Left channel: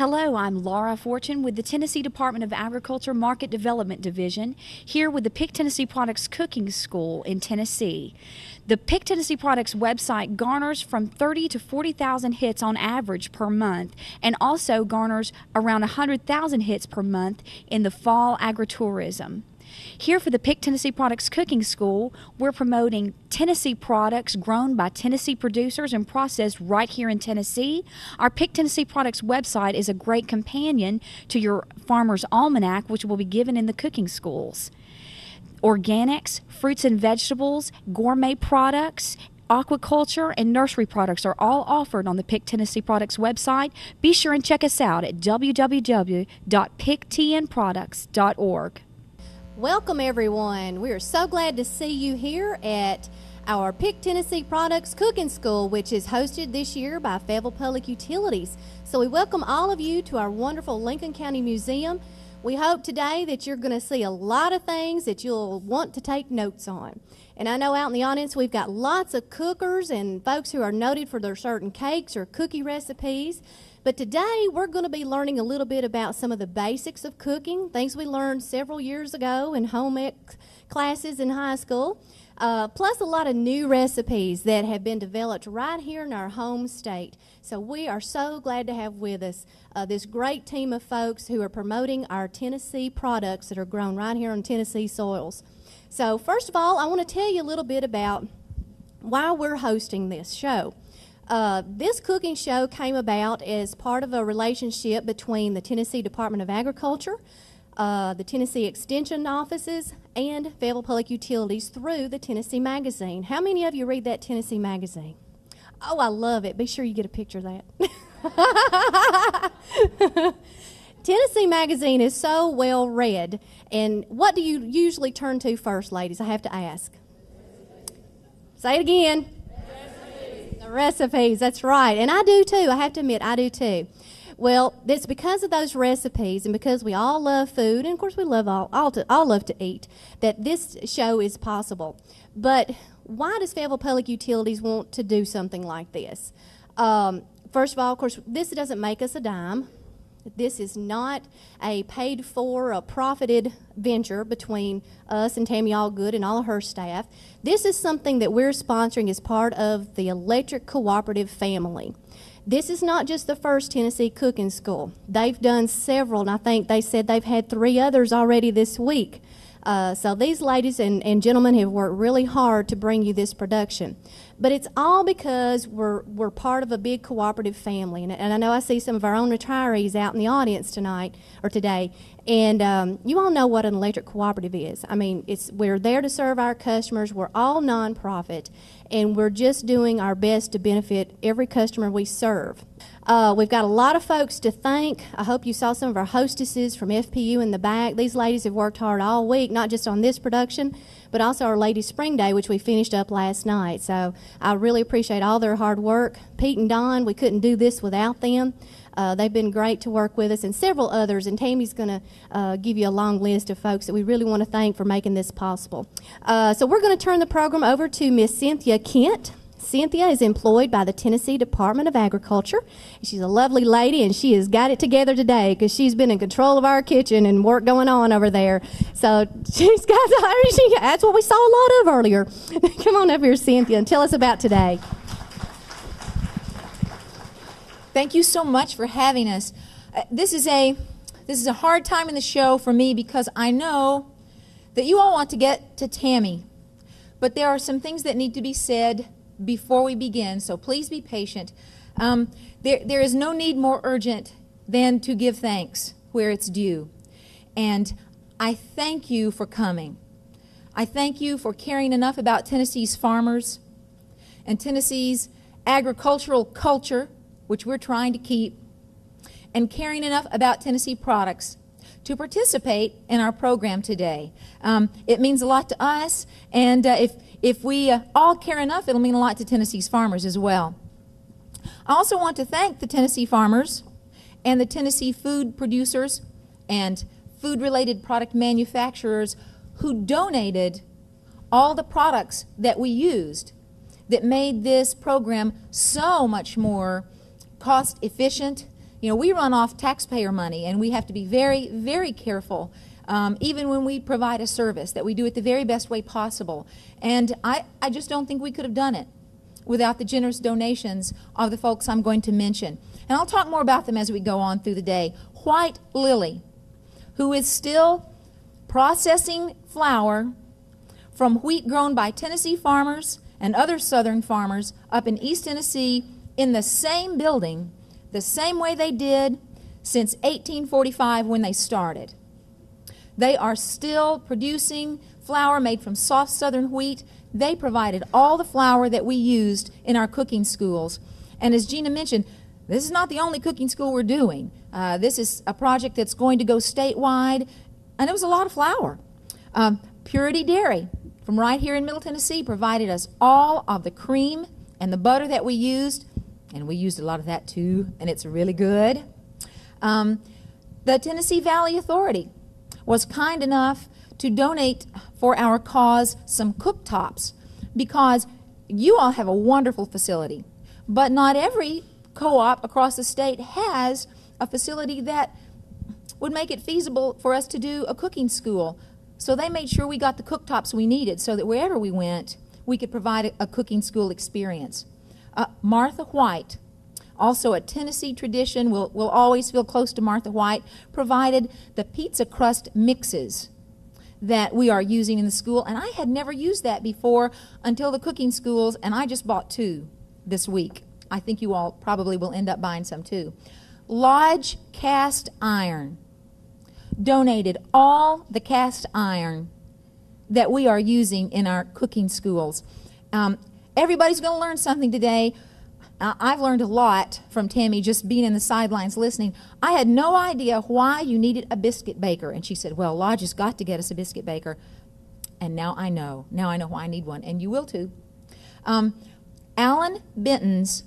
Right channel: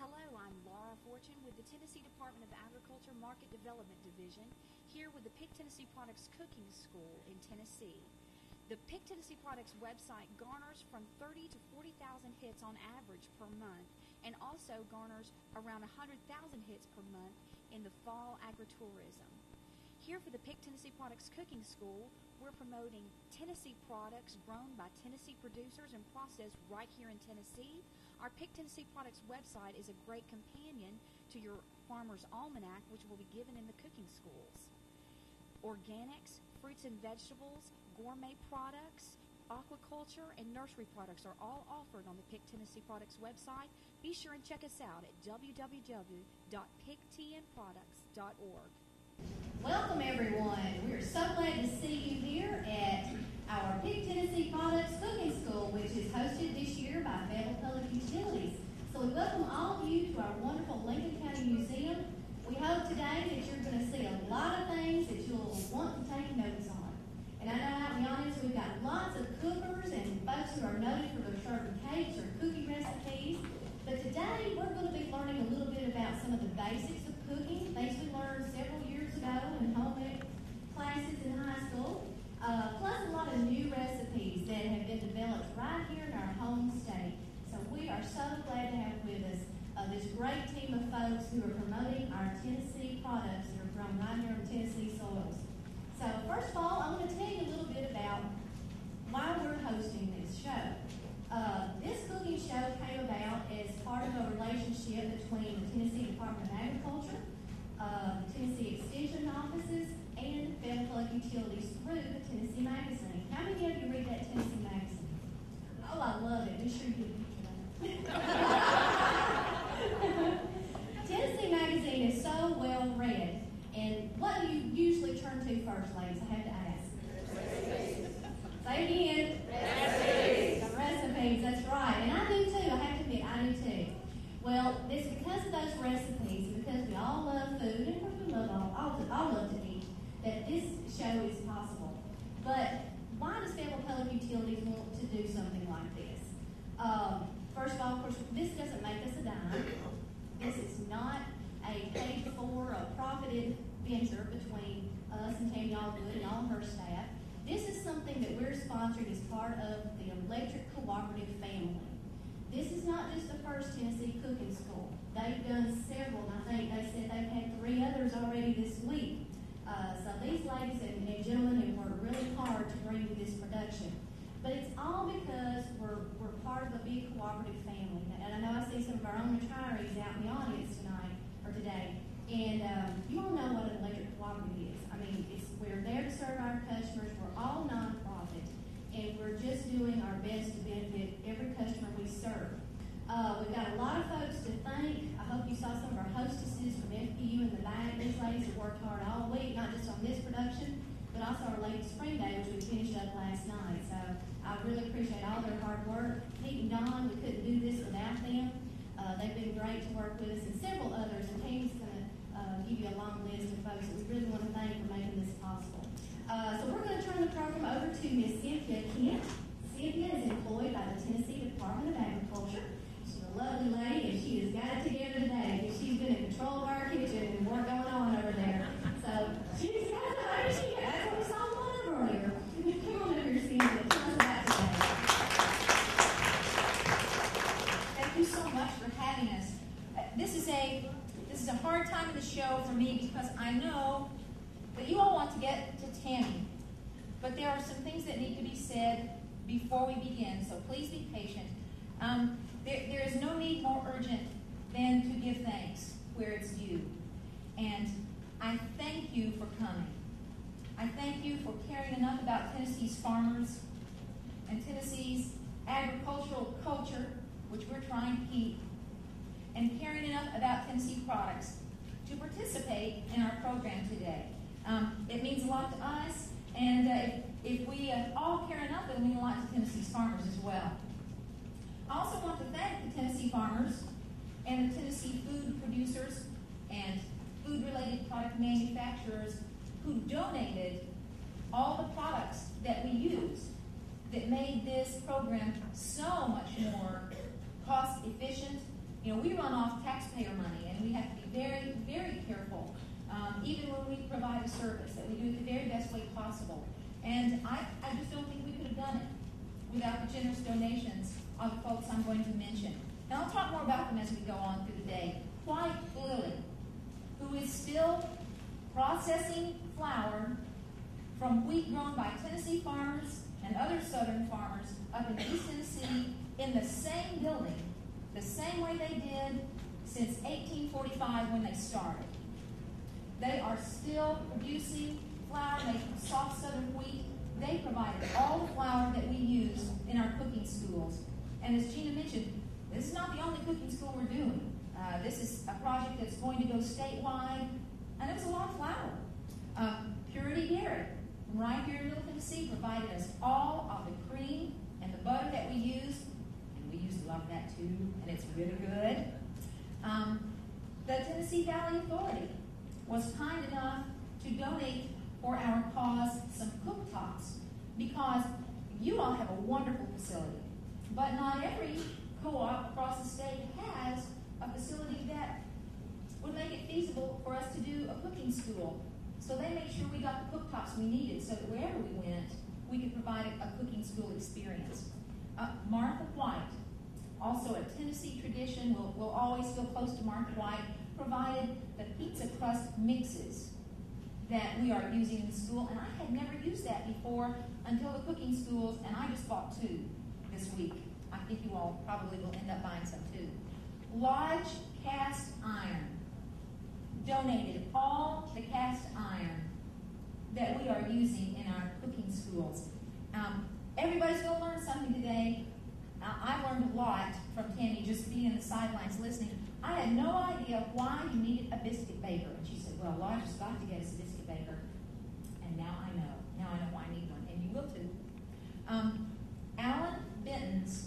Hello, I'm Laura Fortune with the Tennessee Department of Agriculture Market Development Division, here with the Pick Tennessee Products Cooking School in Tennessee. The Pick Tennessee Products website garners from 30 to 40,000 hits on average per month, and also garners around 100,000 hits per month in the fall agritourism. Here for the Pick Tennessee Products Cooking School, we're promoting Tennessee products grown by Tennessee producers and processed right here in Tennessee. Our Pick Tennessee Products website is a great companion to your Farmer's Almanac, which will be given in the cooking schools. Organics, fruits and vegetables, gourmet products, aquaculture, and nursery products are all offered on the Pick Tennessee Products website. Be sure and check us out at www.picktnproducts.org. Welcome everyone. We are so glad to see you here at our Pick Tennessee Products Cooking School, which is hosted this year by Fayetteville Public Utilities. So we welcome all of you to our wonderful Lincoln County Museum. We hope today that you're going to see a lot of things that you'll want to take notes on. And I know out in the audience we've got lots of cookers and folks who are noted for their certain cakes or cookie recipes. But today we're going to be learning a little bit about some of the basics of cooking, things we learned several years ago in home ec classes in high school, plus a lot of new recipes that have been developed right here in our home state. So we are so glad to have with us this great team of folks who are promoting our Tennessee products that are grown right here on Tennessee soils. So first of all, I want to tell you a little bit about why we're hosting this show. This cooking show came about as part of a relationship between the Tennessee Department of Agriculture, the Tennessee Extension Offices, and Fayetteville Public Utilities through the Tennessee Magazine. How many of you read that Tennessee Magazine? Oh, I love it. Be sure you get a picture of that. Tennessee Magazine is so well read. And what do you usually turn to first, ladies? I have to ask. Say it again. Recipes, that's right. And I do too. I have to admit, I do too. Well, it's because of those recipes and because we all love food, and of course we love all love to eat, that this show is possible. But why does Fayetteville Public Utilities want to do something like this? First of all, of course, this doesn't make us a dime. This is not a paid for, a profited venture between us and Tammy Allgood and all of her staff. This is something that we're sponsoring as part of the Electric Cooperative family. This is not just the first Tennessee cooking school. They've done several, and I think they said they've had 3 others already this week. So these ladies and gentlemen have worked really hard to bring you this production. But it's all because we're part of a big cooperative family. And I know I see some of our own retirees out in the audience tonight or today. And you all know what an electric cooperative is. I mean, we're there to serve our customers. We're all nonprofit, and we're just doing our best to benefit every customer we serve. We've got a lot of folks to thank. I hope you saw some of our hostesses from FPU in the back. These ladies have worked hard all week, not just on this production, but also our Ladies Spring Day, which we finished up last night. So I really appreciate all their hard work. Pete and Don, we couldn't do this without them. They've been great to work with us, and several others, and Tammy's going to give you a long list of folks that we really want to thank for making this possible. So we're going to turn the program over to Miss Cynthia Kent. Cynthia is employed by the Tennessee Department of Agriculture. She's a lovely lady, and she has got it together today because she's been in control of our kitchen and work going on over there. So she's got, that's what we saw a lot of earlier. Come on up here, Cynthia, and tell us about today. Thank you so much for having us. This is a hard time in the show for me because I know that you all want to get to Tammy, but there are some things that need to be said before we begin, so please be patient. There is no need more urgent than to give thanks where it's due. And I thank you for coming. I thank you for caring enough about Tennessee's farmers and Tennessee's agricultural culture, which we're trying to keep, and caring enough about Tennessee products to participate in our program today. It means a lot to us, and if we all care enough, it'll mean a lot to Tennessee's farmers as well. I also want to thank the Tennessee farmers and the Tennessee food producers and food-related product manufacturers who donated all the products that we used that made this program so much more cost efficient You know, we run off taxpayer money, and we have to be very, very careful, even when we provide a service, that we do it the very best way possible. And I just don't think we could have done it without the generous donations of the folks I'm going to mention. And I'll talk more about them as we go on through the day. White Lily, who is still processing flour from wheat grown by Tennessee farmers and other southern farmers up in East Tennessee in the same building, the same way they did since 1845 when they started. They are still producing flour made from soft southern wheat. They provided all the flour that we used in our cooking schools. And as Gina mentioned, this is not the only cooking school we're doing. This is a project that's going to go statewide, and it was a lot of flour. Purity Dairy from right here in Middle Tennessee provided us all of the cream and the butter that we used, and we used a lot of that too, and it's really good. The Tennessee Valley Authority was kind enough to donate for our cause some cooktops, because you all have a wonderful facility, but not every co-op across the state has a facility that would make it feasible for us to do a cooking school. So they made sure we got the cooktops we needed so that wherever we went, we could provide a cooking school experience. Martha White, also a Tennessee tradition, we'll always feel close to Martha White, provided the pizza crust mixes that we are using in the school. And I had never used that before until the cooking schools, and I just bought 2 this week. I think you all probably will end up buying some too. Lodge Cast Iron donated all the cast iron that we are using in our cooking schools. Everybody's going to learn something today. I've learned a lot from Tammy just being in the sidelines listening. I had no idea why you needed a biscuit baker. And she said, well, Lodge has got to get us a biscuit baker. And now I know. Now I know why I need one. And you will too. Alan Benton's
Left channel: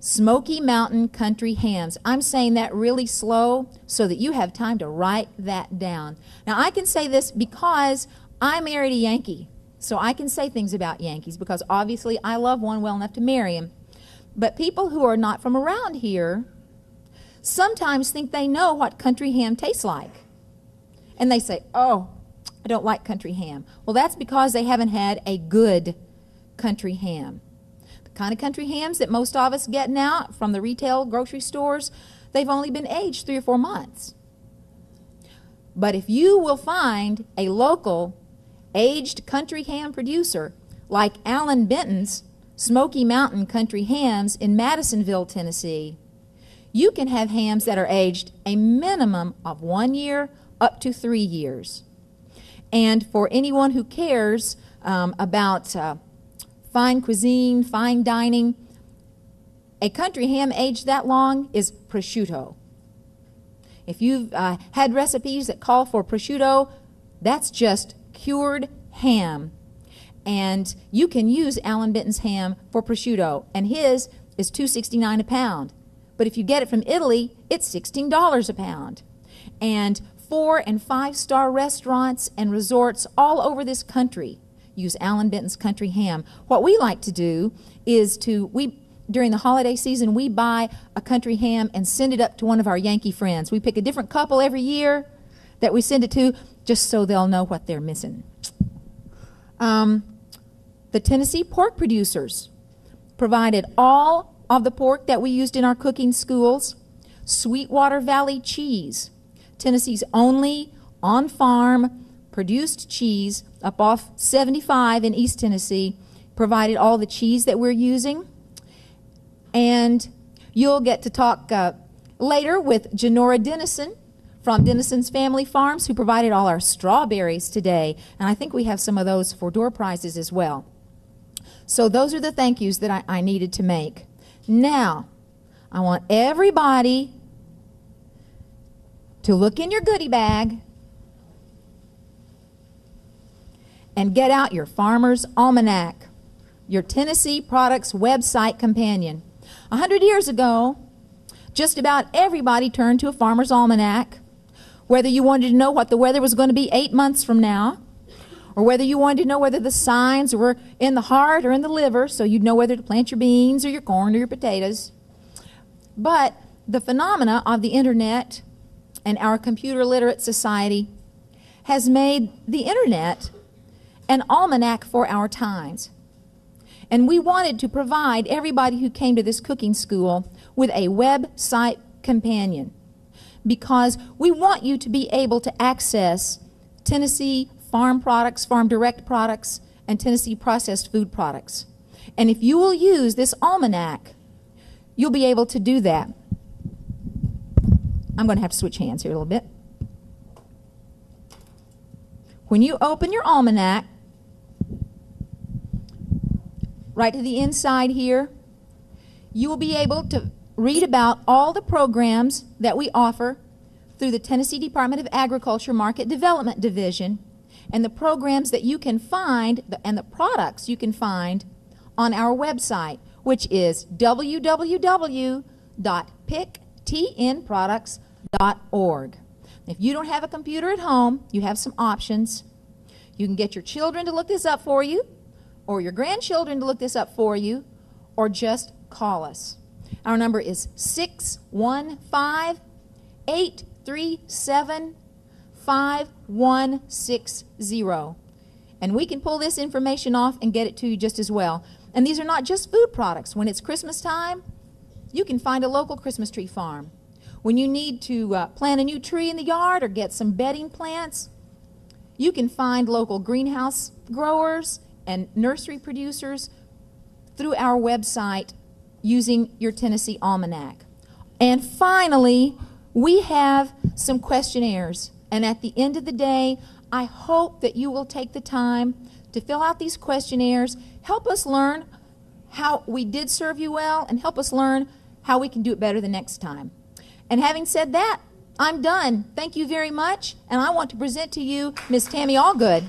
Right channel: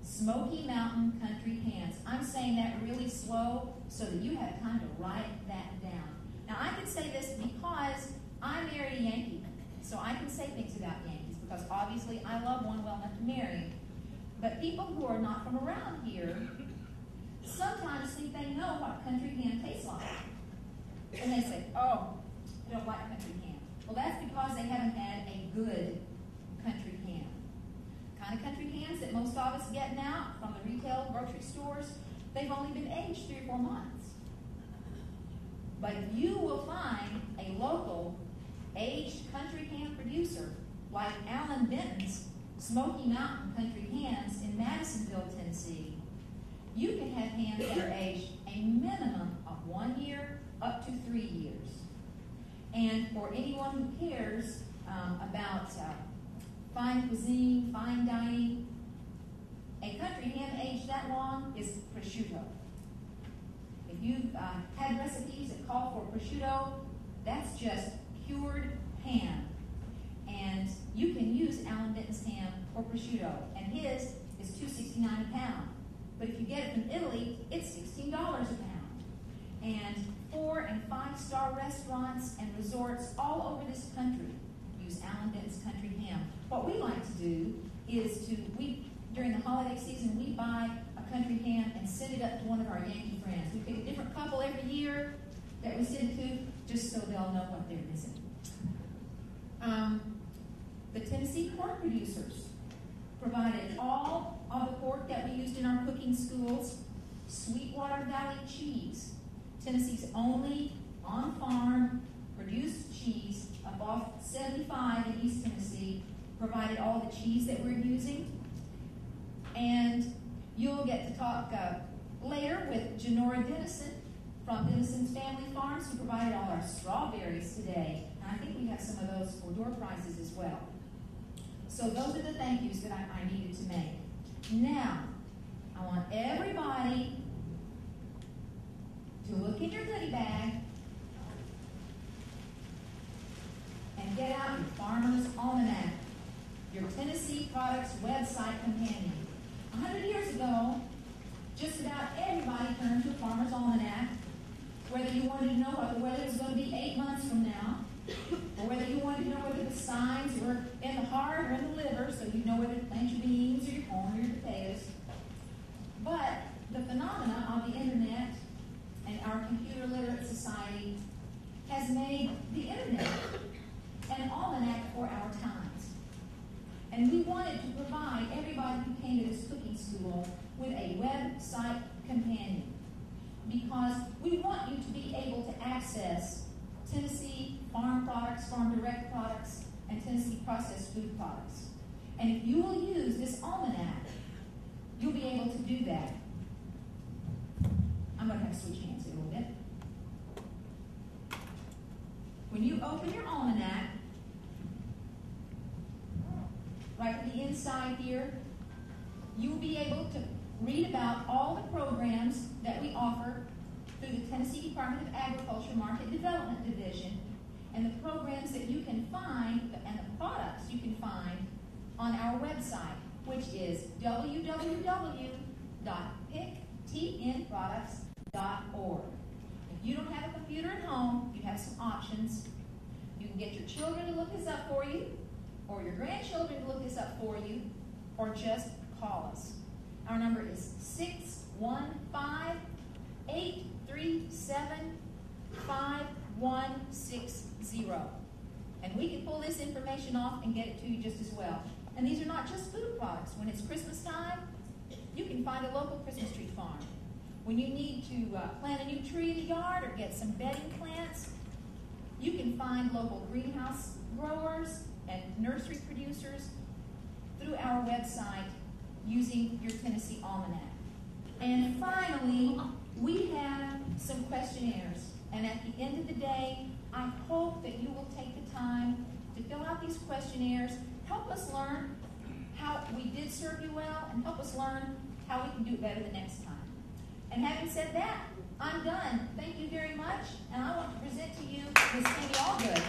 Smoky Mountain Country Hams. I'm saying that really slow so that you have time to write that down. Now, I can say this because I married a Yankee. So I can say things about Yankees because obviously I love one well enough to marry him. But people who are not from around here sometimes think they know what country ham tastes like. And they say, oh, I don't like country ham. Well, that's because they haven't had a good country ham. The kind of country hams that most of us get now from the retail grocery stores, they've only been aged 3 or 4 months. But if you will find a local aged country ham producer like Alan Benton's Smoky Mountain Country Hams in Madisonville, Tennessee, you can have hams that are aged a minimum of 1 year up to 3 years. And for anyone who cares about fine cuisine, fine dining, a country ham aged that long is prosciutto. If you've had recipes that call for prosciutto, that's just cured ham. And you can use Alan Benton's ham for prosciutto, and his is $2.69 a pound. But if you get it from Italy, it's $16 a pound. And 4- and 5-star restaurants and resorts all over this country use Alan Benton's country ham. What we like to do is during the holiday season, we buy a country ham and send it up to one of our Yankee friends. We pick a different couple every year that we send it to just so they'll know what they're missing. The Tennessee pork producers provided all of the pork that we used in our cooking schools. Sweetwater Valley Cheese, Tennessee's only on-farm produced cheese up off 75 in East Tennessee, provided all the cheese that we're using. And you'll get to talk later with Janora Dennison from Dennison's Family Farms, who provided all our strawberries today. And I think we have some of those for door prizes as well. So those are the thank yous that I needed to make. Now, I want everybody to look in your goodie bag and get out your Farmer's Almanac, your Tennessee Products website companion. 100 years ago, just about everybody turned to a Farmer's Almanac, whether you wanted to know what the weather was going to be 8 months from now, or whether you wanted to know whether the signs were in the heart or in the liver, so you'd know whether to plant your beans or your corn or your potatoes. But the phenomena of the internet and our computer literate society has made the internet an almanac for our times. And we wanted to provide everybody who came to this cooking school with a website companion, because we want you to be able to access Tennessee farm products, farm direct products, and Tennessee processed food products. And if you will use this almanac, you'll be able to do that. I'm going to have to switch hands here a little bit. When you open your almanac, right to the inside here, you will be able to read about all the programs that we offer through the Tennessee Department of Agriculture Market Development Division, and the programs that you can find and the products you can find on our website, which is www.picktnproducts.org. If you don't have a computer at home, you have some options. You can get your children to look this up for you, or your grandchildren to look this up for you, or just call us. Our number is 615-837-5160. And we can pull this information off and get it to you just as well. And these are not just food products. When it's Christmas time, you can find a local Christmas tree farm. When you need to plant a new tree in the yard or get some bedding plants, you can find local greenhouse growers and nursery producers through our website using your Tennessee Almanac. And finally, we have some questionnaires. And at the end of the day, I hope that you will take the time to fill out these questionnaires, help us learn how we did serve you well, and help us learn how we can do it better the next time. And having said that, I'm done. Thank you very much, and I want to present to you Ms. Tammy Allgood.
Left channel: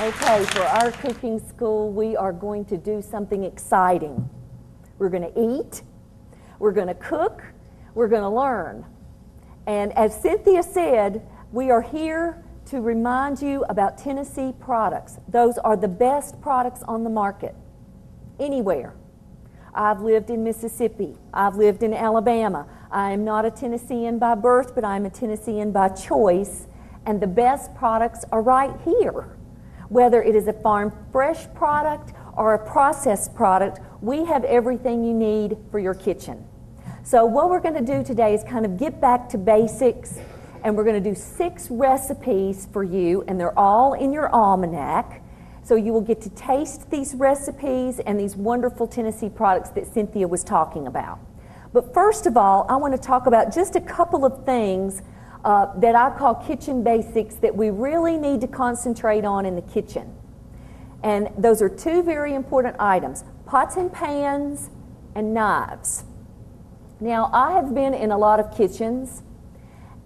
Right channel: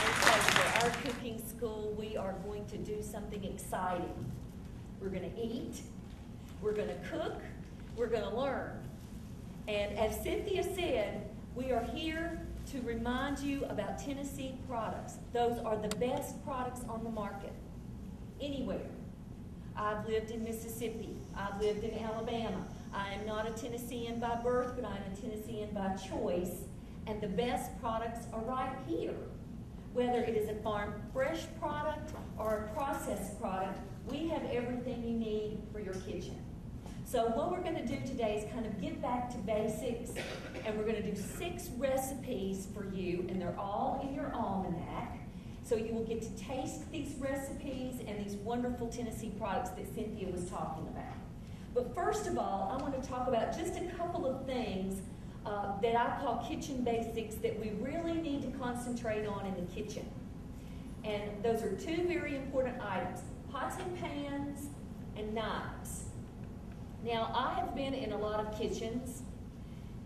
Okay, for our cooking school, we are going to do something exciting. We're going to eat, we're going to cook, we're going to learn. And as Cynthia said, we are here to remind you about Tennessee products. Those are the best products on the market, anywhere. I've lived in Mississippi. I've lived in Alabama. I am not a Tennessean by birth, but I'm a Tennessean by choice. And the best products are right here. Whether it is a farm fresh product or a processed product, we have everything you need for your kitchen. So what we're going to do today is kind of get back to basics, and we're going to do 6 recipes for you, and they're all in your almanac. So you will get to taste these recipes and these wonderful Tennessee products that Cynthia was talking about. But first of all, I want to talk about just a couple of things that I call kitchen basics that we really need to concentrate on in the kitchen. And those are 2 very important items: pots and pans and knives. Now, I have been in a lot of kitchens,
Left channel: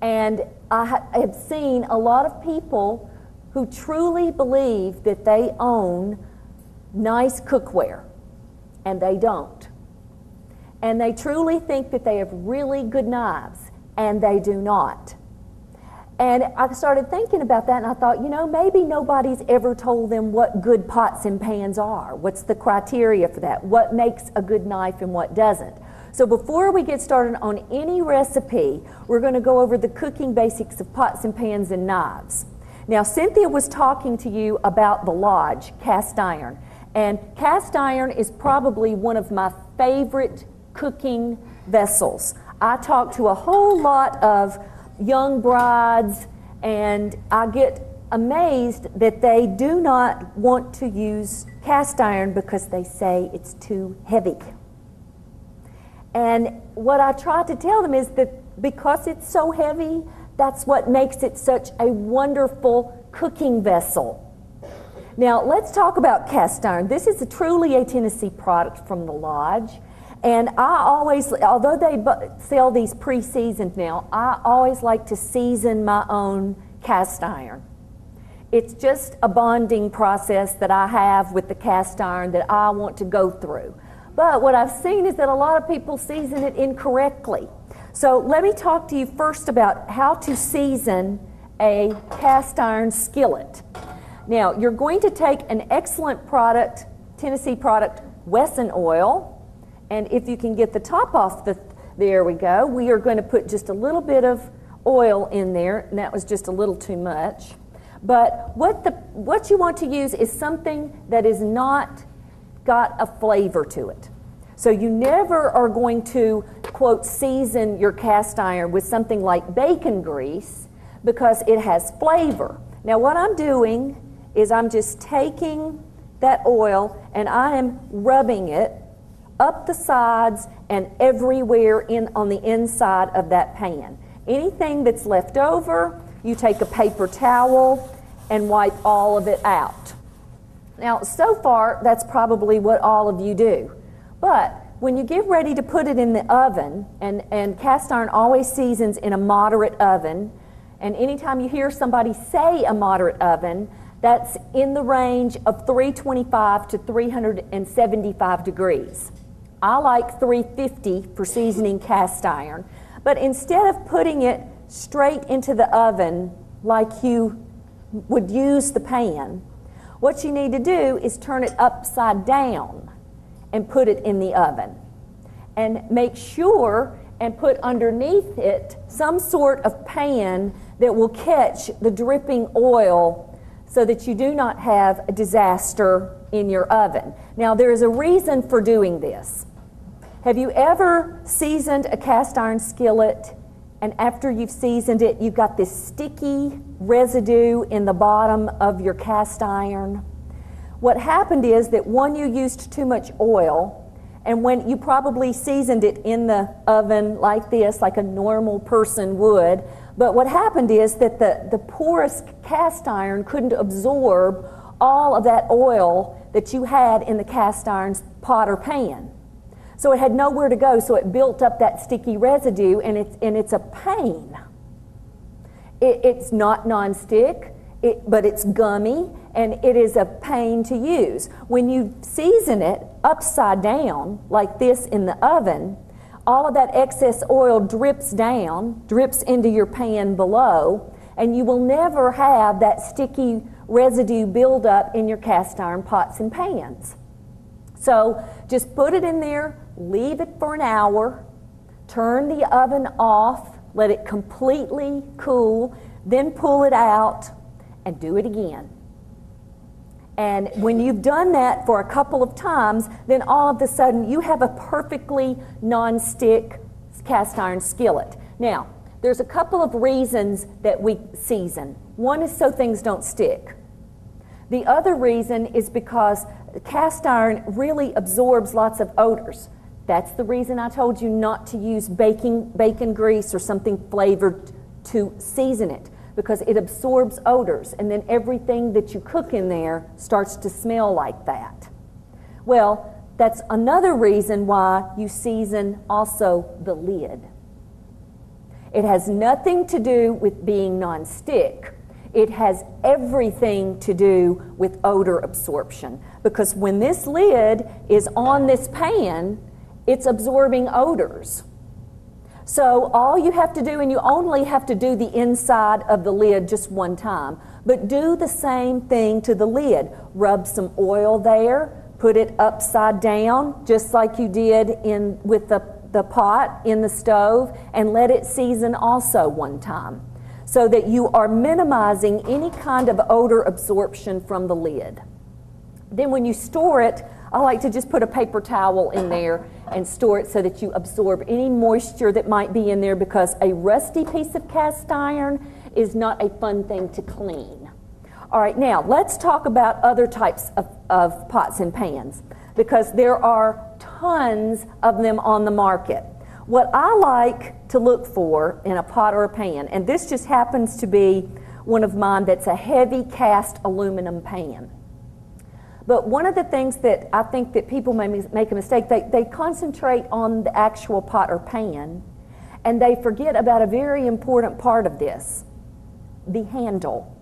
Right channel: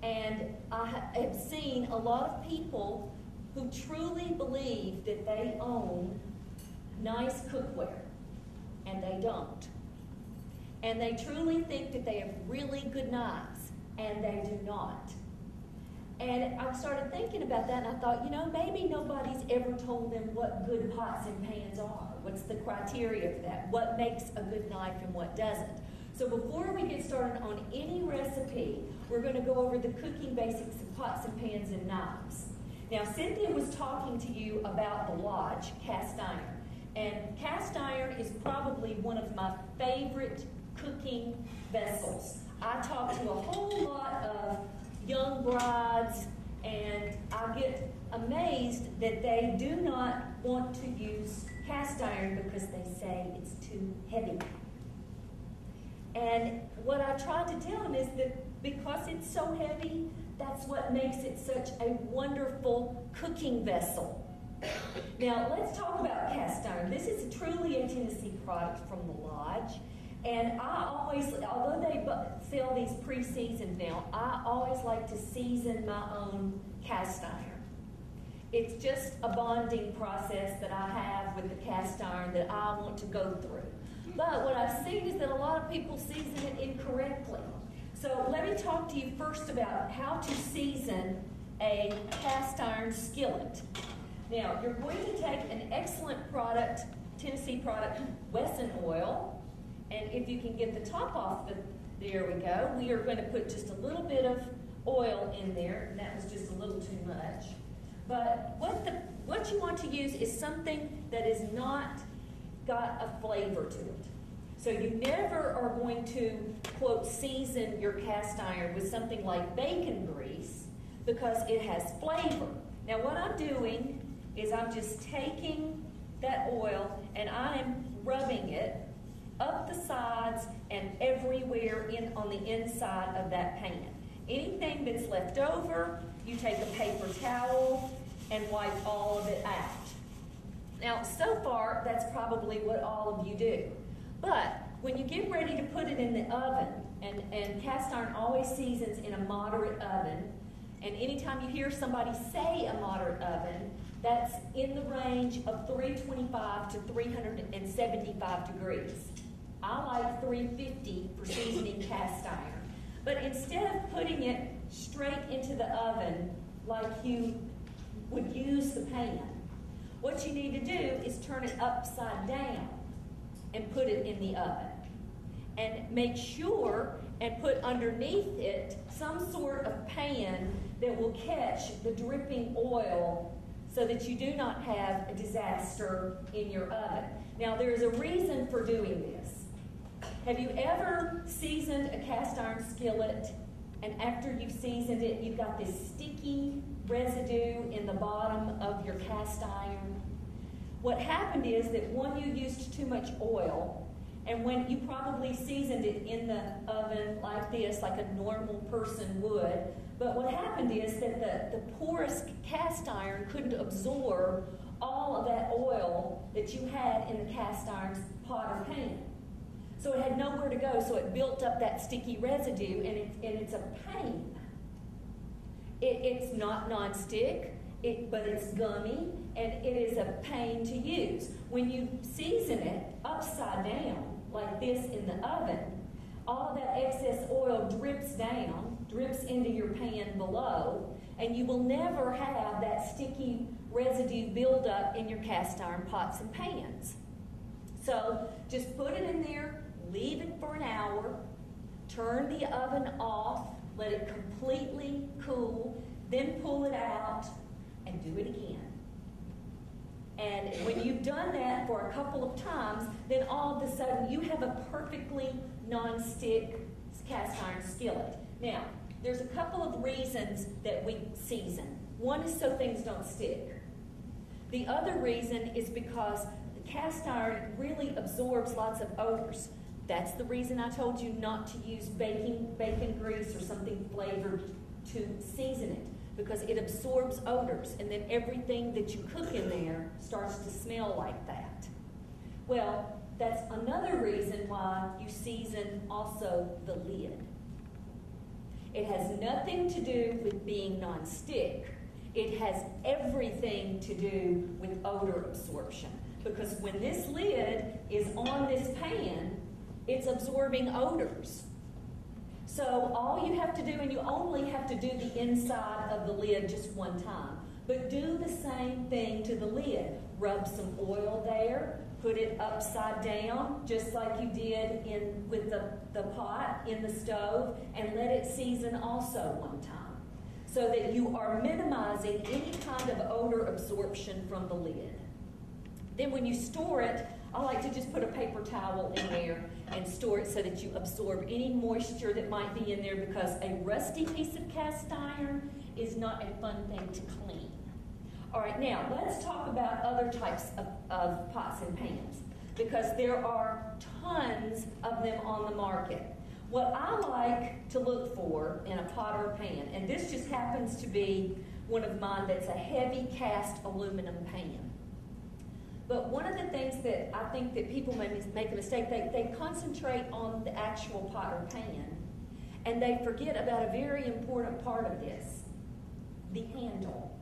and I have seen a lot of people who truly believe that they own nice cookware, and they don't. And they truly think that they have really good knives, and they do not. And I started thinking about that, and I thought, you know, maybe nobody's ever told them what good pots and pans are. What's the criteria for that? What makes a good knife and what doesn't? So before we get started on any recipe, we're going to go over the cooking basics of pots and pans and knives. Now, Cynthia was talking to you about the Lodge cast iron, and cast iron is probably one of my favorite cooking vessels. I talk to a whole lot of young brides, and I get amazed that they do not want to use cast iron because they say it's too heavy. And what I try to tell them is that because it's so heavy, that's what makes it such a wonderful cooking vessel. Now, let's talk about cast iron. This is truly a Tennessee product from the Lodge. And I always, although they sell these pre-seasoned now, I always like to season my own cast iron. It's just a bonding process that I have with the cast iron that I want to go through. But what I've seen is that a lot of people season it incorrectly. So let me talk to you first about how to season a cast iron skillet. Now, you're going to take an excellent product, Tennessee product, Wesson oil, and if you can get the top off there we go. We are going to put just a little bit of oil in there, and that was just a little too much. But what you want to use is something that is not got a flavor to it. So you never are going to, quote, season your cast iron with something like bacon grease because it has flavor. Now what I'm doing is I'm just taking that oil and I am rubbing it up the sides and everywhere on the inside of that pan. Anything that's left over, you take a paper towel and wipe all of it out. Now, so far, that's probably what all of you do. But when you get ready to put it in the oven, and cast iron always seasons in a moderate oven, and anytime you hear somebody say a moderate oven, that's in the range of 325 to 375 degrees. I like 350 for seasoning cast iron, but instead of putting it straight into the oven like you would use the pan, what you need to do is turn it upside down and put it in the oven. And make sure and put underneath it some sort of pan that will catch the dripping oil so that you do not have a disaster in your oven. Now, there is a reason for doing this. Have you ever seasoned a cast iron skillet, and after you've seasoned it, you've got this sticky residue in the bottom of your cast iron? What happened is that one, you used too much oil, and when you probably seasoned it in the oven like this, like a normal person would, but what happened is that the porous cast iron couldn't absorb all of that oil that you had in the cast iron's pot or pan. So it had nowhere to go, so it built up that sticky residue, and it's a pain. It's not nonstick, but it's gummy, and it is a pain to use. When you season it upside down, like this in the oven, all of that excess oil drips down, drips into your pan below, and you will never have that sticky residue build up in your cast iron pots and pans. So just put it in there, leave it for an hour, turn the oven off, let it completely cool, then pull it out and do it again. And when you've done that for a couple of times, then all of a sudden you have a perfectly non-stick cast iron skillet. Now, there's a couple of reasons that we season. One is so things don't stick. The other reason is because cast iron really absorbs lots of odors. That's the reason I told you not to use bacon grease or something flavored to season it, because it absorbs odors, and then everything that you cook in there starts to smell like that. Well, that's another reason why you season also the lid. It has nothing to do with being non-stick. It has everything to do with odor absorption, because when this lid is on this pan, it's absorbing odors. So all you have to do, and you only have to do the inside of the lid just one time, but do the same thing to the lid. Rub some oil there, put it upside down, just like you did with the pot in the stove, and let it season also one time, so that you are minimizing any kind of odor absorption from the lid. Then when you store it, I like to just put a paper towel in there and store it so that you absorb any moisture that might be in there, because a rusty piece of cast iron is not a fun thing to clean. All right, now let's talk about other types of pots and pans, because there are tons of them on the market. What I like to look for in a pot or a pan, and this just happens to be one of mine that's a heavy cast aluminum pan. But one of the things that I think that people may make a mistake, they concentrate on the actual pot or pan, and they forget about a very important part of this, the handle.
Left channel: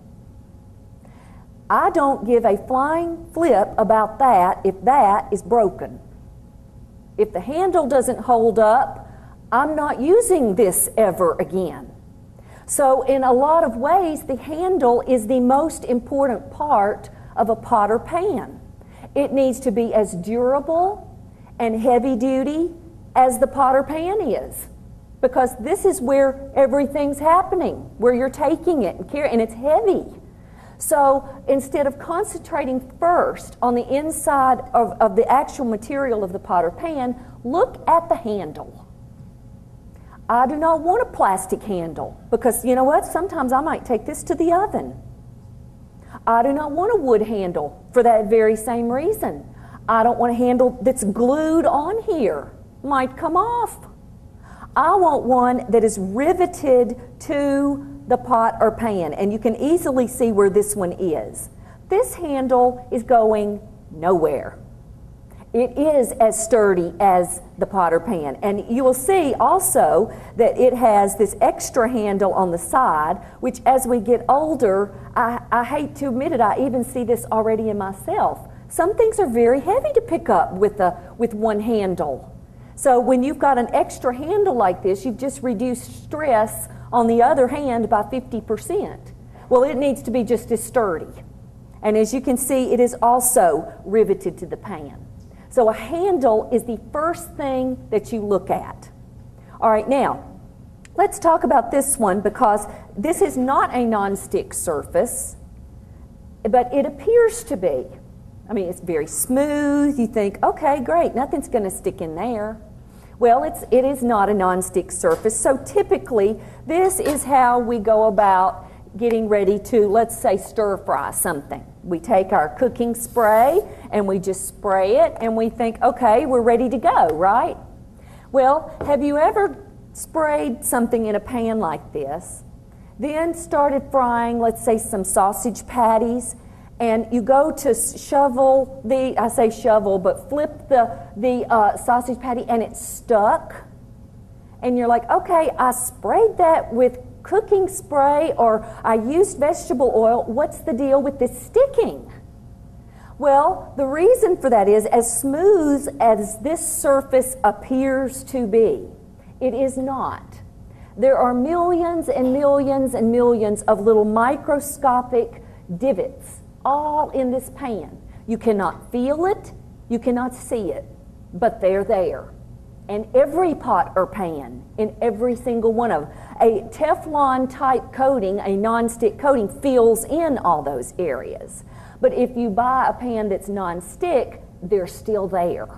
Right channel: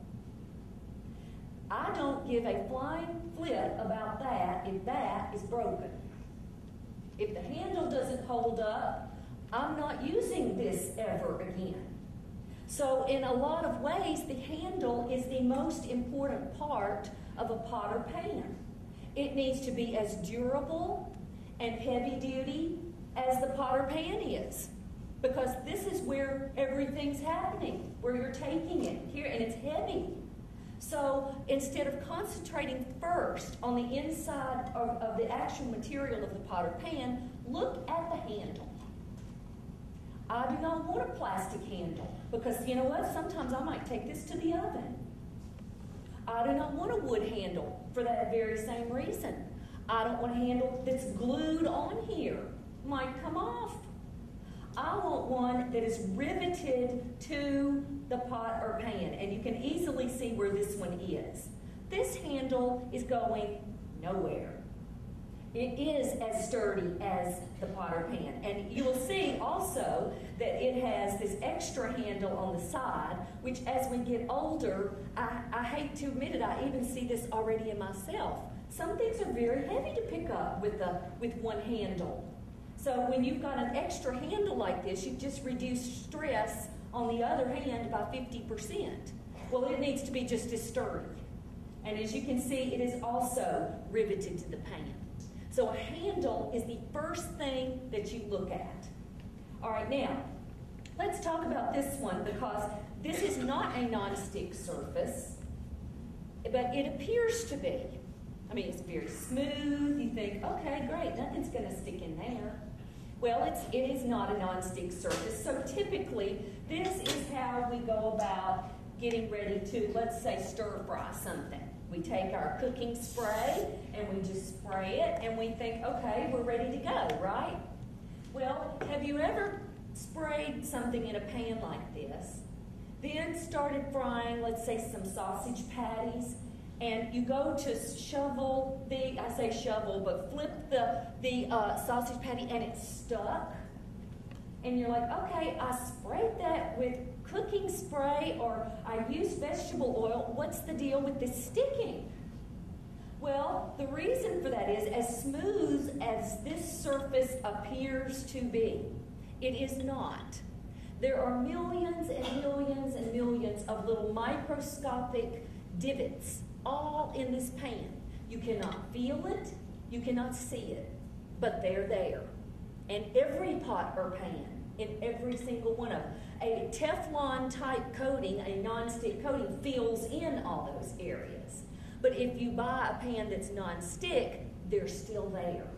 I don't give a flying flip about that if that is broken. If the handle doesn't hold up, I'm not using this ever again. So in a lot of ways, the handle is the most important part of a pot or pan. It needs to be as durable and heavy duty as the pot or pan is, because this is where everything's happening, where you're taking it and it's heavy. So instead of concentrating first on the inside of the actual material of the pot or pan, look at the handle. I do not want a plastic handle, because you know what? Sometimes I might take this to the oven. I do not want a wood handle for that very same reason. I don't want a handle that's glued on here. Might come off. I want one that is riveted to the pot or pan, and you can easily see where this one is. This handle is going nowhere. It is as sturdy as the pot or pan, and you will see also that it has this extra handle on the side, which as we get older, I hate to admit it, I even see this already in myself. Some things are very heavy to pick up with one handle. So when you've got an extra handle like this, you've just reduced stress on the other hand by 50%. Well, it needs to be just as sturdy. And as you can see, it is also riveted to the pan. So a handle is the first thing that you look at. All right, now, let's talk about this one, because this is not a non-stick surface, but it appears to be. I mean, it's very smooth. You think, okay, great, nothing's going to stick in there. Well, it is not a non-stick surface. So typically, this is how we go about getting ready to, let's say, stir fry something. We take our cooking spray and we just spray it and we think, okay, we're ready to go, right? Well, have you ever sprayed something in a pan like this, then started frying, let's say, some sausage patties, and you go to shovel I say shovel, but flip the sausage patty and it's stuck, and you're like, okay, I sprayed that with cooking spray, or I used vegetable oil, what's the deal with this sticking? Well, the reason for that is, as smooth as this surface appears to be, it is not. There are millions and millions and millions of little microscopic divots all in this pan. You cannot feel it, you cannot see it, but they're there. And every pot or pan, in every single one of them, a Teflon type coating, a non-stick coating, fills in all those areas. But if you buy a pan that's non-stick, they're still there.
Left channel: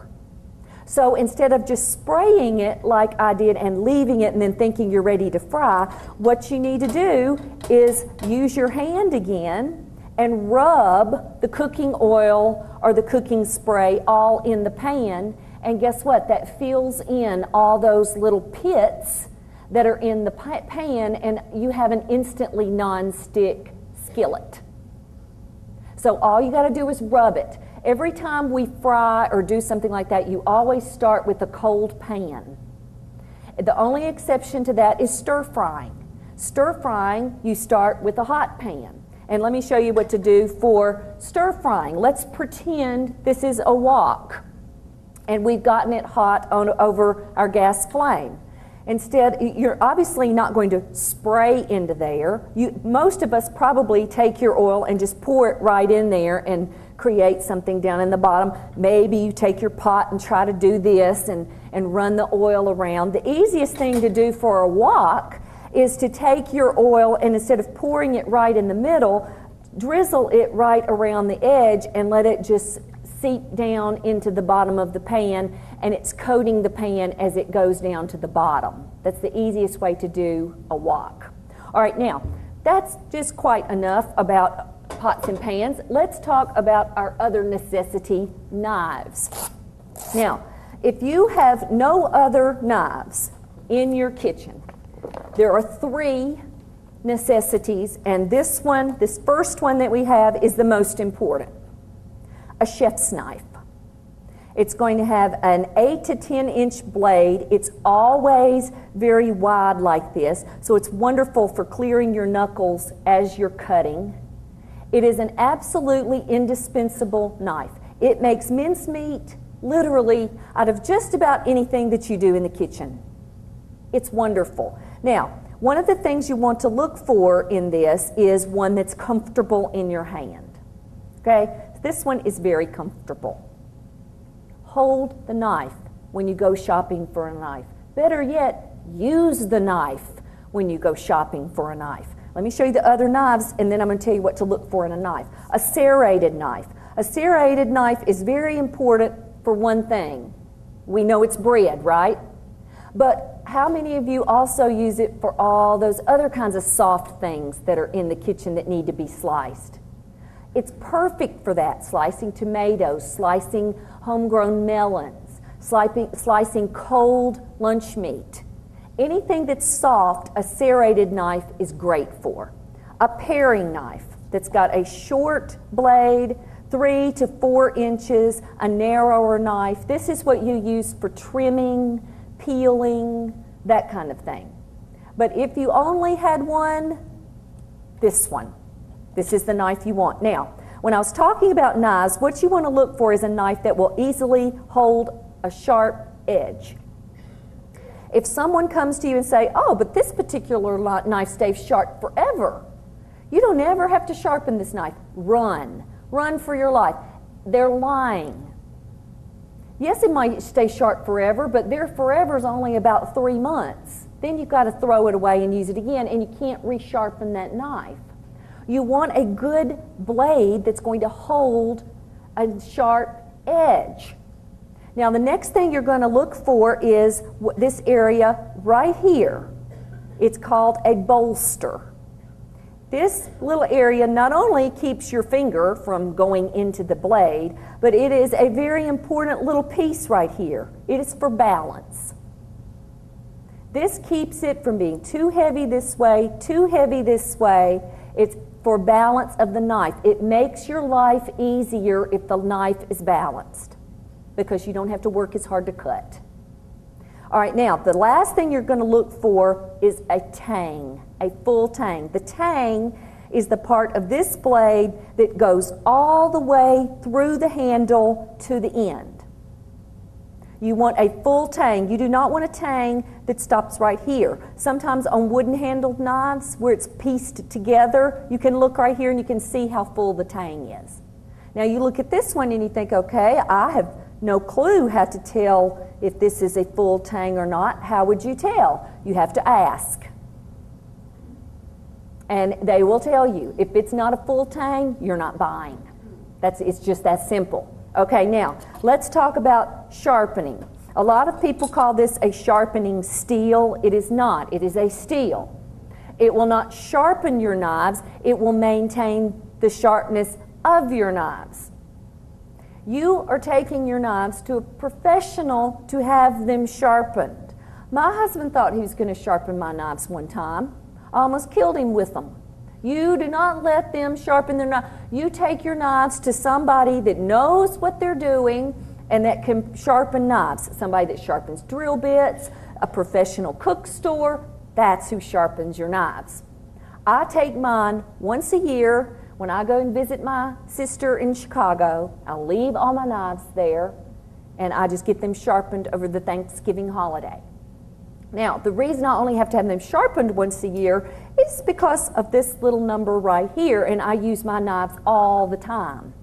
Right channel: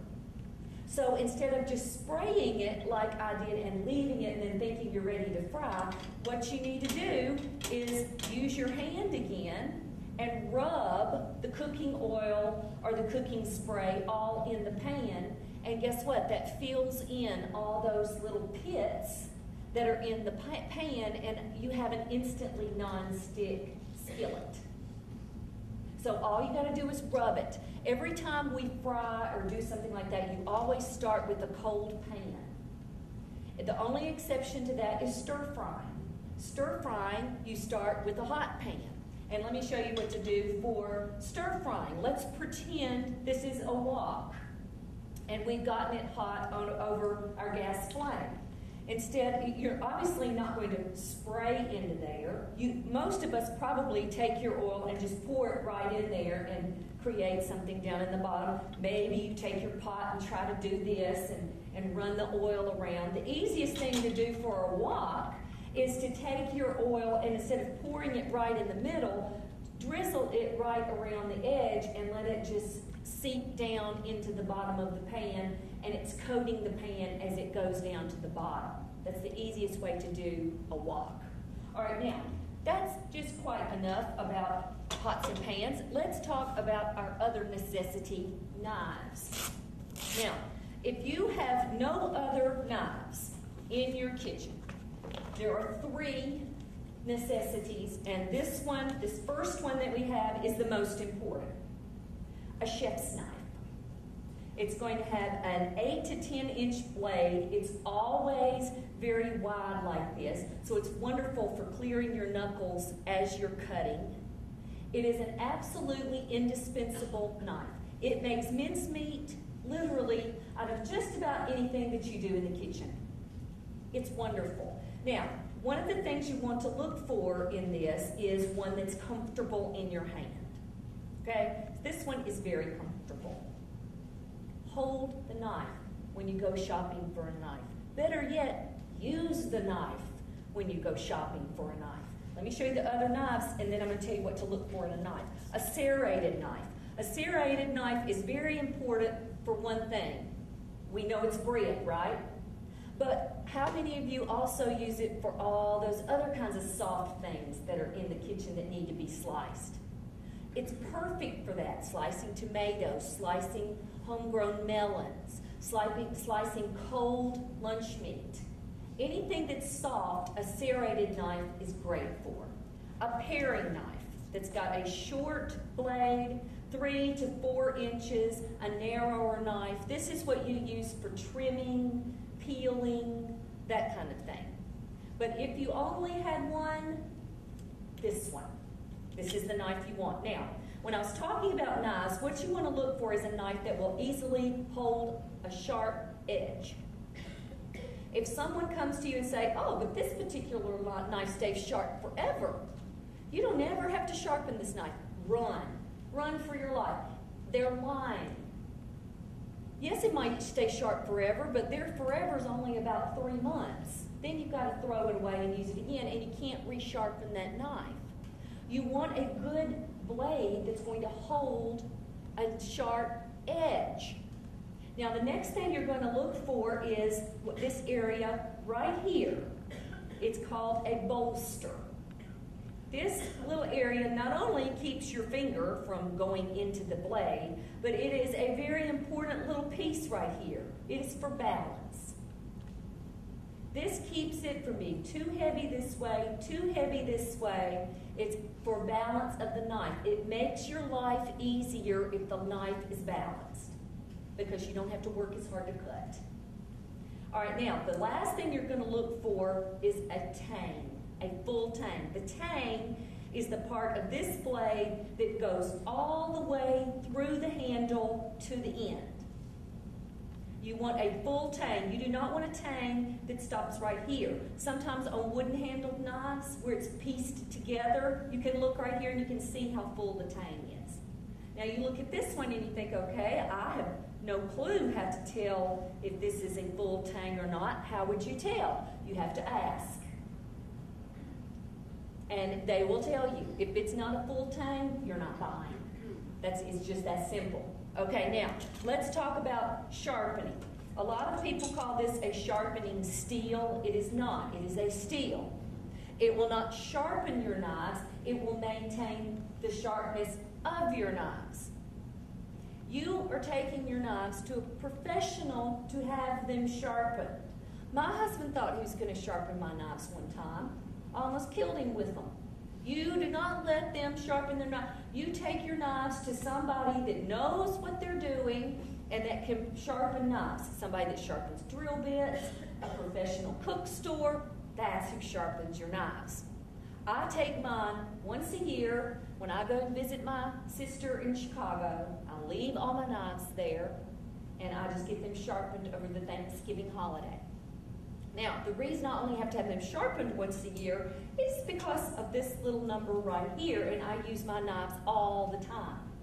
So instead of just spraying it like I did and leaving it and then thinking you're ready to fry, what you need to do is use your hand again and rub the cooking oil or the cooking spray all in the pan. And guess what? That fills in all those little pits that are in the pan, and you have an instantly non-stick skillet. So all you got to do is rub it. Every time we fry or do something like that, you always start with a cold pan. The only exception to that is stir frying. Stir frying, you start with a hot pan. And let me show you what to do for stir frying. Let's pretend this is a wok, and we've gotten it hot over our gas flame. Instead, you're obviously not going to spray into there. Most of us probably take your oil and just pour it right in there and create something down in the bottom. Maybe you take your pot and try to do this and run the oil around. The easiest thing to do for a wok is to take your oil and instead of pouring it right in the middle, drizzle it right around the edge and let it just seep down into the bottom of the pan, and it's coating the pan as it goes down to the bottom. That's the easiest way to do a wok. All right, now, that's just quite enough about pots and pans. Let's talk about our other necessity, knives. Now, if you have no other knives in your kitchen, there are 3 necessities, and this first one that we have is the most important. A chef's knife. It's going to have an 8 to 10 inch blade. It's always very wide like this, so it's wonderful for clearing your knuckles as you're cutting. It is an absolutely indispensable knife. It makes mincemeat literally out of just about anything that you do in the kitchen. It's wonderful. Now, One of the things you want to look for in this is one that's comfortable in your hand. Okay? This one is very comfortable. Hold the knife when you go shopping for a knife. Better yet, use the knife when you go shopping for a knife. Let me show you the other knives, and then I'm going to tell you what to look for in a knife. A serrated knife. A serrated knife is very important for one thing. We know it's bread, right? But how many of you also use it for all those other kinds of soft things that are in the kitchen that need to be sliced? It's perfect for that. Slicing tomatoes, slicing homegrown melons, slicing cold lunch meat. Anything that's soft, a serrated knife is great for. A paring knife that's got a short blade, 3 to 4 inches, a narrower knife. This is what you use for trimming, peeling, that kind of thing. But if you only had one, this one. This is the knife you want. Now, when I was talking about knives, what you want to look for is a knife that will easily hold a sharp edge. If someone comes to you and say, oh, but this particular knife stays sharp forever, you don't ever have to sharpen this knife. Run. Run for your life. They're lying. Yes, it might stay sharp forever, but their forever is only about 3 months. Then you've got to throw it away and use it again, and you can't resharpen that knife. You want a good blade that's going to hold a sharp edge. Now, the next thing you're going to look for is this area right here. It's called a bolster. This little area not only keeps your finger from going into the blade, but it is a very important little piece right here. It is for balance. This keeps it from being too heavy this way, too heavy this way. It's for balance of the knife. It makes your life easier if the knife is balanced, because you don't have to work as hard to cut. All right, now, the last thing you're going to look for is a tang, a full tang. The tang is the part of this blade that goes all the way through the handle to the end. You want a full tang. You do not want a tang that stops right here. Sometimes on wooden-handled knives, where it's pieced together, you can look right here and you can see how full the tang is. Now, you look at this one and you think, okay, I have no clue how to tell if this is a full tang or not. How would you tell? You have to ask. And they will tell you. If it's not a full tang, you're not buying. It's just that simple. Okay, now, let's talk about sharpening. A lot of people call this a sharpening steel. It is not. It is a steel. It will not sharpen your knives. It will maintain the sharpness of your knives. You are taking your knives to a professional to have them sharpened. My husband thought he was going to sharpen my knives one time. I almost killed him with them. You do not let them sharpen their knives. You take your knives to somebody that knows what they're doing and that can sharpen knives. Somebody that sharpens drill bits, a professional cook store, that's who sharpens your knives. I take mine once a year. When I go and visit my sister in Chicago, I'll leave all my knives there, and I just get them sharpened over the Thanksgiving holiday. Now, the reason I only have to have them sharpened once a year is because of this little number right here, and I use my knives all the time.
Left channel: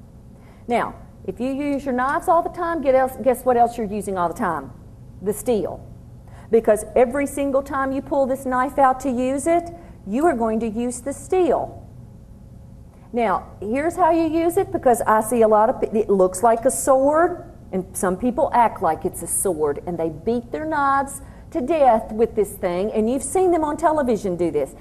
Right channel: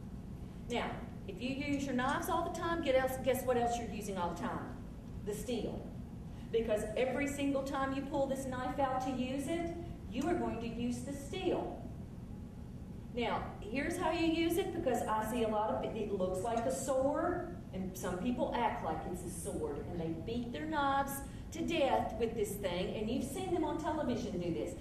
Now, if you use your knives all the time, guess what else you're using all the time? The steel. Because every single time you pull this knife out to use it, you are going to use the steel. Now, here's how you use it, because I see a lot of it looks like a sword, and some people act like it's a sword, and they beat their knives to death with this thing, and you've seen them on television do this.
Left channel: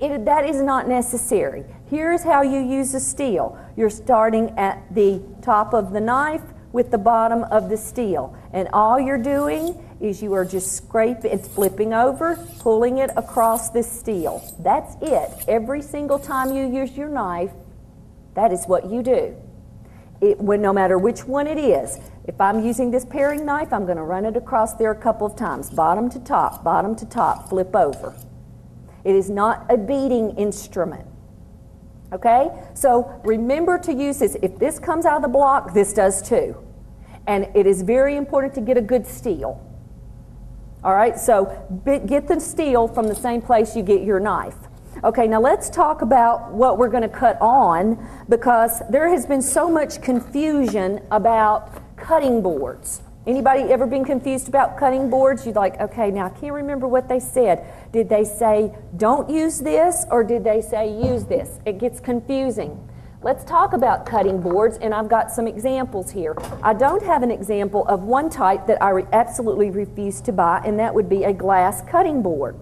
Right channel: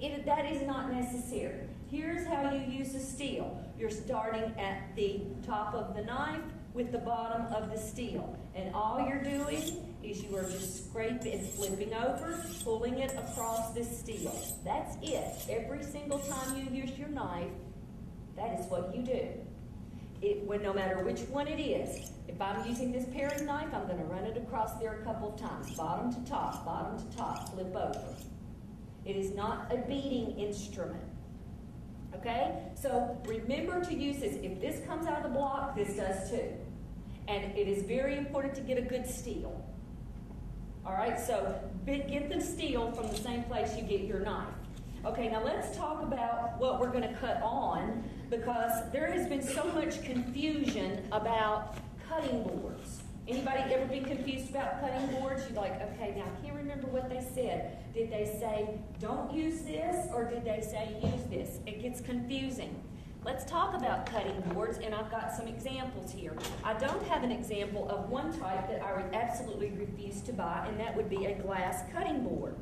That is not necessary. Here's how you use the steel. You're starting at the top of the knife with the bottom of the steel, and all you're doing is you are just scraping, it's flipping over, pulling it across this steel. That's it. Every single time you use your knife, that is what you do. No matter which one it is. If I'm using this paring knife, I'm going to run it across there a couple of times, bottom to top, flip over. It is not a beating instrument. Okay? So remember to use this. If this comes out of the block, this does too. And it is very important to get a good steel. All right, so get the steel from the same place you get your knife. Okay, now let's talk about what we're going to cut on, because there has been so much confusion about cutting boards. Anybody ever been confused about cutting boards? You're like, okay, now I can't remember what they said. Did they say don't use this, or did they say use this? It gets confusing. Let's talk about cutting boards, and I've got some examples here. I don't have an example of one type that I absolutely refuse to buy, and that would be a glass cutting board.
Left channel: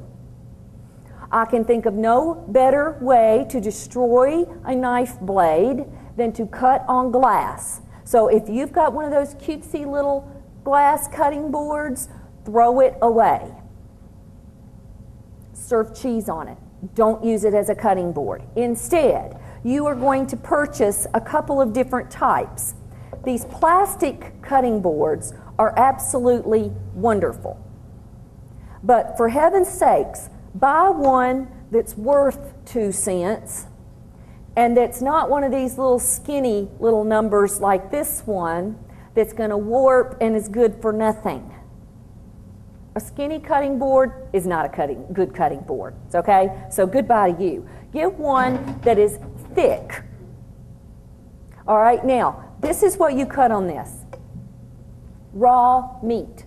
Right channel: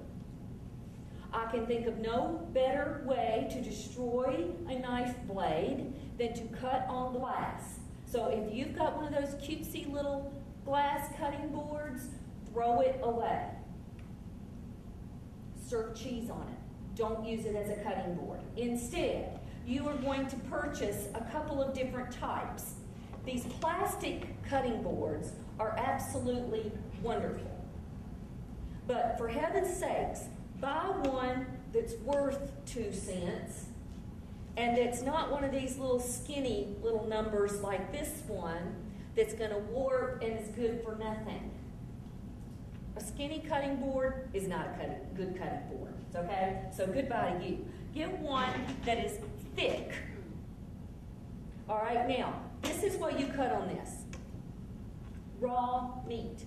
I can think of no better way to destroy a knife blade than to cut on glass. So if you've got one of those cutesy little glass cutting boards, throw it away. Serve cheese on it. Don't use it as a cutting board. Instead, you are going to purchase a couple of different types. These plastic cutting boards are absolutely wonderful. But for heaven's sakes, buy one that's worth 2 cents and that's not one of these little skinny little numbers like this one that's going to warp and is good for nothing. A skinny cutting board is not a good cutting board, okay? So goodbye to you. Get one that is thick. All right, now, this is what you cut on this. Raw meat.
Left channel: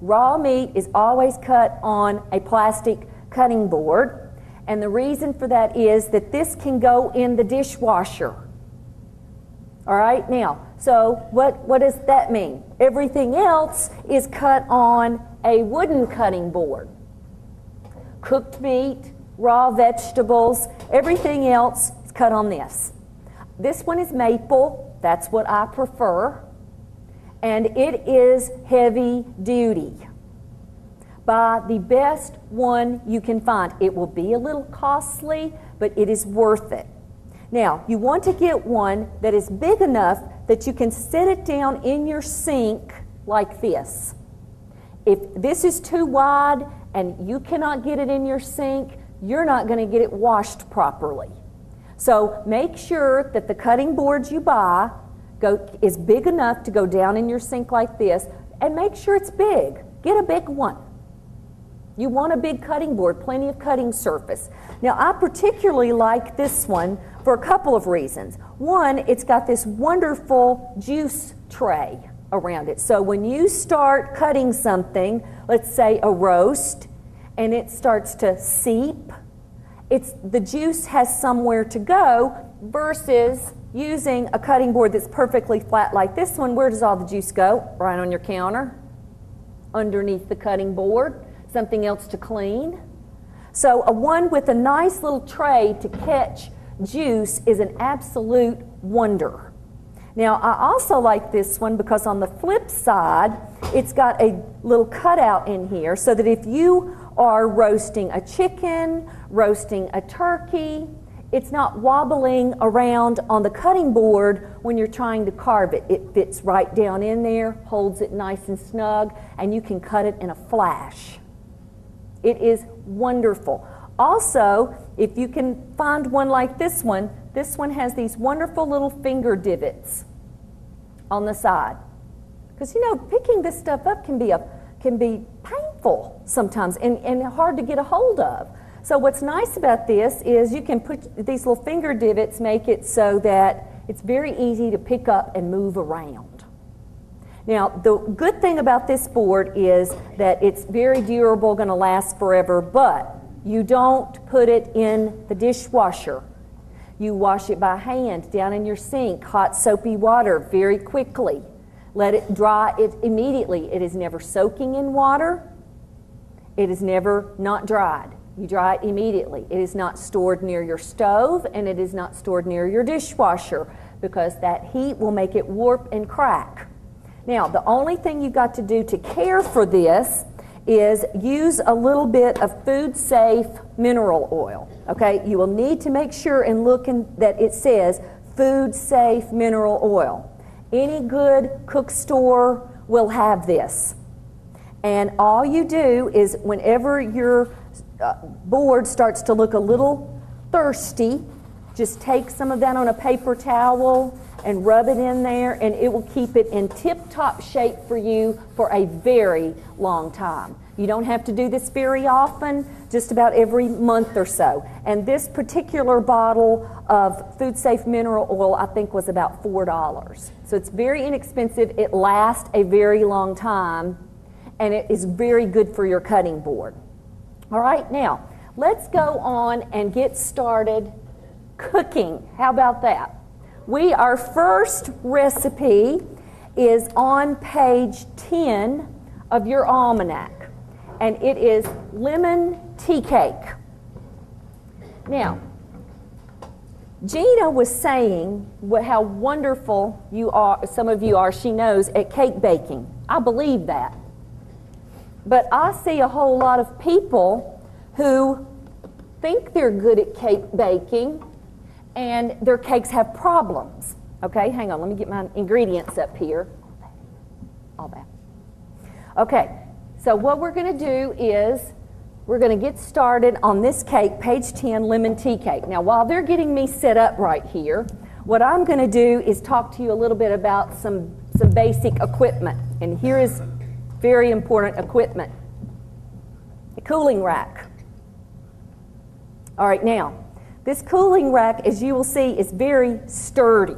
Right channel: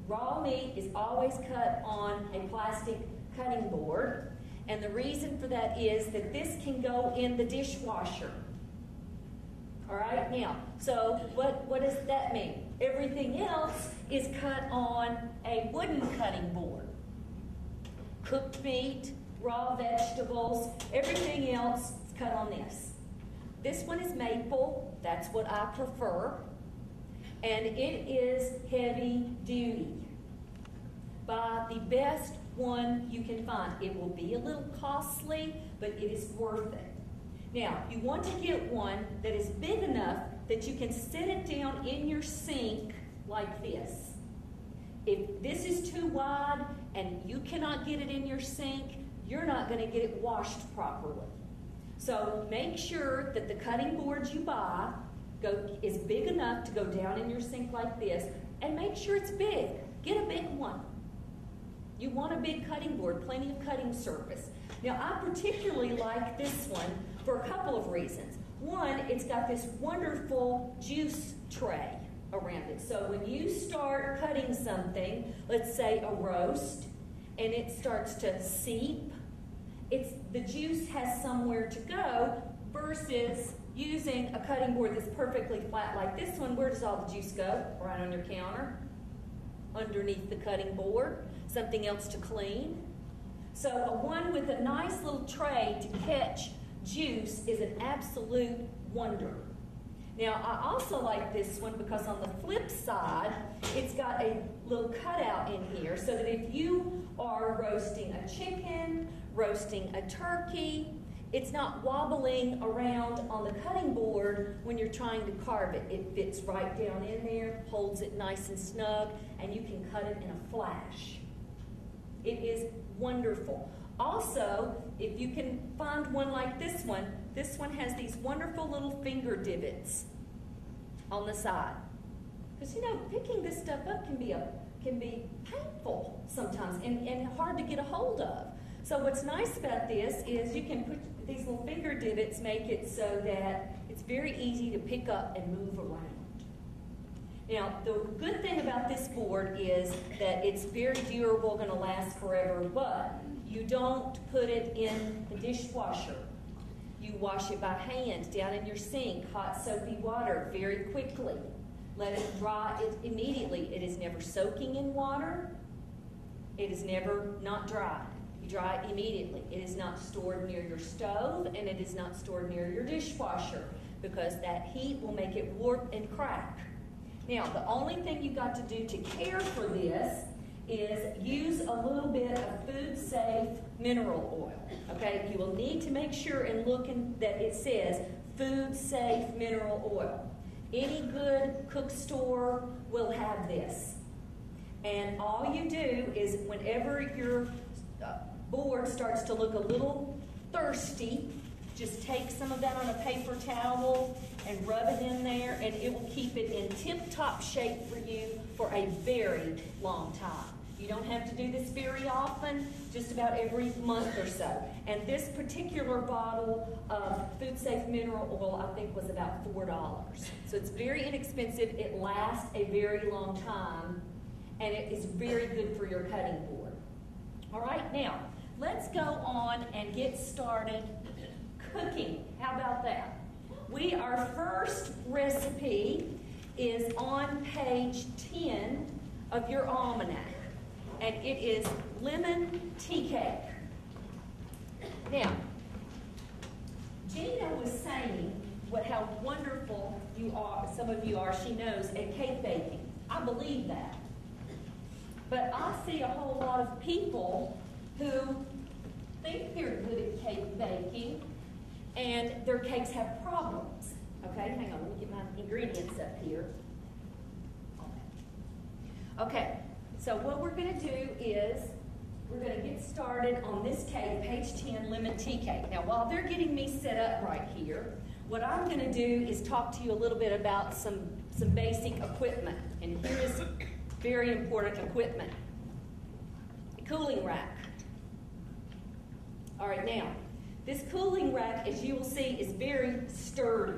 Raw meat is always cut on a plastic cutting board, and the reason for that is that this can go in the dishwasher. All right, now, so what does that mean? Everything else is cut on a wooden cutting board. Cooked meat, raw vegetables, everything else is cut on this. This one is maple, that's what I prefer, and it is heavy duty. Buy the best one you can find. It will be a little costly, but it is worth it. Now, you want to get one that is big enough that you can set it down in your sink like this. If this is too wide and you cannot get it in your sink, you're not going to get it washed properly. So make sure that the cutting boards you buy is big enough to go down in your sink like this, and make sure it's big. Get a big one. You want a big cutting board, plenty of cutting surface. Now, I particularly like this one for a couple of reasons. One, it's got this wonderful juice tray around it. So when you start cutting something, let's say a roast, and it starts to seep, the juice has somewhere to go, versus using a cutting board that's perfectly flat like this one. Where does all the juice go? Right on your counter, underneath the cutting board, something else to clean. So a one with a nice little tray to catch juice is an absolute wonder. Now, I also like this one because on the flip side, it's got a little cutout in here so that if you are roasting a chicken, roasting a turkey, it's not wobbling around on the cutting board when you're trying to carve it. It fits right down in there, holds it nice and snug, and you can cut it in a flash. It is wonderful. Also, if you can find one like this one has these wonderful little finger divots on the side. Because, you know, picking this stuff up can be painful sometimes and hard to get a hold of. So what's nice about this is you can put these little finger divots, make it so that it's very easy to pick up and move around. Now, the good thing about this board is that it's very durable, going to last forever, but you don't put it in the dishwasher. You wash it by hand down in your sink, hot soapy water very quickly. Let it dry it immediately. It is never soaking in water. It is never not dried. You dry it immediately. It is not stored near your stove, and it is not stored near your dishwasher because that heat will make it warp and crack. Now, the only thing you've got to do to care for this is use a little bit of food-safe mineral oil, okay? You will need to make sure and look that it says food-safe mineral oil. Any good cook store will have this. And all you do is whenever your board starts to look a little thirsty, just take some of that on a paper towel and rub it in there, and it will keep it in tip-top shape for you for a very long time. You don't have to do this very often, just about every month or so. And this particular bottle of Food Safe mineral oil, I think, was about $4. So it's very inexpensive. It lasts a very long time, and it is very good for your cutting board. All right, now, let's go on and get started cooking. How about that? Our first recipe is on page 10 of your almanac, and it is lemon tea cake. Now, Gina was saying how wonderful you are, some of you are, she knows, at cake baking. I believe that. But I see a whole lot of people who think they're good at cake baking and their cakes have problems. Okay, hang on, let me get my ingredients up here. All that. Okay, so what we're going to do is we're going to get started on this cake, page 10, lemon tea cake. Now, while they're getting me set up right here, what I'm going to do is talk to you a little bit about some basic equipment. And here is very important equipment. A cooling rack. All right, now, this cooling rack, as you will see, is very sturdy.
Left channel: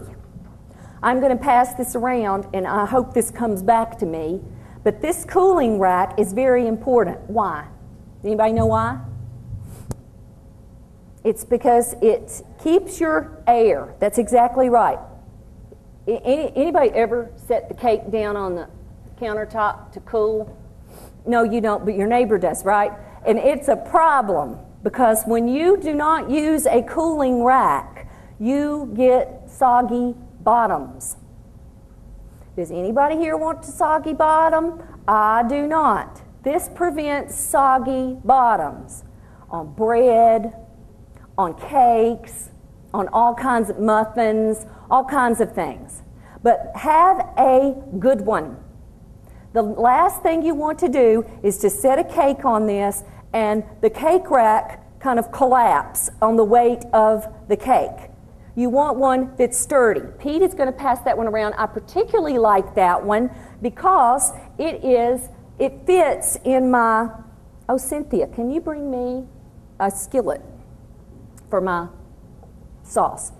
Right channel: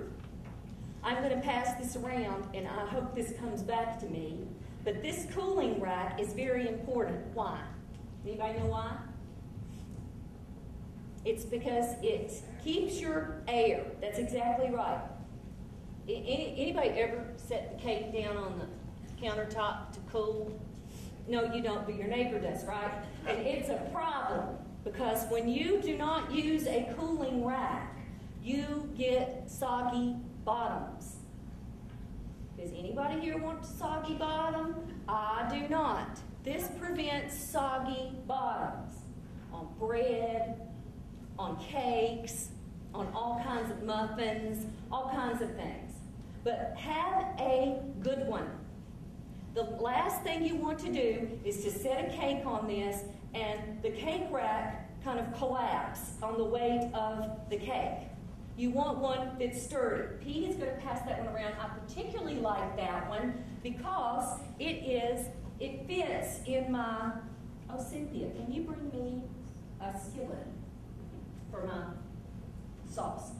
I'm going to pass this around, and I hope this comes back to me. But this cooling rack is very important. Why? Anybody know why? It's because it keeps your air. That's exactly right. Anybody ever set the cake down on the countertop to cool? No, you don't, but your neighbor does, right? And it's a problem because when you do not use a cooling rack, you get soggy bottoms. Does anybody here want a soggy bottom? I do not. This prevents soggy bottoms on bread, on cakes, on all kinds of muffins, all kinds of things. But have a good one. The last thing you want to do is to set a cake on this and the cake rack kind of collapse on the weight of the cake. You want one that's sturdy. Pete is going to pass that one around. I particularly like that one because it fits in my, oh, Cynthia, can you bring me a skillet for my sauce?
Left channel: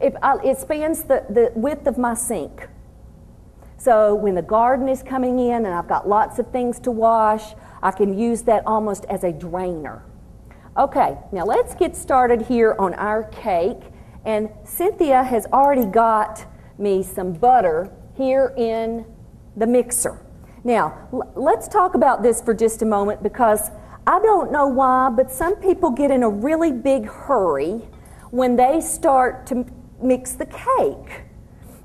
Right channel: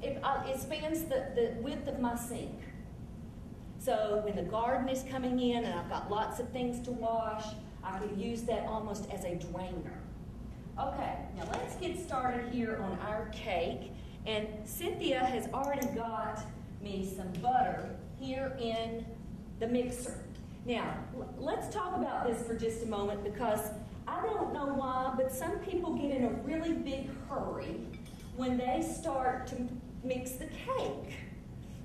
It spans the width of my sink. So when the garden is coming in and I've got lots of things to wash, I can use that almost as a drainer. Okay, now let's get started here on our cake. And Cynthia has already got me some butter here in the mixer. Now, let's talk about this for just a moment because I don't know why, but some people get in a really big hurry when they start to mix the cake.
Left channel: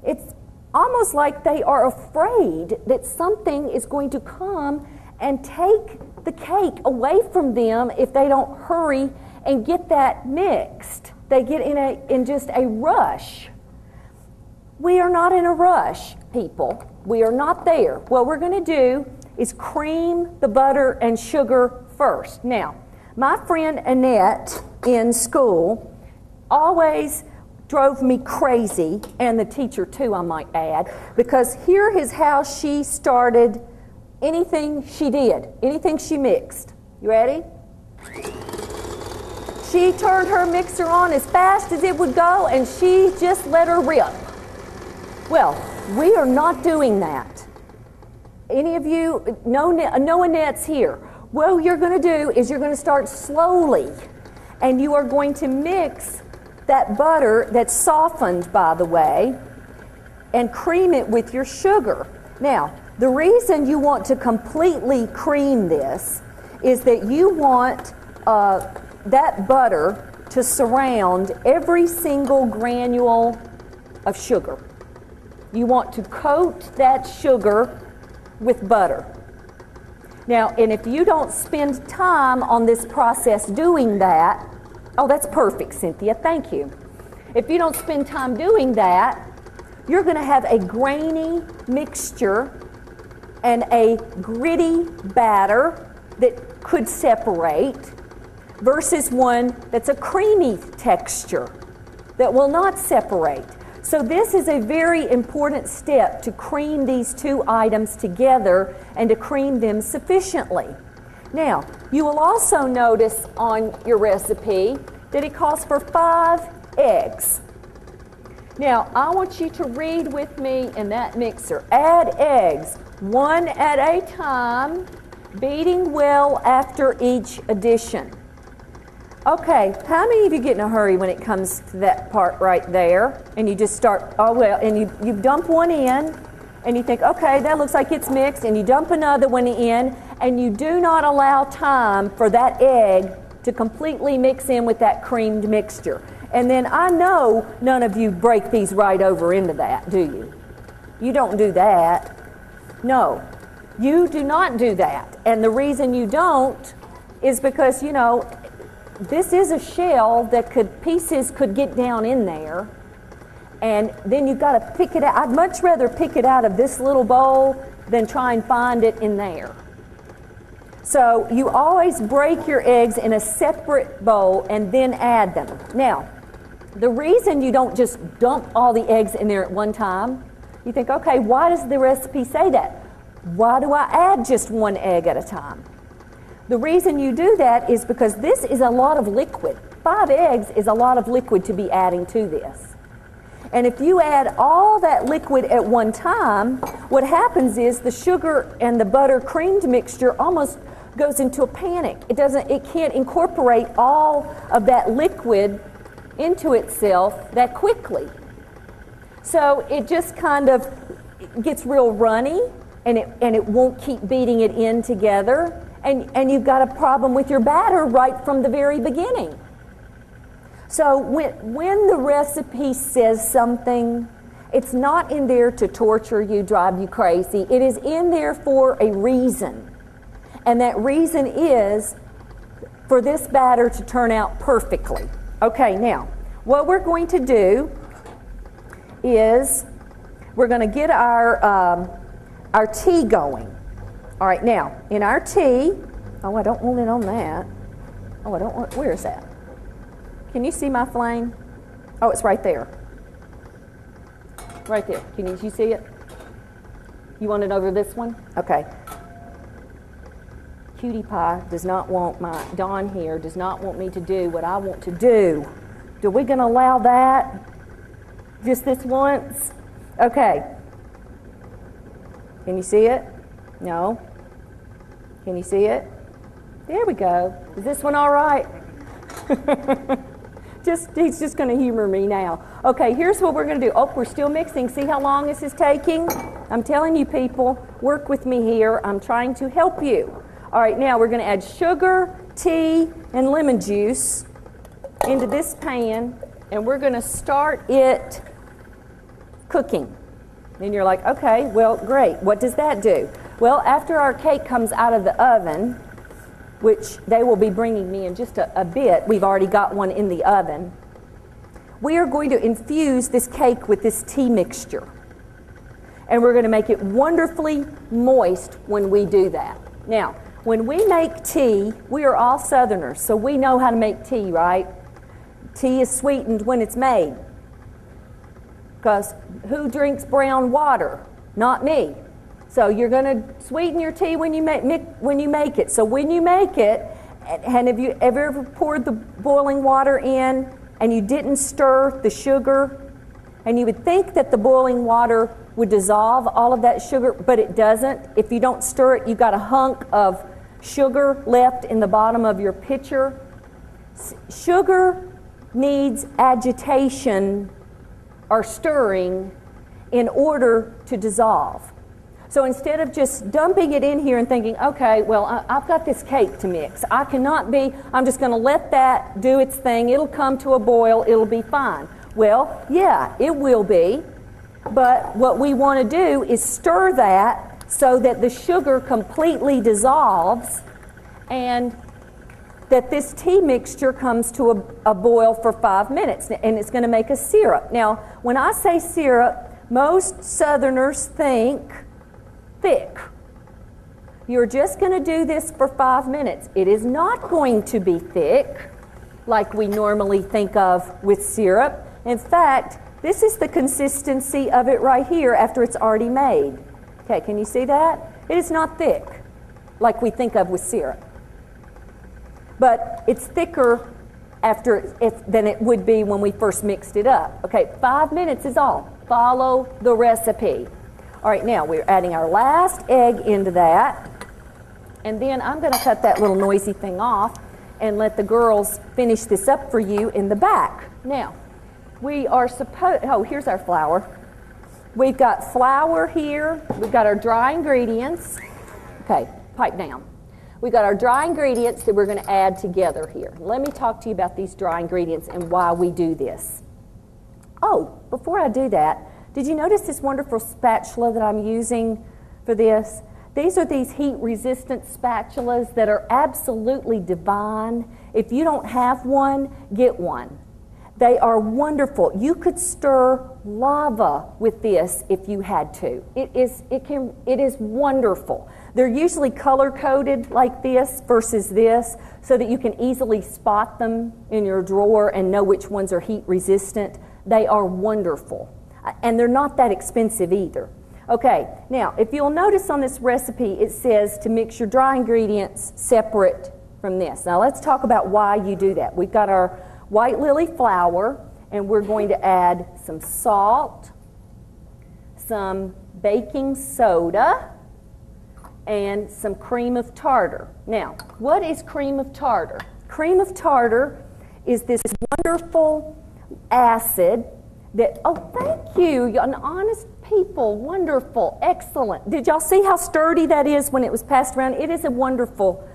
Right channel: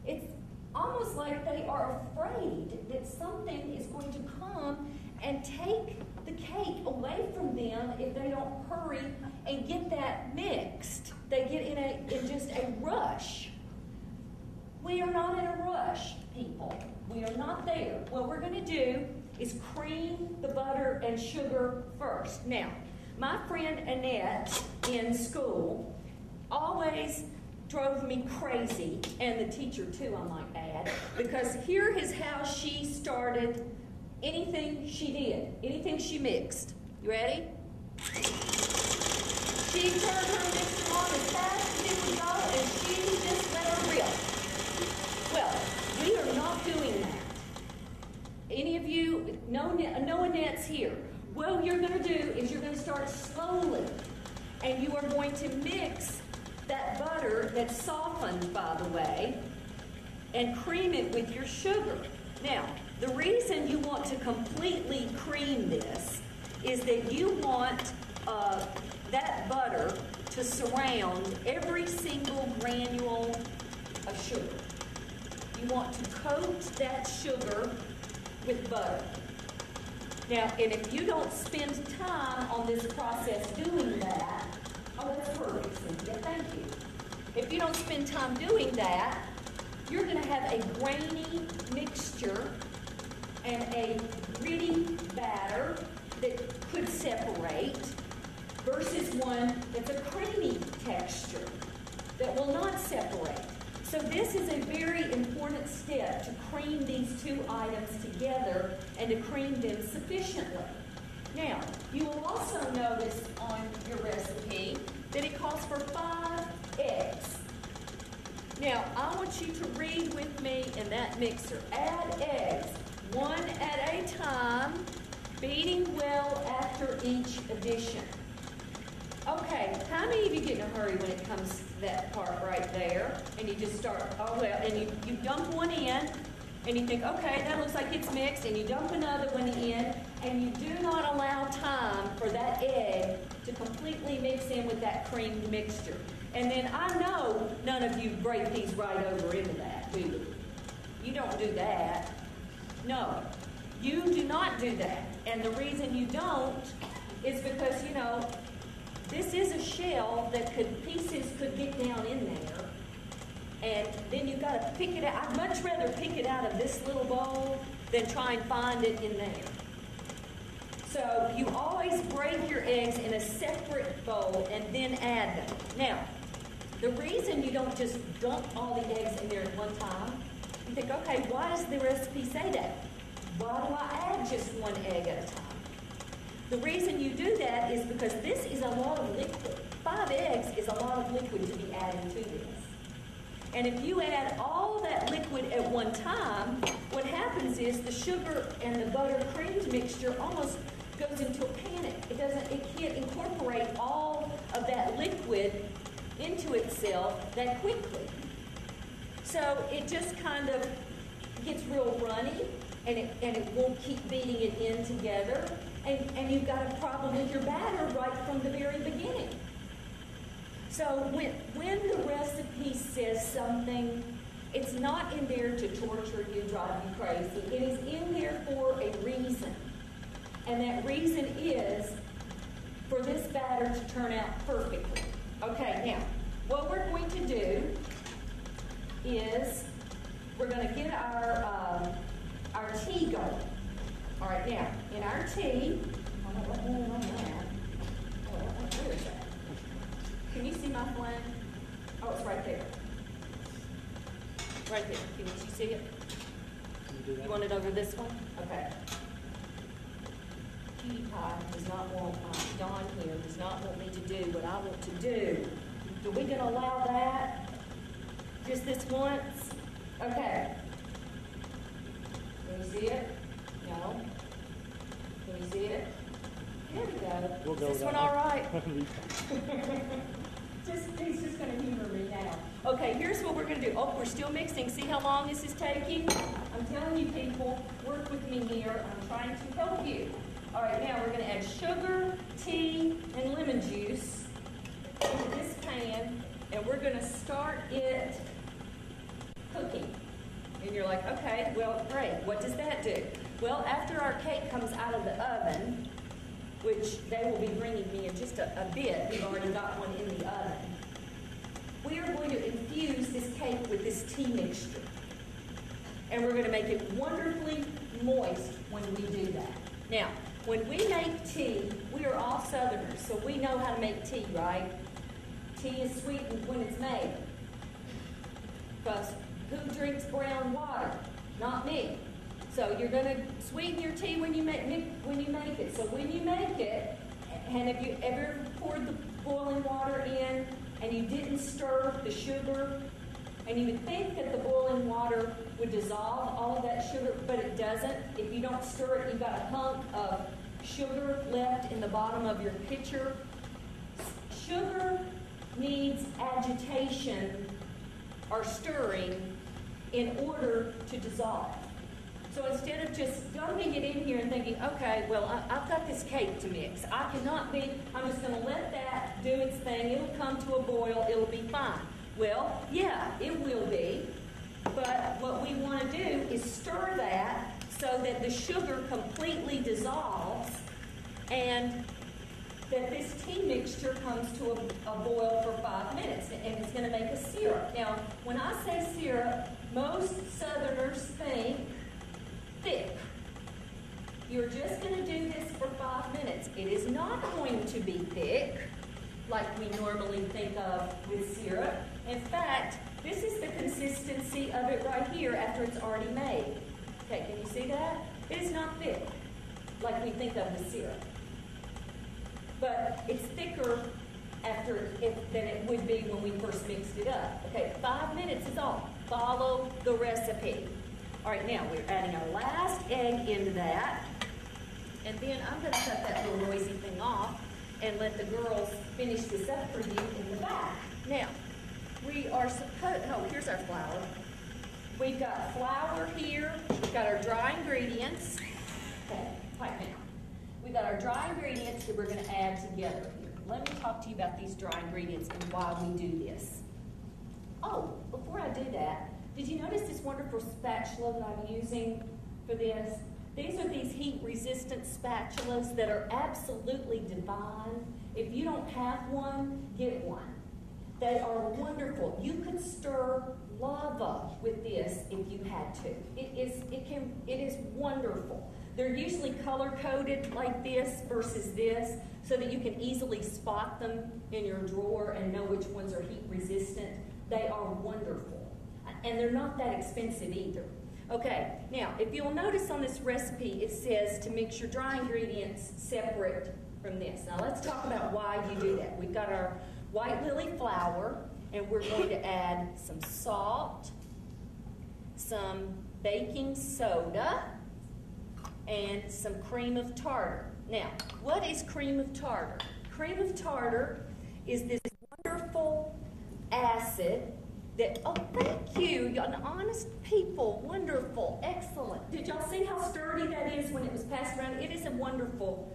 It's almost like they are afraid that something is going to come and take the cake away from them if they don't hurry and get that mixed. They get in just a rush. We are not in a rush, people. We are not there. What we're going to do is cream the butter and sugar first. Now, my friend Annette in school always drove me crazy, and the teacher too, I might add, because here is how she started anything she did, anything she mixed. You ready? She turned her mixer on as fast as it would go, and she just let her rip. Well, we are not doing that. Any of you, no Annette's here. What you're going to do is you're going to start slowly, and you are going to mix that butter that's softened, by the way, and cream it with your sugar. Now, the reason you want to completely cream this is that you want that butter to surround every single granule of sugar. You want to coat that sugar with butter. Now, and if you don't spend time on this process doing that, oh, that's perfect, Cynthia, thank you. If you don't spend time doing that, you're going to have a grainy mixture and a gritty batter that could separate versus one that's a creamy texture that will not separate. So this is a very important step to cream these two items together and to cream them sufficiently. Now, you will also notice on your recipe that it calls for 5 eggs. Now, I want you to read with me in that mixer. Add eggs, 1 at a time, beating well after each addition. Okay, how many of you get in a hurry when it comes to that part right there? And you just start, oh well, and you dump one in, and you think, okay, that looks like it's mixed, and you dump another one in, and you do not allow time for that egg to completely mix in with that creamed mixture. And then I know none of you break these right over into that, do you? You don't do that. No, you do not do that. And the reason you don't is because, you know, this is a shell that pieces could get down in there. And then you've got to pick it out. I'd much rather pick it out of this little bowl than try and find it in there. So you always break your eggs in a separate bowl and then add them. Now, the reason you don't just dump all the eggs in there at one time, you think, okay, why does the recipe say that? Why do I add just 1 egg at a time? The reason you do that is because this is a lot of liquid. 5 eggs is a lot of liquid to be adding to this. And if you add all that liquid at one time, what happens is the sugar and the butter creamed mixture almost goes into a panic. It can't incorporate all of that liquid into itself that quickly. So it just kind of gets real runny, and it won't keep beating it in together. And you've got a problem with your batter right from the very beginning. So when the recipe says something, it's not in there to torture you, drive you crazy. It is in there for a reason. And that reason is for this batter to turn out perfectly. Okay, now, what we're going to do is we're going to get our tea going. All right, now, in our tea, oh, I don't want it on that. Oh, I don't want, where is that? Can you see my flame? Oh, it's right there. Right there. Can you see it? You want it over this one? Okay. Cutie Pie does not want Dawn here does not want me to do what I want to do. Are we going to allow that? Just this once? Okay. Can you see it? No. Can you see it? There we go. Is this one all right? He's just going to humor me now. Okay, here's what we're going to do. Oh, we're still mixing. See how long this is taking? I'm telling you people, work with me here. I'm trying to help you. All right, now we're going to add sugar, tea, and lemon juice into this pan, and we're going to start it cooking. And you're like, okay, well, great. What does that do? Well, after our cake comes out of the oven, which they will be bringing me in just a bit, we've already got one in the oven, we are going to infuse this cake with this tea mixture. And we're going to make it wonderfully moist when we do that. Now, when we make tea, we are all Southerners, so we know how to make tea, right? Tea is sweetened when it's made. Because who drinks brown water? Not me. So you're going to sweeten your tea when you make it. So when you make it, and have you ever poured the boiling water in and you didn't stir the sugar? And you would think that the boiling water would dissolve all of that sugar, but it doesn't. If you don't stir it, you've got a hunk of sugar left in the bottom of your pitcher. Sugar needs agitation or stirring in order to dissolve. So instead of just dumping it in here and thinking, okay, well, I've got this cake to mix. I'm just going to let that do its thing. It'll come to a boil. It'll be fine. Well, yeah, it will be. But what we want to do is stir that so that the sugar completely dissolves and that this tea mixture comes to a boil for 5 minutes, and it's going to make a syrup. Now, when I say syrup, most Southerners think thick. You're just going to do this for 5 minutes. It is not going to be thick like we normally think of with syrup. In fact, this is the consistency of it right here after it's already made. Okay, can you see that? It is not thick like we think of with syrup. but it's thicker than it would be when we first mixed it up. Okay, 5 minutes is all. Follow the recipe. All right, now we're adding our last egg into that, and then I'm going to cut that little noisy thing off and let the girls finish this up for you in the back. Now, we are supposed, oh, here's our flour. We've got flour here. We've got our dry ingredients. Okay, pipe down. We've got our dry ingredients that we're going to add together here. Let me talk to you about these dry ingredients and why we do this. Oh, before I do that, did you notice this wonderful spatula that I'm using for this? These are these heat-resistant spatulas that are absolutely divine. If you don't have one, get one. They are wonderful. You could stir lava with this if you had to. It is wonderful. They're usually color-coded like this versus this so that you can easily spot them in your drawer and know which ones are heat-resistant. They are wonderful. And they're not that expensive either. Okay, now, if you'll notice on this recipe, it says to mix your dry ingredients separate from this. Now, let's talk about why you do that. We've got our white lily flour, and we're going to add some salt, some baking soda, and some cream of tartar. Now, what is cream of tartar? Cream of tartar is this wonderful acid that, oh, thank you, you're an honest people, wonderful, excellent. Did y'all see how sturdy that is when it was passed around? It is a wonderful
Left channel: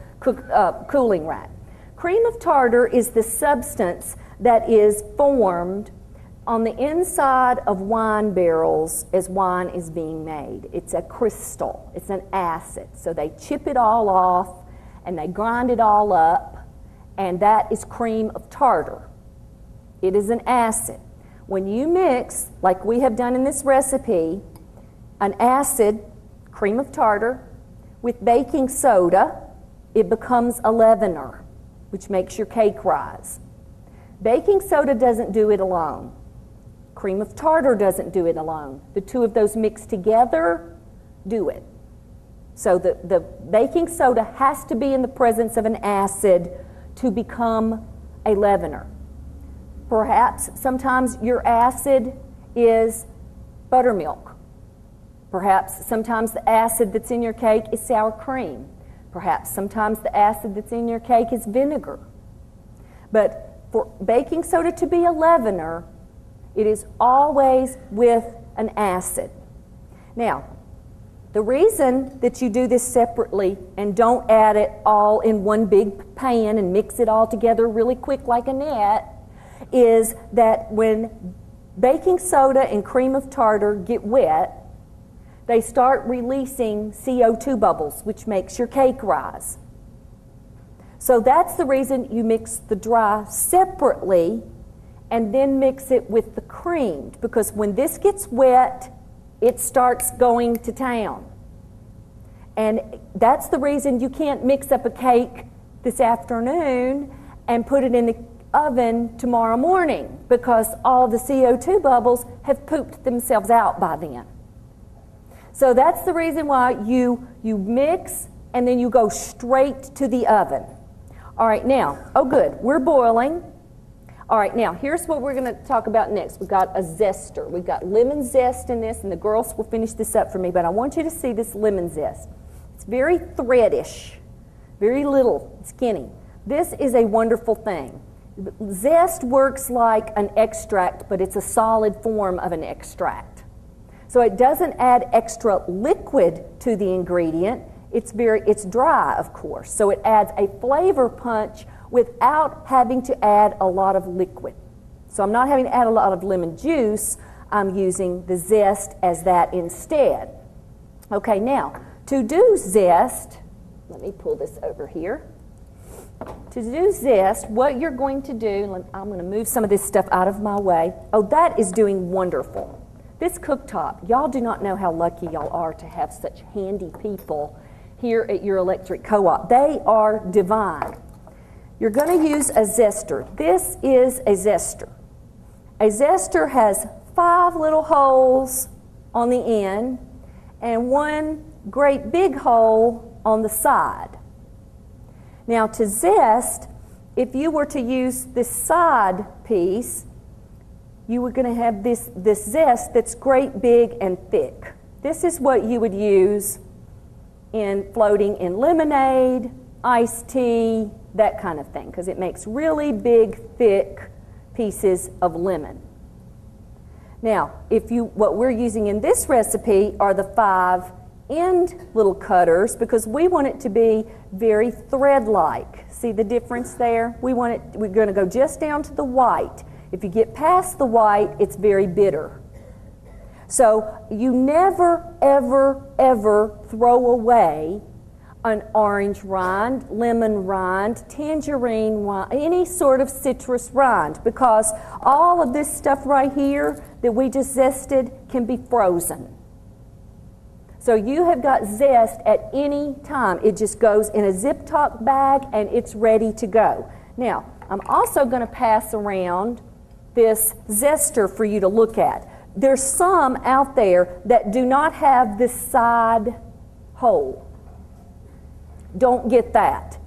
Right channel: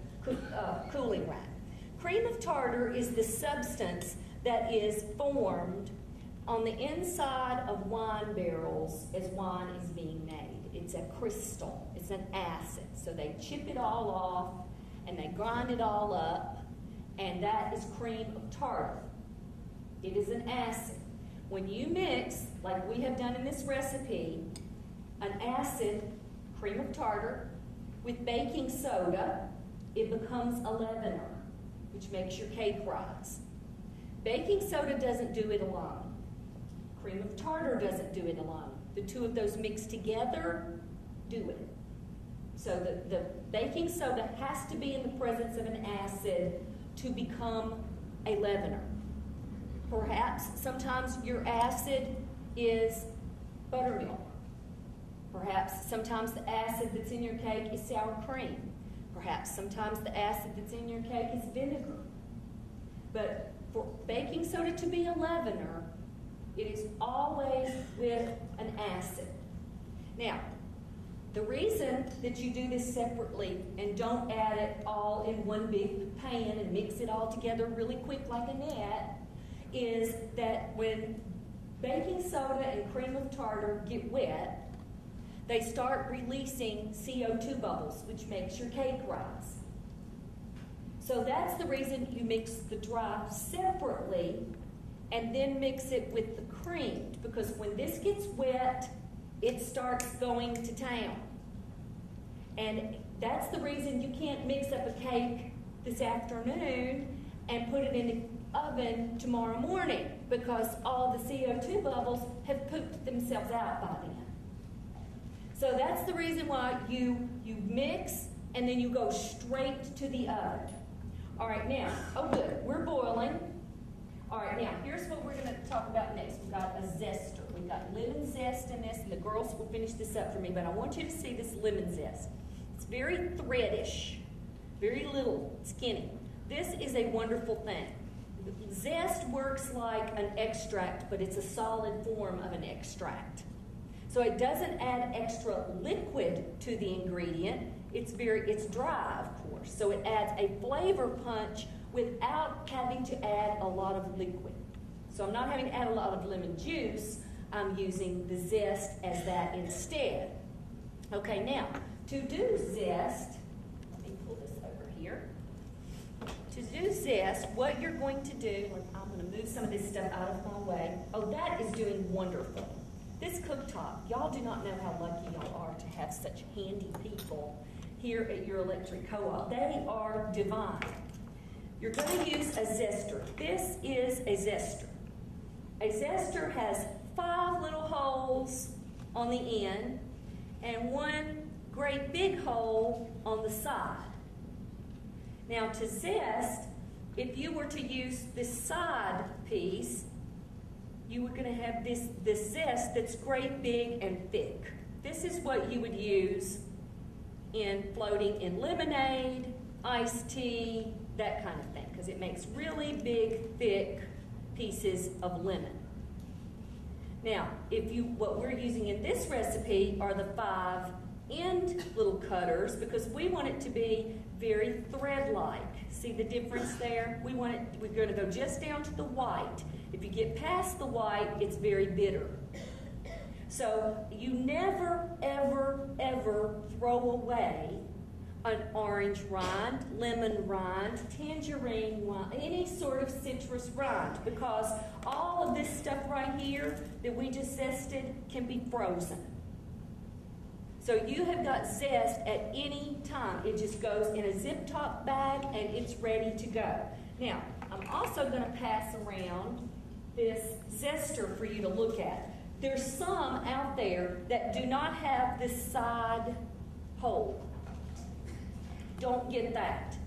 cooling rack. Cream of tartar is the substance that is formed on the inside of wine barrels as wine is being made. It's a crystal. It's an acid. So they chip it all off and they grind it all up, and that is cream of tartar. It is an acid. When you mix, like we have done in this recipe, an acid, cream of tartar, with baking soda, it becomes a leavener, which makes your cake rise. Baking soda doesn't do it alone. Cream of tartar doesn't do it alone. The two of those mixed together do it. So the baking soda has to be in the presence of an acid to become a leavener. Perhaps sometimes your acid is buttermilk. Perhaps sometimes the acid that's in your cake is sour cream. Perhaps sometimes the acid that's in your cake is vinegar. But for baking soda to be a leavener, it is always with an acid. Now, the reason that you do this separately and don't add it all in one big pan and mix it all together really quick like a net is that when baking soda and cream of tartar get wet, they start releasing CO2 bubbles, which makes your cake rise. So that's the reason you mix the dry separately and then mix it with the creamed, because when this gets wet, it starts going to town. And that's the reason you can't mix up a cake this afternoon and put it in the oven tomorrow morning, because all the CO2 bubbles have pooped themselves out by then. So that's the reason why you mix and then you go straight to the oven. All right, now, oh good, we're boiling. All right, now, here's what we're going to talk about next. We've got a zester. We've got lemon zest in this, and the girls will finish this up for me, but I want you to see this lemon zest. It's very threadish, very little, skinny. This is a wonderful thing. Zest works like an extract, but it's a solid form of an extract. So it doesn't add extra liquid to the ingredient. It's dry, of course. So it adds a flavor punch without having to add a lot of liquid. So I'm not having to add a lot of lemon juice. I'm using the zest as that instead. Okay, now, to do zest, let me pull this over here. To do zest, what you're going to do, I'm going to move some of this stuff out of my way. Oh, that is doing wonderful. This cooktop, y'all do not know how lucky y'all are to have such handy people here at your electric co-op. They are divine. You're going to use a zester. This is a zester. A zester has 5 little holes on the end and 1 great big hole on the side. Now to zest, if you were to use this side piece, you were going to have this zest that's great, big, and thick. This is what you would use in floating in lemonade, iced tea, that kind of thing, because it makes really big, thick pieces of lemon. Now, what we're using in this recipe are the 5-end little cutters, because we want it to be very thread-like. See the difference there? We're going to go just down to the white. If you get past the white, it's very bitter. So you never, ever, ever throw away an orange rind, lemon rind, tangerine rind, any sort of citrus rind, because all of this stuff right here that we just zested can be frozen. So you have got zest at any time. It just goes in a Zip-Top bag and it's ready to go. Now, I'm also going to pass around this zester for you to look at. There's some out there that do not have this side hole. Don't get that.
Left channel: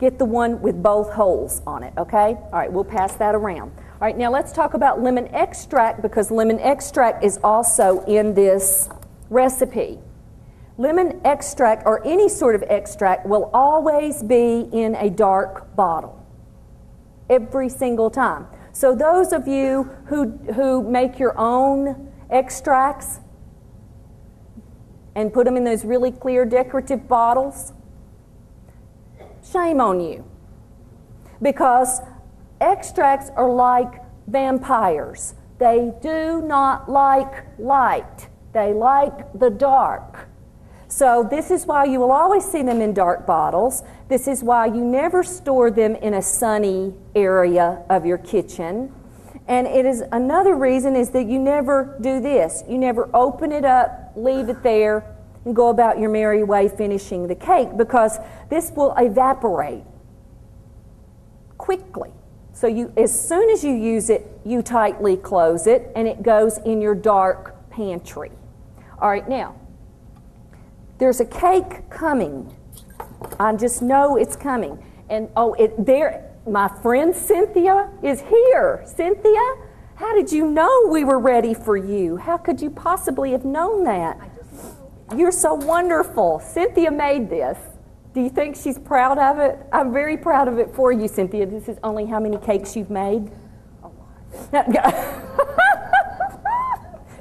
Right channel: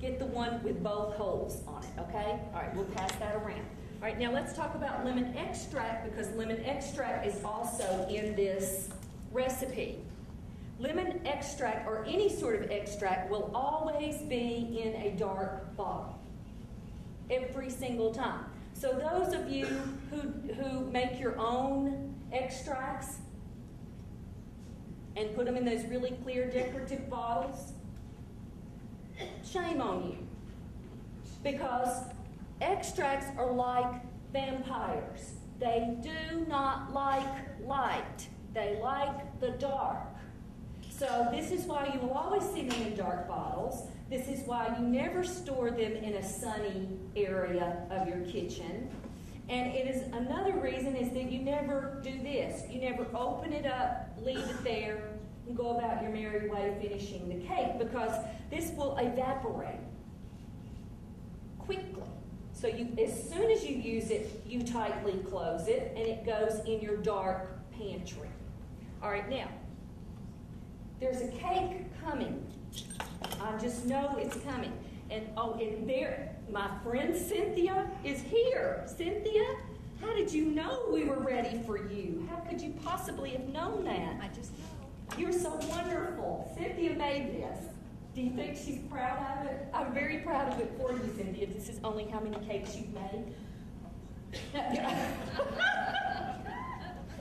Get the one with both holes on it, okay? All right, we'll pass that around. All right, now let's talk about lemon extract, because lemon extract is also in this recipe. Lemon extract, or any sort of extract, will always be in a dark bottle. Every single time. So those of you who make your own extracts and put them in those really clear decorative bottles, shame on you. Because extracts are like vampires. They do not like light. They like the dark. So this is why you will always see them in dark bottles. This is why you never store them in a sunny area of your kitchen. And it is another reason is that you never do this. You never open it up, leave it there, and go about your merry way finishing the cake, because this will evaporate quickly. So as soon as you use it, you tightly close it, and it goes in your dark pantry. All right, now, there's a cake coming. I just know it's coming. And my friend Cynthia is here. Cynthia, how did you know we were ready for you? How could you possibly have known that? I just know. You're so wonderful. Cynthia made this. Do you think she's proud of it? I'm very proud of it for you, Cynthia. This is only how many cakes you've made? A lot.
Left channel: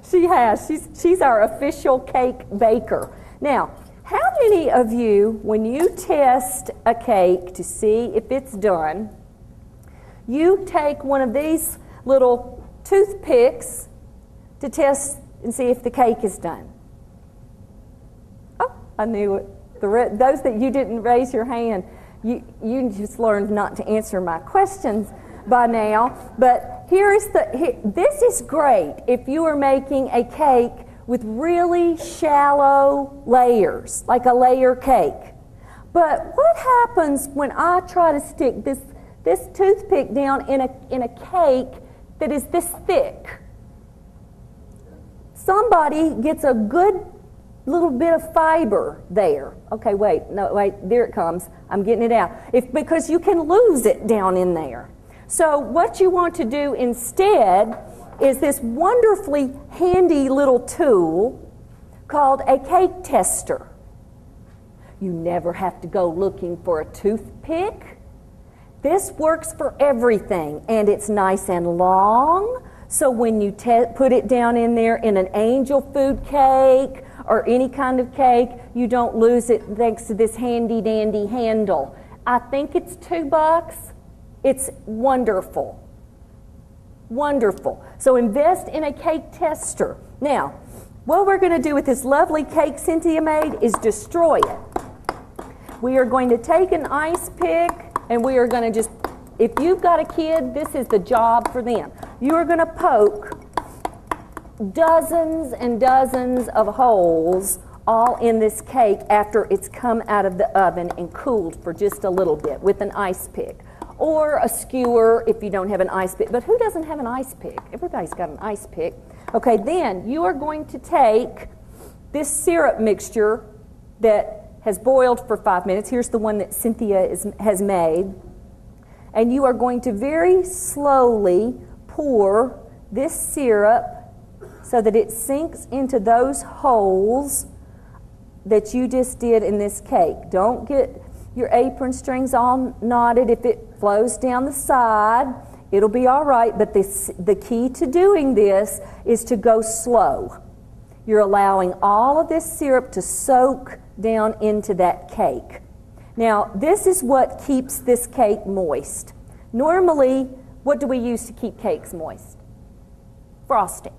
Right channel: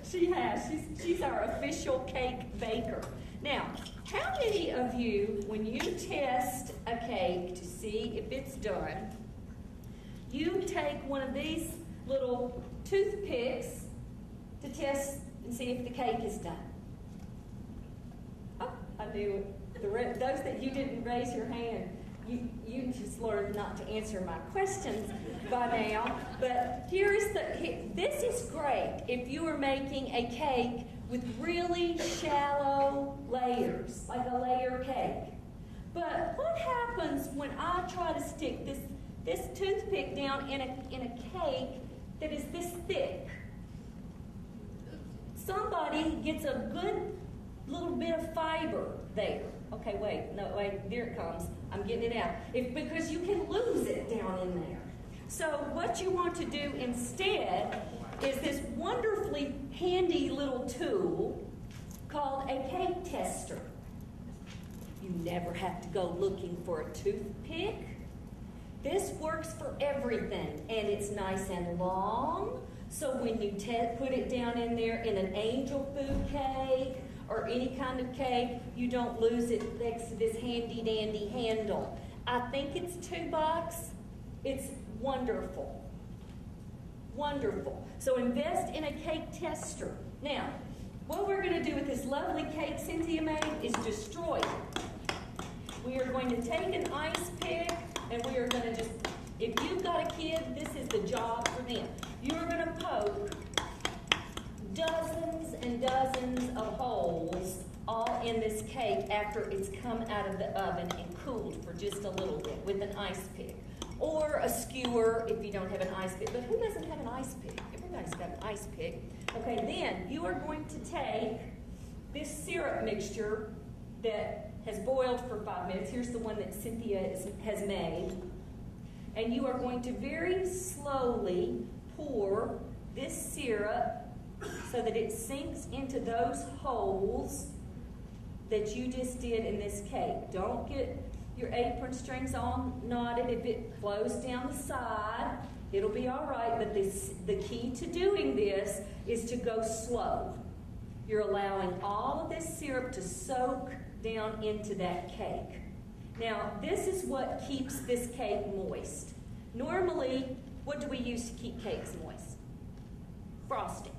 She has. She's our official cake baker. Now, how many of you, when you test a cake to see if it's done, you take one of these little toothpicks to test and see if the cake is done? Oh, I knew it. Those that you didn't raise your hand, you just learned not to answer my questions by now. But this is great if you are making a cake with really shallow layers, like a layer cake. But what happens when I try to stick this toothpick down in a cake that is this thick? Somebody gets a good little bit of fiber there. Okay, wait, there it comes. I'm getting it out. Because you can lose it down in there. So what you want to do instead is this wonderfully handy little tool called a cake tester. You never have to go looking for a toothpick. This works for everything, and it's nice and long, so when you put it down in there in an angel food cake or any kind of cake, you don't lose it thanks to this handy dandy handle. I think it's $2. It's wonderful. Wonderful. So invest in a cake tester. Now, what we're going to do with this lovely cake Cynthia made is destroy it. We are going to take an ice pick, and we are going to just, if you've got a kid, this is the job for them. You are going to poke dozens and dozens of holes all in this cake after it's come out of the oven and cooled for just a little bit with an ice pick. Or a skewer if you don't have an ice pick. But who doesn't have an ice pick? Everybody's got an ice pick. Okay, then you are going to take this syrup mixture that has boiled for 5 minutes. Here's the one that Cynthia has made. and you are going to very slowly pour this syrup so that it sinks into those holes that you just did in this cake. Don't get your apron strings all knotted. If it flows down the side, it'll be all right, but the key to doing this is to go slow. You're allowing all of this syrup to soak down into that cake. Now, this is what keeps this cake moist. Normally, what do we use to keep cakes moist? Frosting.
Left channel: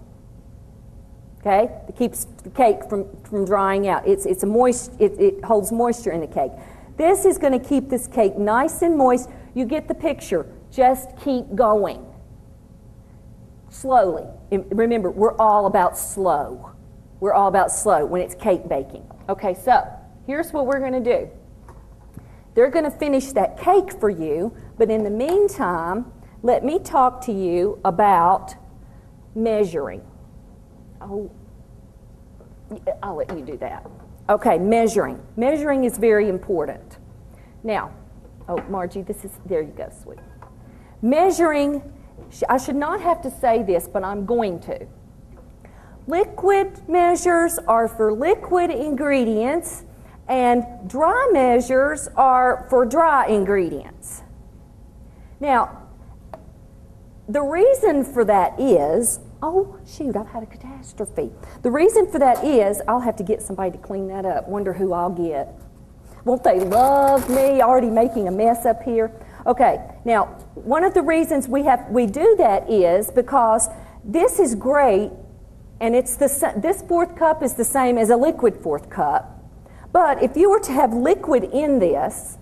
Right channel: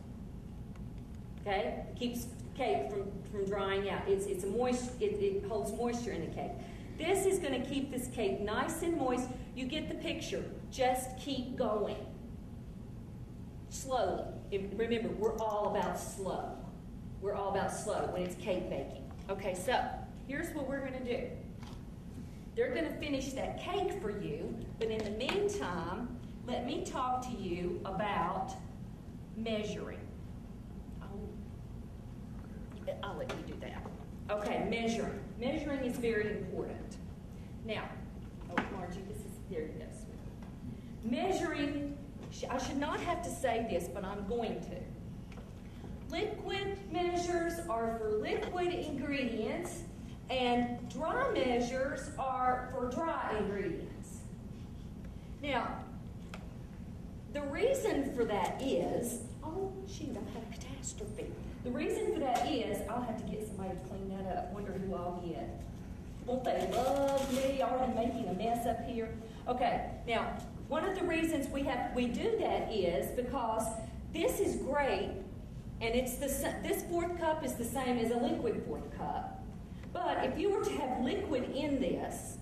Okay? It keeps the cake from drying out. It holds moisture in the cake. This is going to keep this cake nice and moist. You get the picture. Just keep going. Slowly. Remember, we're all about slow. We're all about slow when it's cake baking. Okay, so here's what we're going to do. They're going to finish that cake for you, but in the meantime, let me talk to you about measuring. Oh, I'll let you do that. Okay, measuring. Measuring is very important. Now, oh, Margie, there you go, sweetie. Measuring, I should not have to say this, but I'm going to. Liquid measures are for liquid ingredients, and dry measures are for dry ingredients. Now, the reason for that is, oh, shoot, I've had a catastrophe. The reason for that is, I'll have to get somebody to clean that up. Wonder who I'll get. Won't they love me already making a mess up here? Okay, now, one of the reasons we do that is because this is great, and this fourth cup is the same as a liquid fourth cup. But if you were to have liquid in this,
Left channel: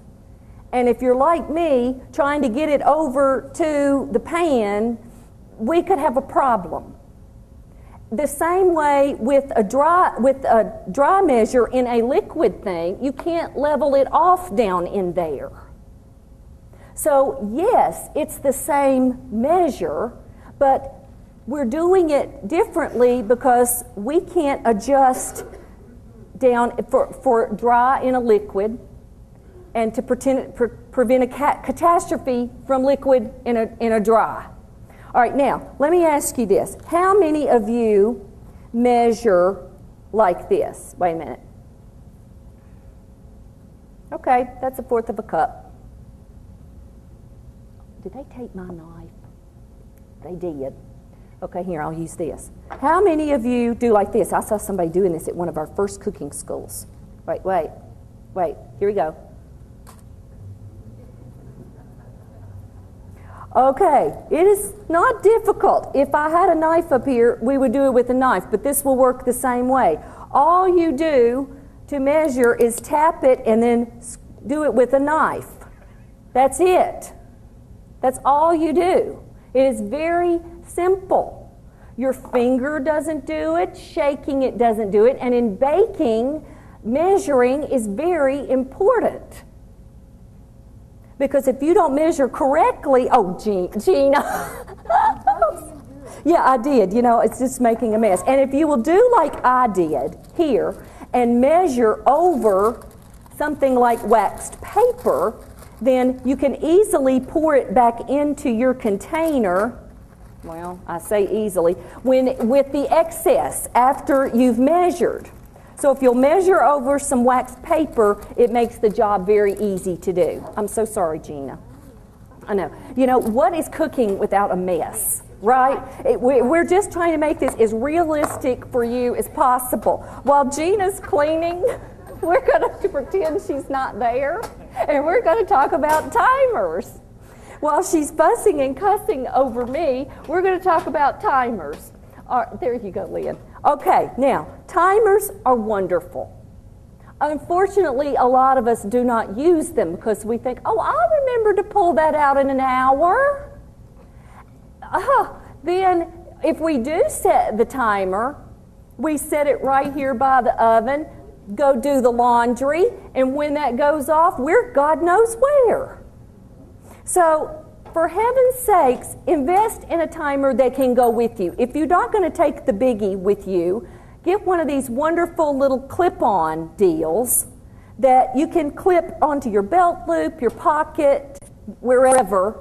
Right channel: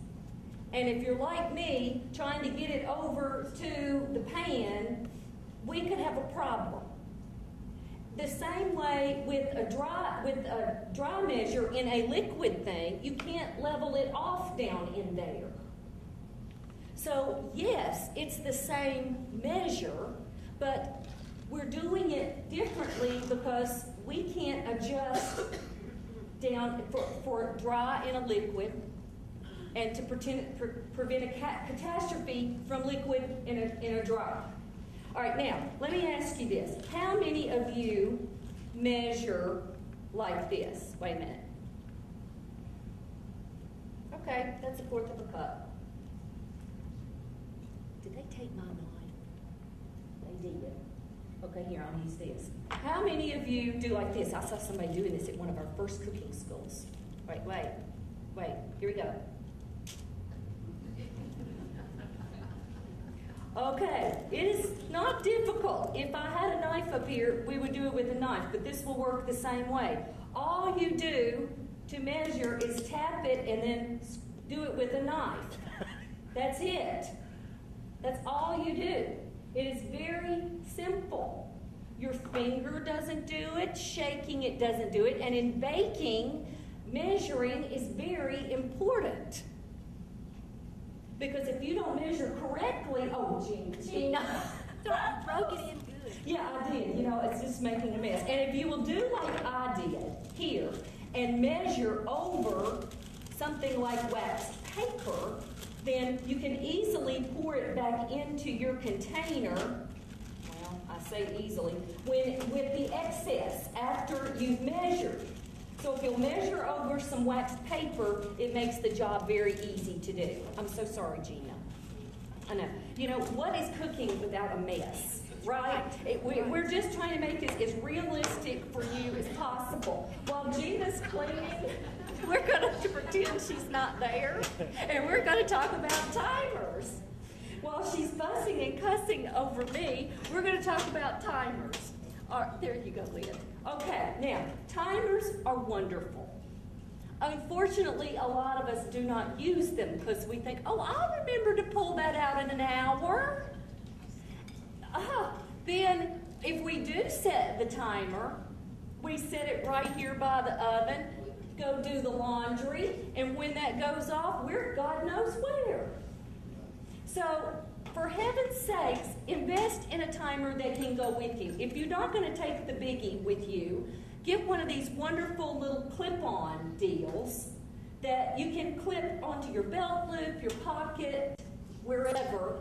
and if you're like me, trying to get it over to the pan, we could have a problem. The same way with a dry measure in a liquid thing, you can't level it off down in there. So yes, it's the same measure, but we're doing it differently because we can't adjust down for dry in a liquid and to prevent a catastrophe from liquid in a dry. All right, now, let me ask you this. How many of you measure like this? Wait a minute. Okay, that's a fourth of a cup. Did they take my knife? They did. Okay, here, I'll use this. How many of you do like this? I saw somebody doing this at one of our first cooking schools. Wait, here we go. Okay, it is not difficult. If I had a knife up here, we would do it with a knife, but this will work the same way. All you do to measure is tap it and then do it with a knife. That's it. That's all you do. It is very simple. Your finger doesn't do it, shaking it doesn't do it, and in baking, measuring is very important. Because if you don't measure correctly, oh, Gina. Yeah, I did. You know, it's just making a mess. And if you will do like I did here and measure over something like waxed paper, then you can easily pour it back into your container. Well, I say easily, with the excess after you've measured. So if you'll measure over some waxed paper, it makes the job very easy to do. I'm so sorry, Gina. I know. You know, what is cooking without a mess, right? We're just trying to make this as realistic for you as possible. While Gina's cleaning, we're going to pretend she's not there, and we're going to talk about timers. While she's fussing and cussing over me, we're going to talk about timers. There you go, Lynn. Okay, now, timers are wonderful. Unfortunately, a lot of us do not use them because we think, oh, I'll remember to pull that out in an hour. Then, if we do set the timer, we set it right here by the oven, go do the laundry, and when that goes off, we're God knows where. So, for heaven's sakes, invest in a timer that can go with you. If you're not going to take the biggie with you, get one of these wonderful little clip-on deals that you can clip onto your belt loop, your pocket, wherever,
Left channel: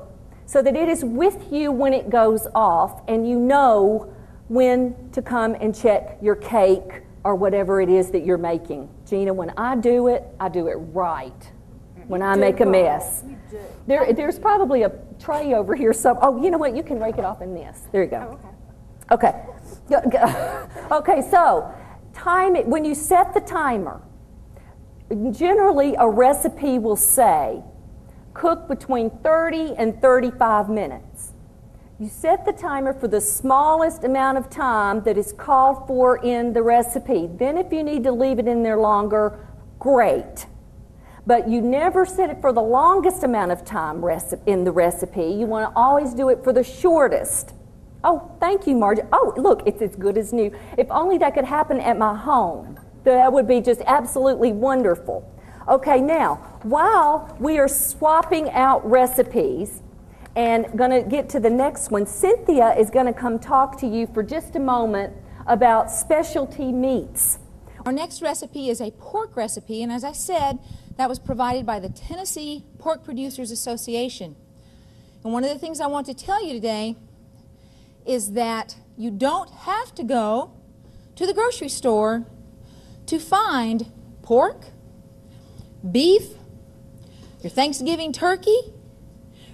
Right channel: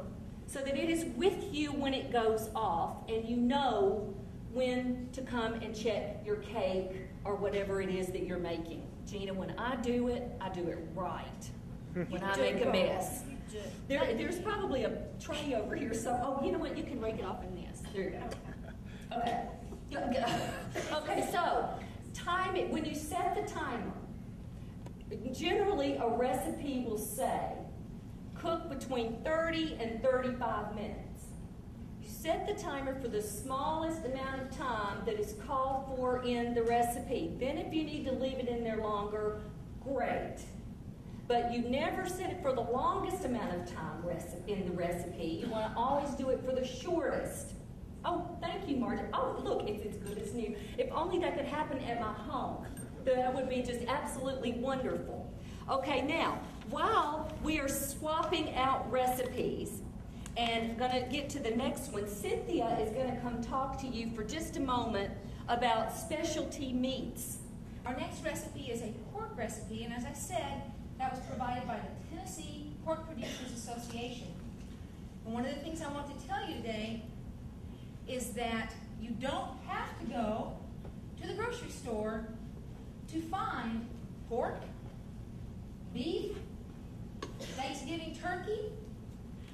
so that it is with you when it goes off and you know when to come and check your cake or whatever it is that you're making. Gina, when I do it right. When I make a mess. There's probably a tray over here. Oh, you know what? You can rake it off in this. There you go. Okay. Okay, so time it. When you set the timer, generally a recipe will say cook between 30 and 35 minutes. You set the timer for the smallest amount of time that is called for in the recipe. Then if you need to leave it in there longer, great. But you never set it for the longest amount of time in the recipe. You want to always do it for the shortest. Oh, thank you, Margie. Oh, look, it's as good as new. If only that could happen at my home. That would be just absolutely wonderful. Okay, now, while we are swapping out recipes and going to get to the next one, Cynthia is going to come talk to you for just a moment about specialty meats. Our next recipe is a pork recipe, and as I said, that was provided by the Tennessee Pork Producers Association. And one of the things I want to tell you today is that you don't have to go to the grocery store to find pork, beef, your Thanksgiving turkey,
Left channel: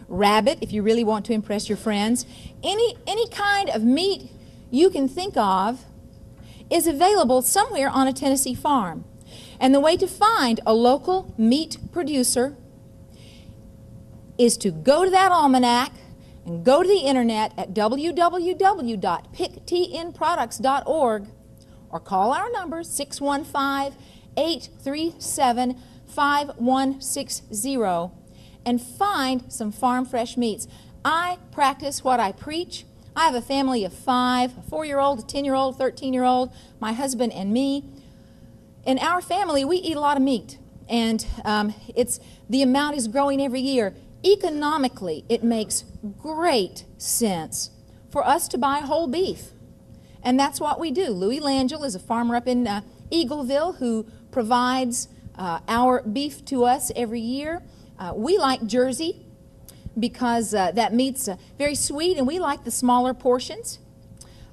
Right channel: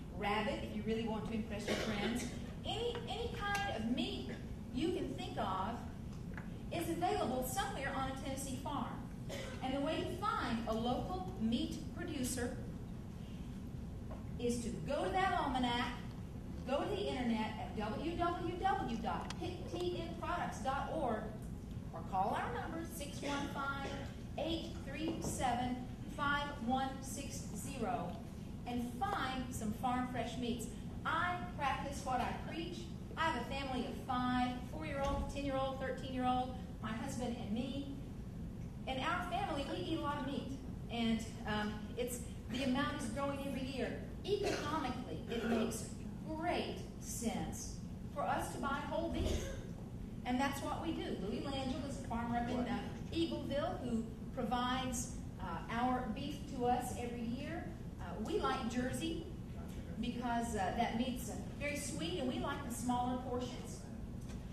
rabbit, if you really want to impress your friends. Any kind of meat you can think of is available somewhere on a Tennessee farm. And the way to find a local meat producer is to go to that almanac and go to the internet at www.picktnproducts.org or call our number 615-837-5160 and find some farm fresh meats. I practice what I preach. I have a family of 5, a 4-year-old, a 10-year-old, 13-year-old, my husband and me. In our family, we eat a lot of meat, and the amount is growing every year. Economically, it makes great sense for us to buy whole beef, and that's what we do. Louis Langell is a farmer up in Eagleville who provides our beef to us every year. We like Jersey because that meat's very sweet, and we like the smaller portions,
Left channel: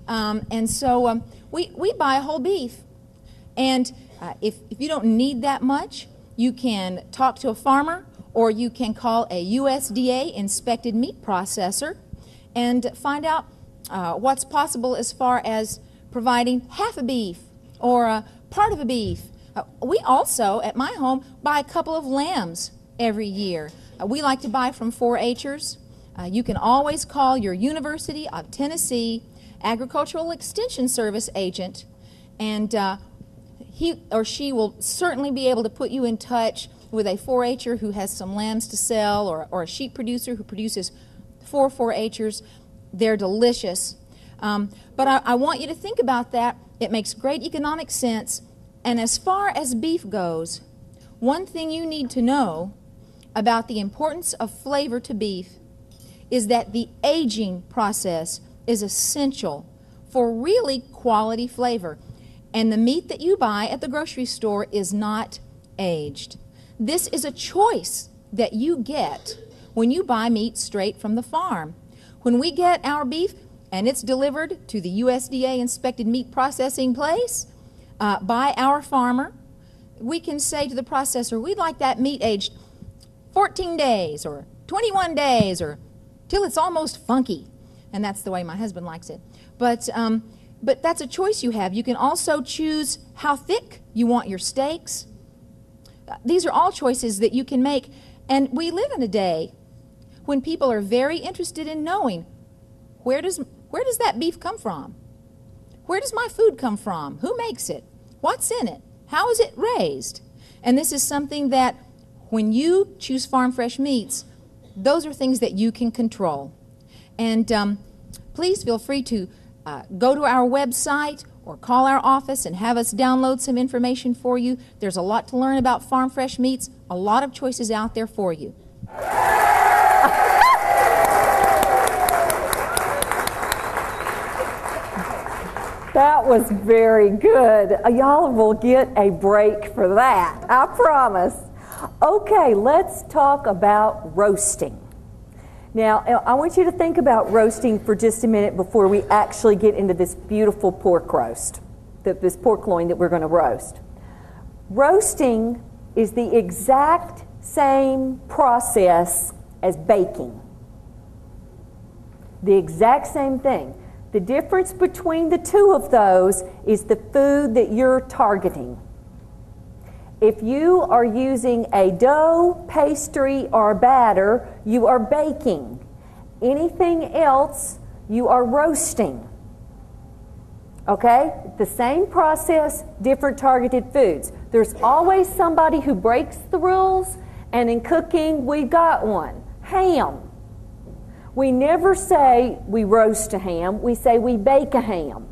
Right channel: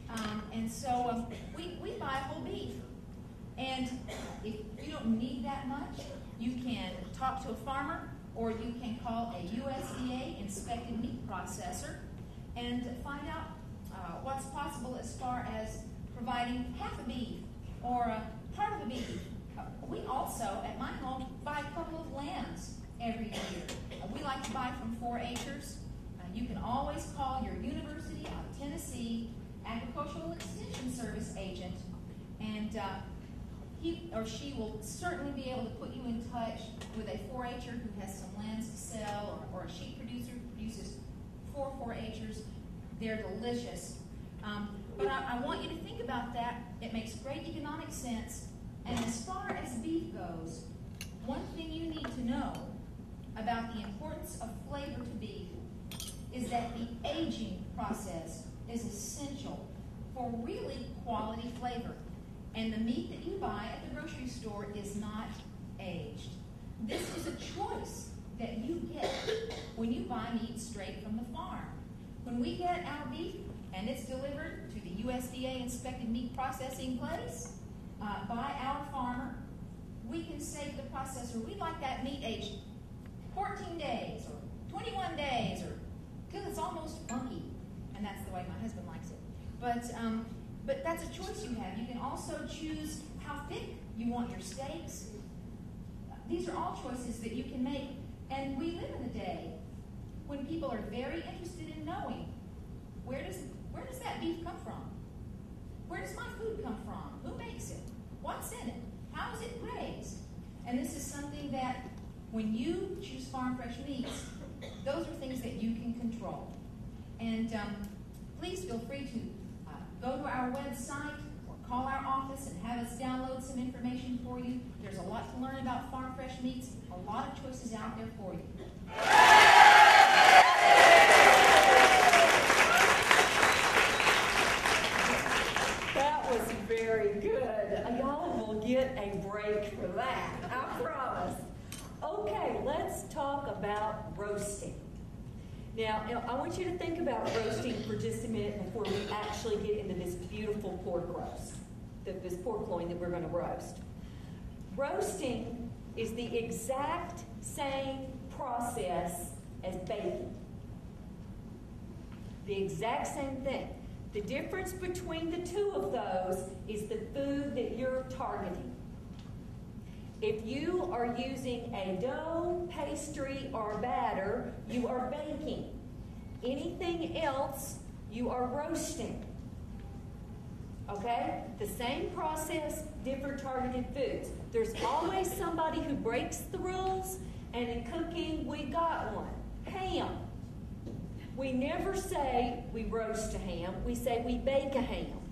and so we buy whole beef. And if you don't need that much, you can talk to a farmer or you can call a USDA inspected meat processor and find out what's possible as far as providing half a beef or a part of a beef. We also, at my home, buy a couple of lambs every year. We like to buy from 4-H'ers. You can always call your University of Tennessee Agricultural Extension Service agent, and he or she will certainly be able to put you in touch with a 4-H'er who has some lambs to sell, or a sheep producer who produces 4-H'ers. They're delicious. But I want you to think about that. It makes great economic sense. And as far as beef goes, one thing you need to know about the importance of flavor to beef is that the aging process is essential for really quality flavor. And the meat that you buy at the grocery store is not aged. This is a choice that you get when you buy meat straight from the farm. When we get our beef and it's delivered to the USDA inspected meat processing place by our farmer, we can say to the processor, we'd like that meat aged 14 days or 21 days or till it's almost funky. And that's the way my husband likes it. But that's a choice you have. You can also choose how thick you want your steaks. These are all choices that you can make. And we live in a day when people are very interested in knowing where does that beef come from? Where does my food come from? Who makes it? What's in it? How is it raised? And this is something that when you choose farm fresh meats, those are things that you can control. And please feel free to go to our website or call our office and have us download some information for you. There's a lot to learn about farm fresh meats, a lot of choices out there for you. That was very good. Y'all will get a break for that, I promise. Okay, let's talk about roasting. Now, I want you to think about roasting for just a minute before we actually get into this beautiful pork roast, this pork loin that we're going to roast. Roasting is the exact same process as baking. The exact same thing. The difference between the two of those is the food that you're targeting. If you are using a dough, pastry, or batter, you are baking. Anything else, you are roasting. Okay? The same process, different targeted foods. There's always somebody who breaks the rules, and in cooking, we've got one. Ham. We never say we roast a ham, we say we bake a ham.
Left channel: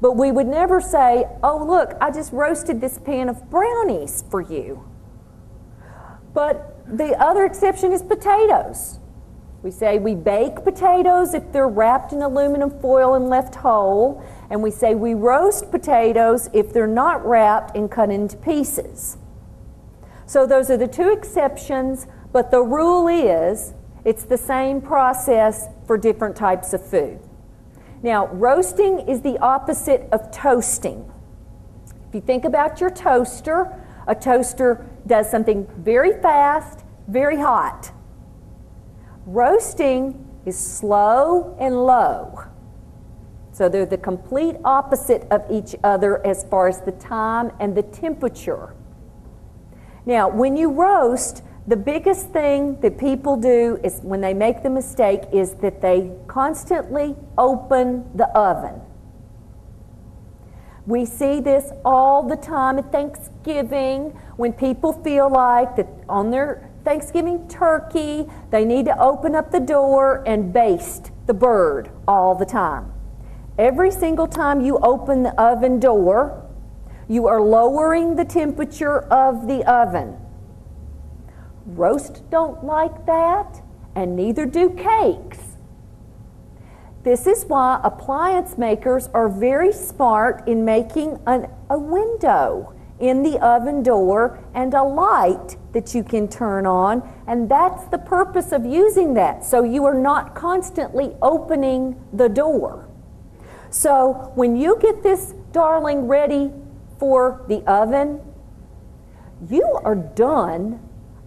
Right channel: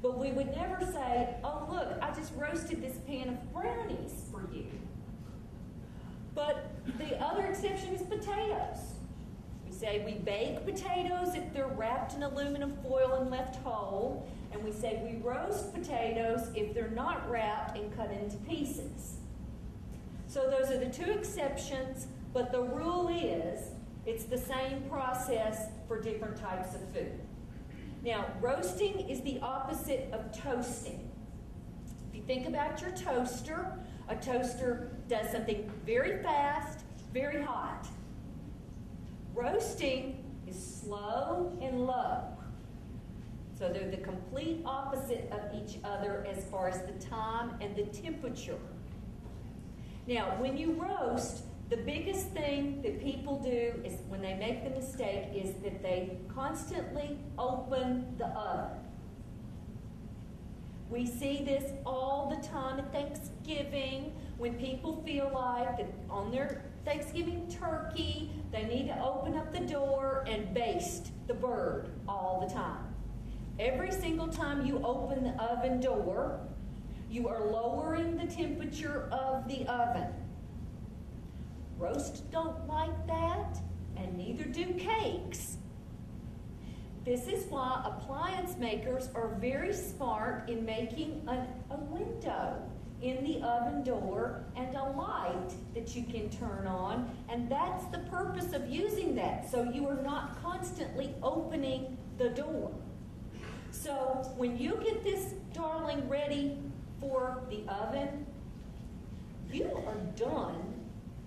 But we would never say, oh look, I just roasted this pan of brownies for you. But the other exception is potatoes. We say we bake potatoes if they're wrapped in aluminum foil and left whole, and we say we roast potatoes if they're not wrapped and cut into pieces. So those are the two exceptions, but the rule is it's the same process for different types of food. Now, roasting is the opposite of toasting. If you think about your toaster, a toaster does something very fast, very hot. Roasting is slow and low. So they're the complete opposite of each other as far as the time and the temperature. Now, when you roast, the biggest thing that people do is when they make the mistake is that they constantly open the oven. We see this all the time at Thanksgiving when people feel like that on their Thanksgiving turkey, they need to open up the door and baste the bird all the time. Every single time you open the oven door, you are lowering the temperature of the oven. Roast don't like that, and neither do cakes. This is why appliance makers are very smart in making a window in the oven door and a light that you can turn on, and that's the purpose of using that, so you are not constantly opening the door. So when you get this darling ready for the oven, you are done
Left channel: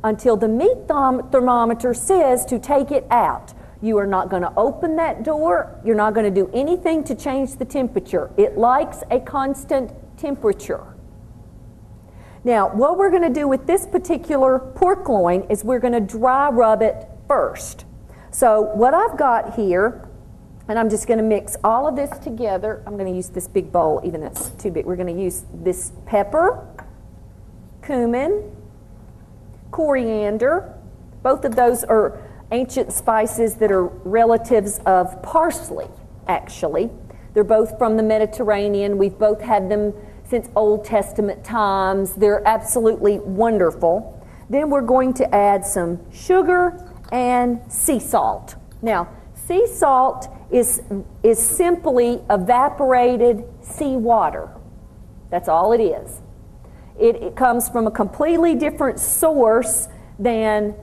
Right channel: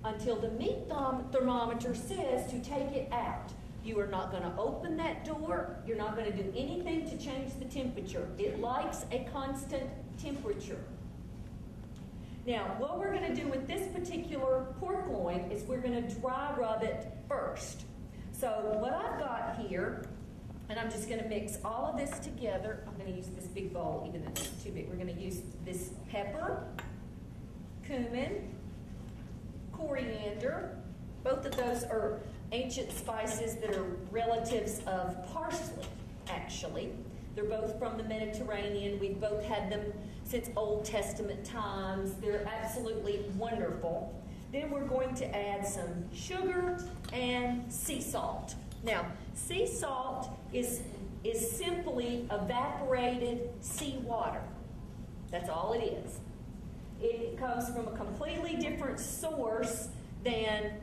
until the meat thermometer says to take it out. You are not going to open that door. You're not going to do anything to change the temperature. It likes a constant temperature. Now, what we're going to do with this particular pork loin is we're going to dry rub it first. So what I've got here, and I'm just going to mix all of this together. I'm going to use this big bowl, even though it's too big. We're going to use this pepper, cumin, coriander. Both of those are ancient spices that are relatives of parsley, actually. They're both from the Mediterranean. We've both had them since Old Testament times. They're absolutely wonderful. Then we're going to add some sugar and sea salt. Now, sea salt is simply evaporated seawater. That's all it is. It comes from a completely different source than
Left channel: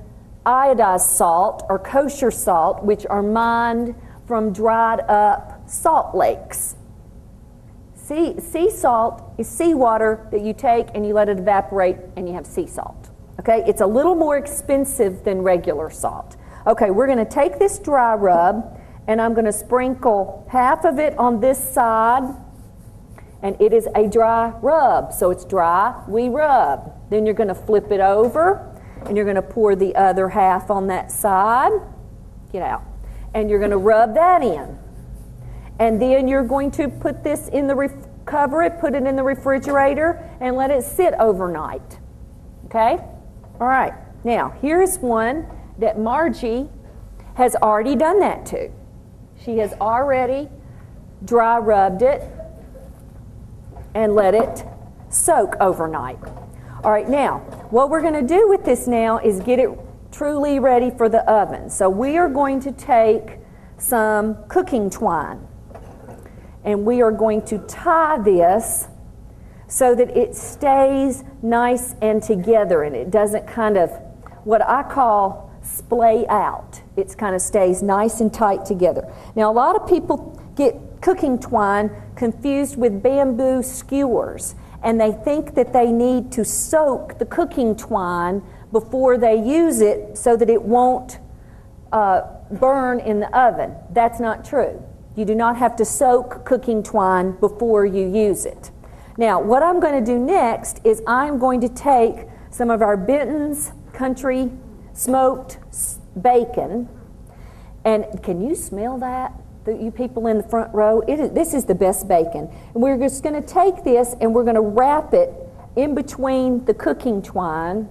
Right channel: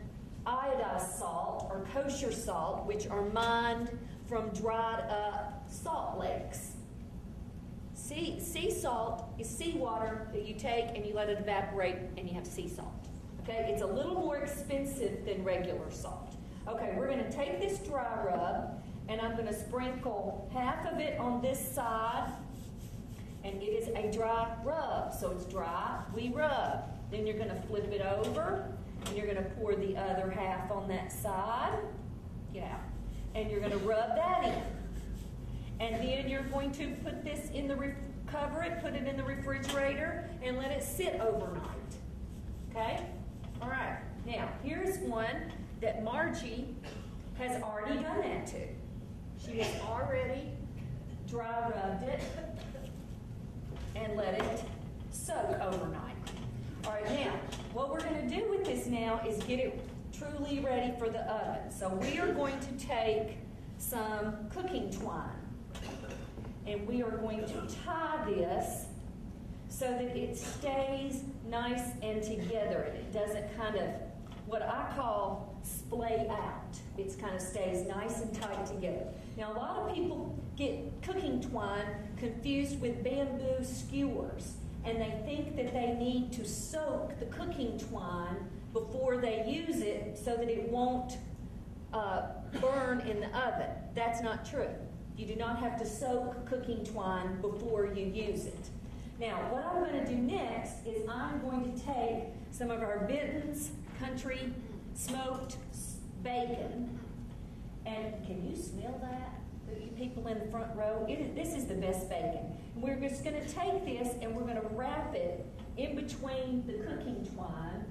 iodized salt or kosher salt, which are mined from dried up salt lakes. Sea salt is seawater that you take and you let it evaporate and you have sea salt. Okay, it's a little more expensive than regular salt. Okay, we're going to take this dry rub and I'm going to sprinkle half of it on this side, and it is a dry rub, so it's dry, we rub. Then you're going to flip it over and you're going to pour the other half on that side. Get out. And you're going to rub that in. And then you're going to put this in the cover it, put it in the refrigerator, and let it sit overnight. Okay? All right. Now, here's one that Margie has already done that to. She has already dry rubbed it and let it soak overnight. All right, now, what we're going to do with this now is get it truly ready for the oven. So we are going to take some cooking twine, and we are going to tie this so that it stays nice and together, and it doesn't kind of, what I call, splay out. It kind of stays nice and tight together. Now, a lot of people get cooking twine confused with bamboo skewers, and they think that they need to soak the cooking twine before they use it so that it won't burn in the oven. That's not true. You do not have to soak cooking twine before you use it. Now, what I'm going to do next is I'm going to take some of our Benton's Country smoked bacon, and can you smell that? You people in the front row, this is the best bacon. And we're just going to take this and we're going to wrap it in between the cooking twine,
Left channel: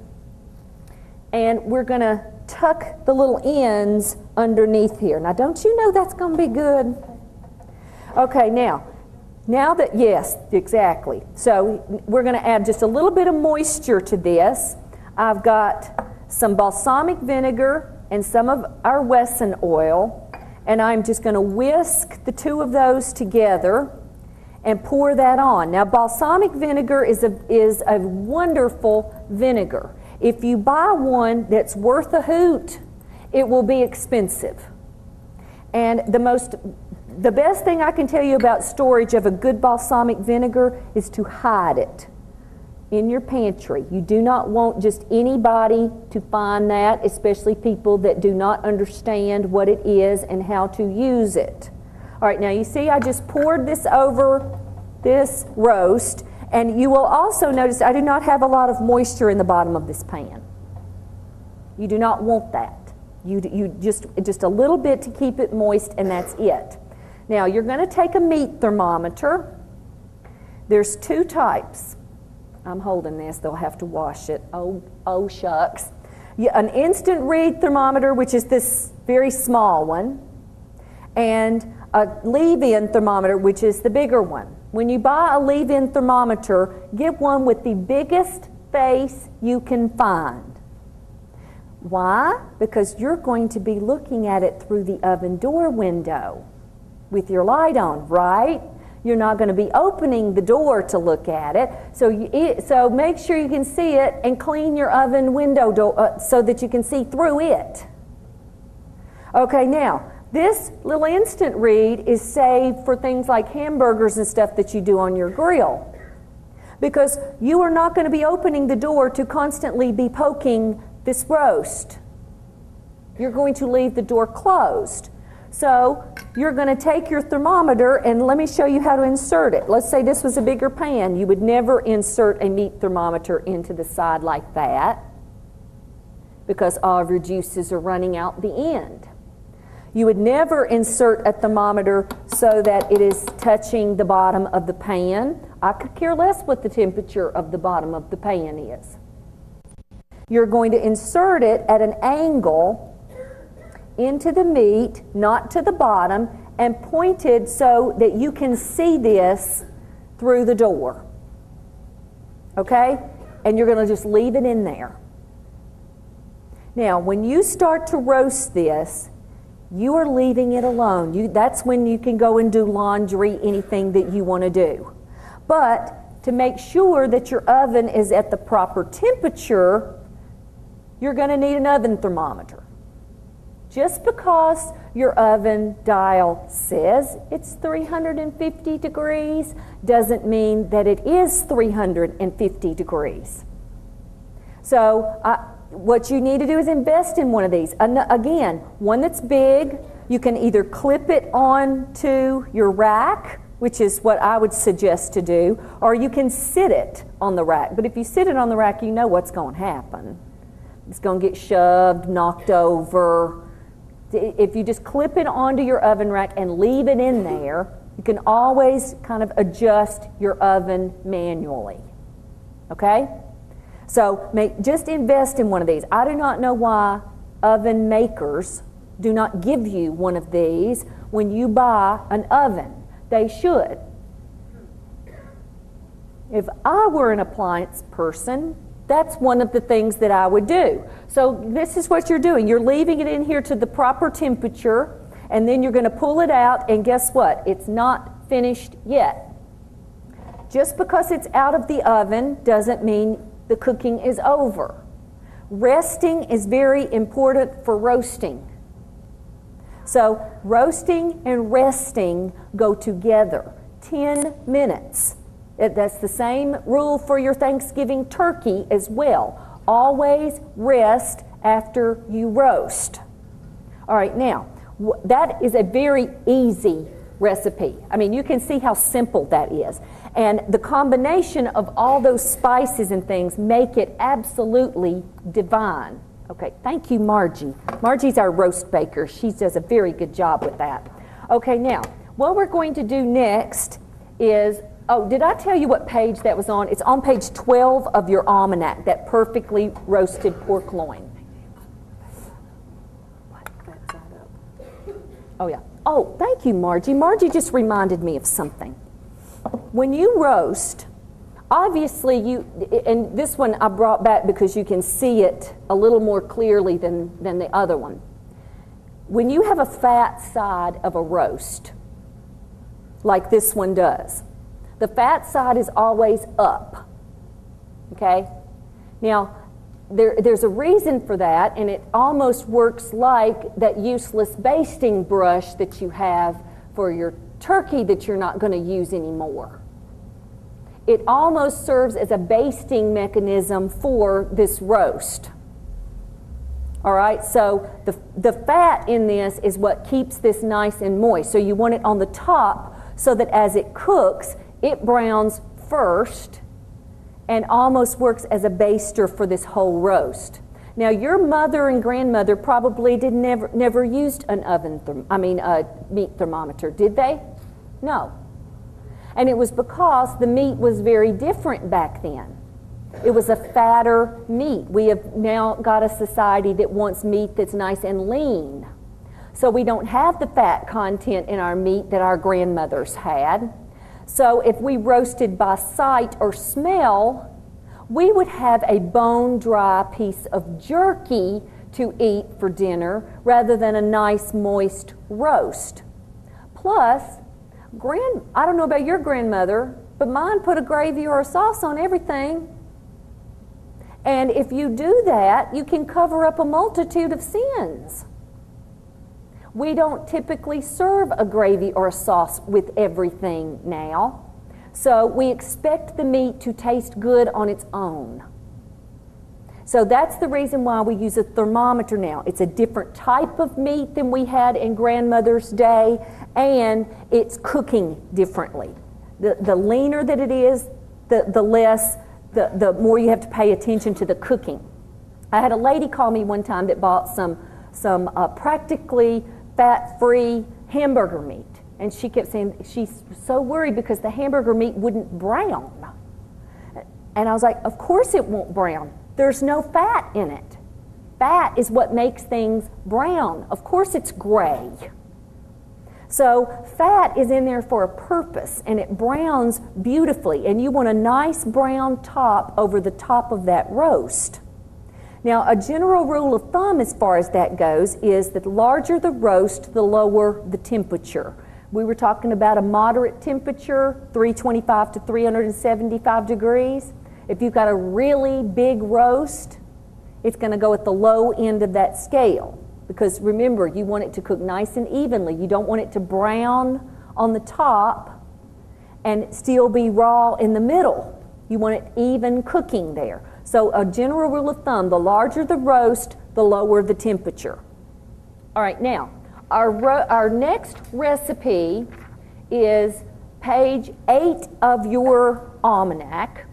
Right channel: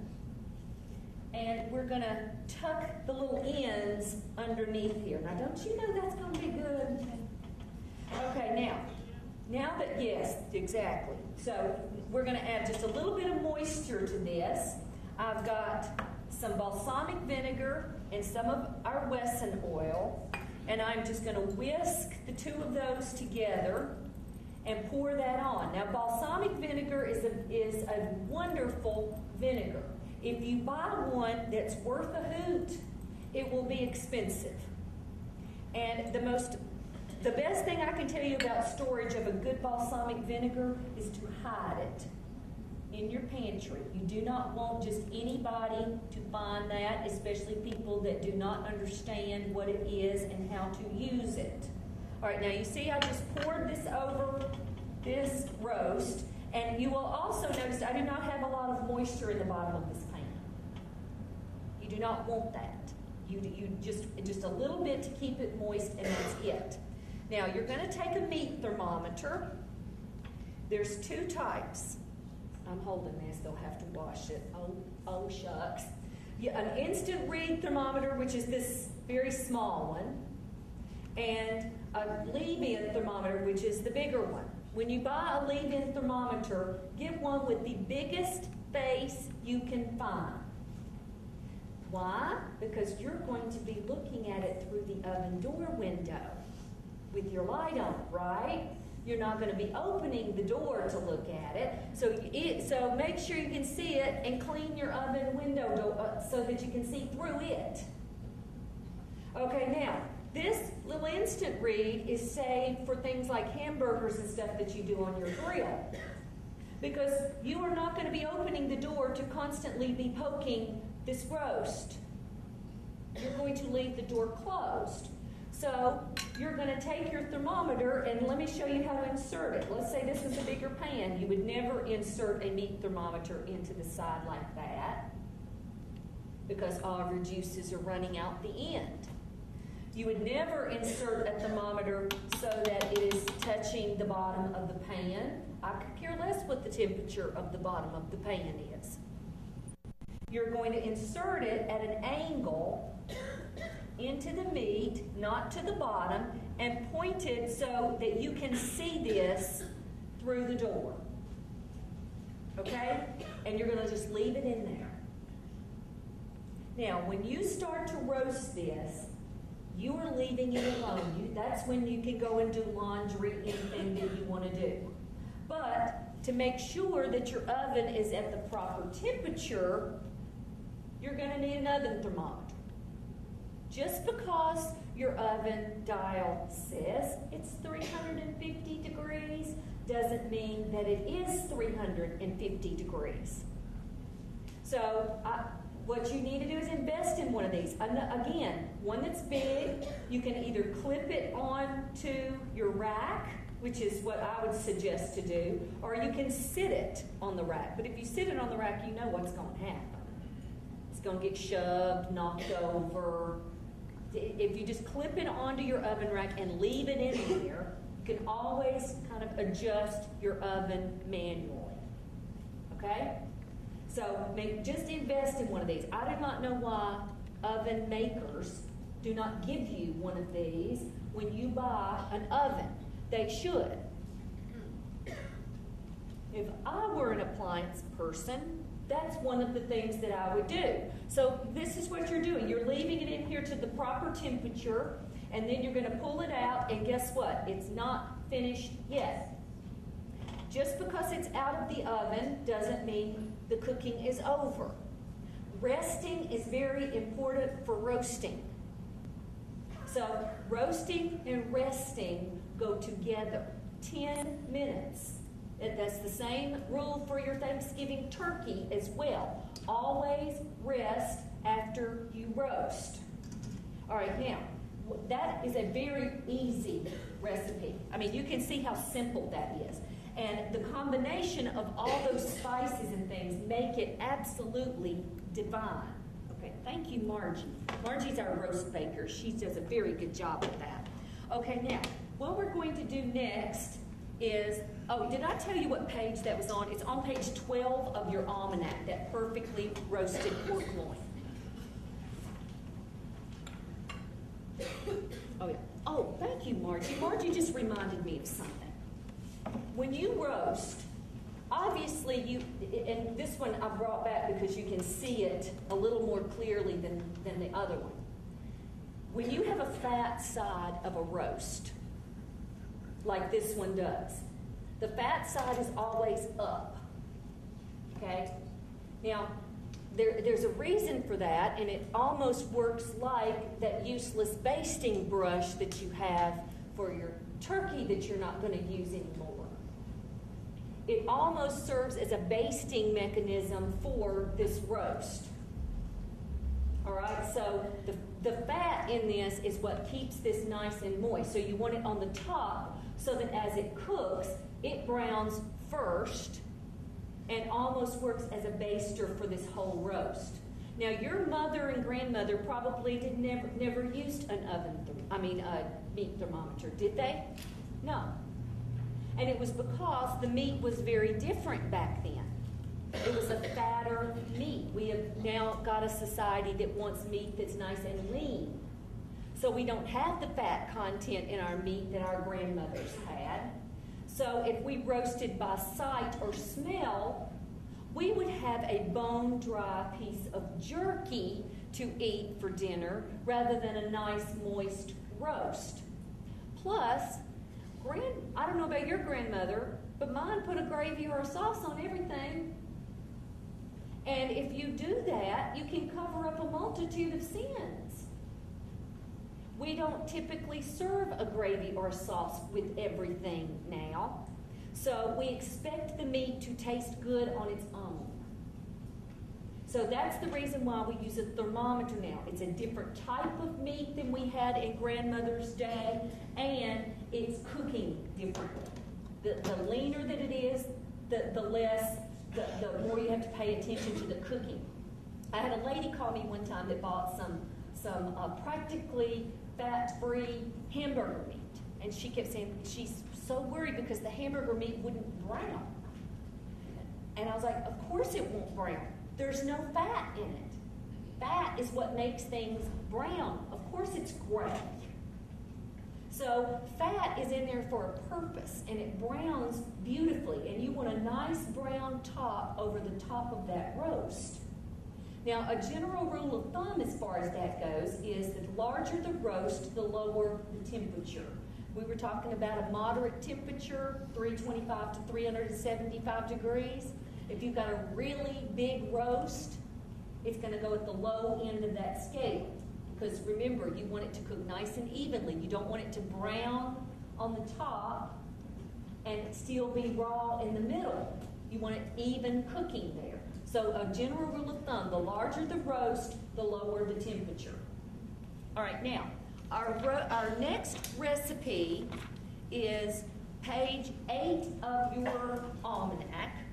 and we're going to tuck the little ends underneath here. Now, don't you know that's going to be good? Okay, now that, yes, exactly. So we're going to add just a little bit of moisture to this. I've got some balsamic vinegar and some of our Wesson oil, and I'm just going to whisk the two of those together and pour that on. Now, balsamic vinegar is a wonderful vinegar. If you buy one that's worth a hoot, it will be expensive. And the best thing I can tell you about storage of a good balsamic vinegar is to hide it in your pantry. You do not want just anybody to find that, especially people that do not understand what it is and how to use it. All right, now you see I just poured this over this roast, and you will also notice I do not have a lot of moisture in the bottom of this pan. You do not want that. You just a little bit to keep it moist, and that's it. Now you're going to take a meat thermometer. There's two types. I'm holding this, they'll have to wash it. Oh shucks. An instant read thermometer, which is this very small one, and a leave-in thermometer, which is the bigger one. When you buy a leave-in thermometer, get one with the biggest face you can find. Why? Because you're going to be looking at it through the oven door window with your light on, right? You're not going to be opening the door to look at it. So make sure you can see it and clean your oven window door so that you can see through it. Okay, now, this little instant read is saved for things like hamburgers and stuff that you do on your grill, because you are not going to be opening the door to constantly be poking this roast. You're going to leave the door closed. So you're going to take your thermometer, and let me show you how to insert it. Let's say this was a bigger pan. You would never insert a meat thermometer into the side like that, because all of your juices are running out the end. You would never insert a thermometer so that it is touching the bottom of the pan. I could care less what the temperature of the bottom of the pan is. You're going to insert it at an angle into the meat, not to the bottom, and pointed so that you can see this through the door. Okay? And you're going to just leave it in there. Now, when you start to roast this, you are leaving it alone. That's when you can go and do laundry, anything that you want to do. But to make sure that your oven is at the proper temperature, you're going to need an oven thermometer. Just because your oven dial says it's 350 degrees doesn't mean that it is 350 degrees. So what you need to do is invest in one of these. Again, one that's big. You can either clip it onto your rack, which is what I would suggest to do, or you can sit it on the rack. But if you sit it on the rack, you know what's going to happen. It's going to get shoved, knocked over. If you just clip it onto your oven rack and leave it in there, you can always kind of adjust your oven manually. Okay? So just invest in one of these. I do not know why oven makers do not give you one of these when you buy an oven. They should. If I were an appliance person, that's one of the things that I would do. So this is what you're doing. You're leaving it in here to the proper temperature, and then you're going to pull it out, and guess what? It's not finished yet. Just because it's out of the oven doesn't mean the cooking is over. Resting is very important for roasting. So roasting and resting go together. 10 minutes. That's the same rule for your Thanksgiving turkey as well. Always rest after you roast. All right, now, that is a very easy recipe. I mean, you can see how simple that is. And the combination of all those spices and things make it absolutely divine. Okay, thank you, Margie. Margie's our roast baker. She does a very good job with that. Okay, now, what we're going to do next is, oh, did I tell you what page that was on? It's on page 12 of your almanac, that perfectly roasted pork loin. Oh, yeah. Oh, thank you, Margie. Margie just reminded me of something. When you roast, obviously and this one I brought back because you can see it a little more clearly than the other one. When you have a fat side of a roast, like this one does, the fat side is always up, okay? Now, there's a reason for that, and it almost works like that useless basting brush that you have for your turkey that you're not going to use anymore. It almost serves as a basting mechanism for this roast. All right, so the fat in this is what keeps this nice and moist. So you want it on the top so that as it cooks, it browns first and almost works as a baster for this whole roast. Now, your mother and grandmother probably never used an a meat thermometer, did they? No. And it was because the meat was very different back then. It was a fatter meat. We have now got a society that wants meat that's nice and lean. So we don't have the fat content in our meat that our grandmothers had. So if we roasted by sight or smell, we would have a bone-dry piece of jerky to eat for dinner rather than a nice moist roast. Plus, I don't know about your grandmother, but mine put a gravy or a sauce on everything. And if you do that, you can cover up a multitude of sins. We don't typically serve a gravy or a sauce with everything now. So we expect the meat to taste good on its own. So that's the reason why we use a thermometer now. It's a different type of meat than we had in grandmother's day, and it's cooking differently. The leaner that it is, the more you have to pay attention to the cooking. I had a lady call me one time that bought some practically fat-free hamburger meat. And she kept saying she's so worried because the hamburger meat wouldn't brown. And I was like, of course it won't brown. There's no fat in it. Fat is what makes things brown. Of course it's gray. So fat is in there for a purpose, and it browns beautifully. And you want a nice brown top over the top of that roast. Now, a general rule of thumb as far as that goes is that the larger the roast, the lower the temperature. We were talking about a moderate temperature, 325 to 375 degrees. If you've got a really big roast, it's going to go at the low end of that scale. Because remember, you want it to cook nice and evenly. You don't want it to brown on the top and still be raw in the middle. You want it even cooking there. So a general rule of thumb, the larger the roast, the lower the temperature. All right, now, our next recipe is page 8 of your almanac,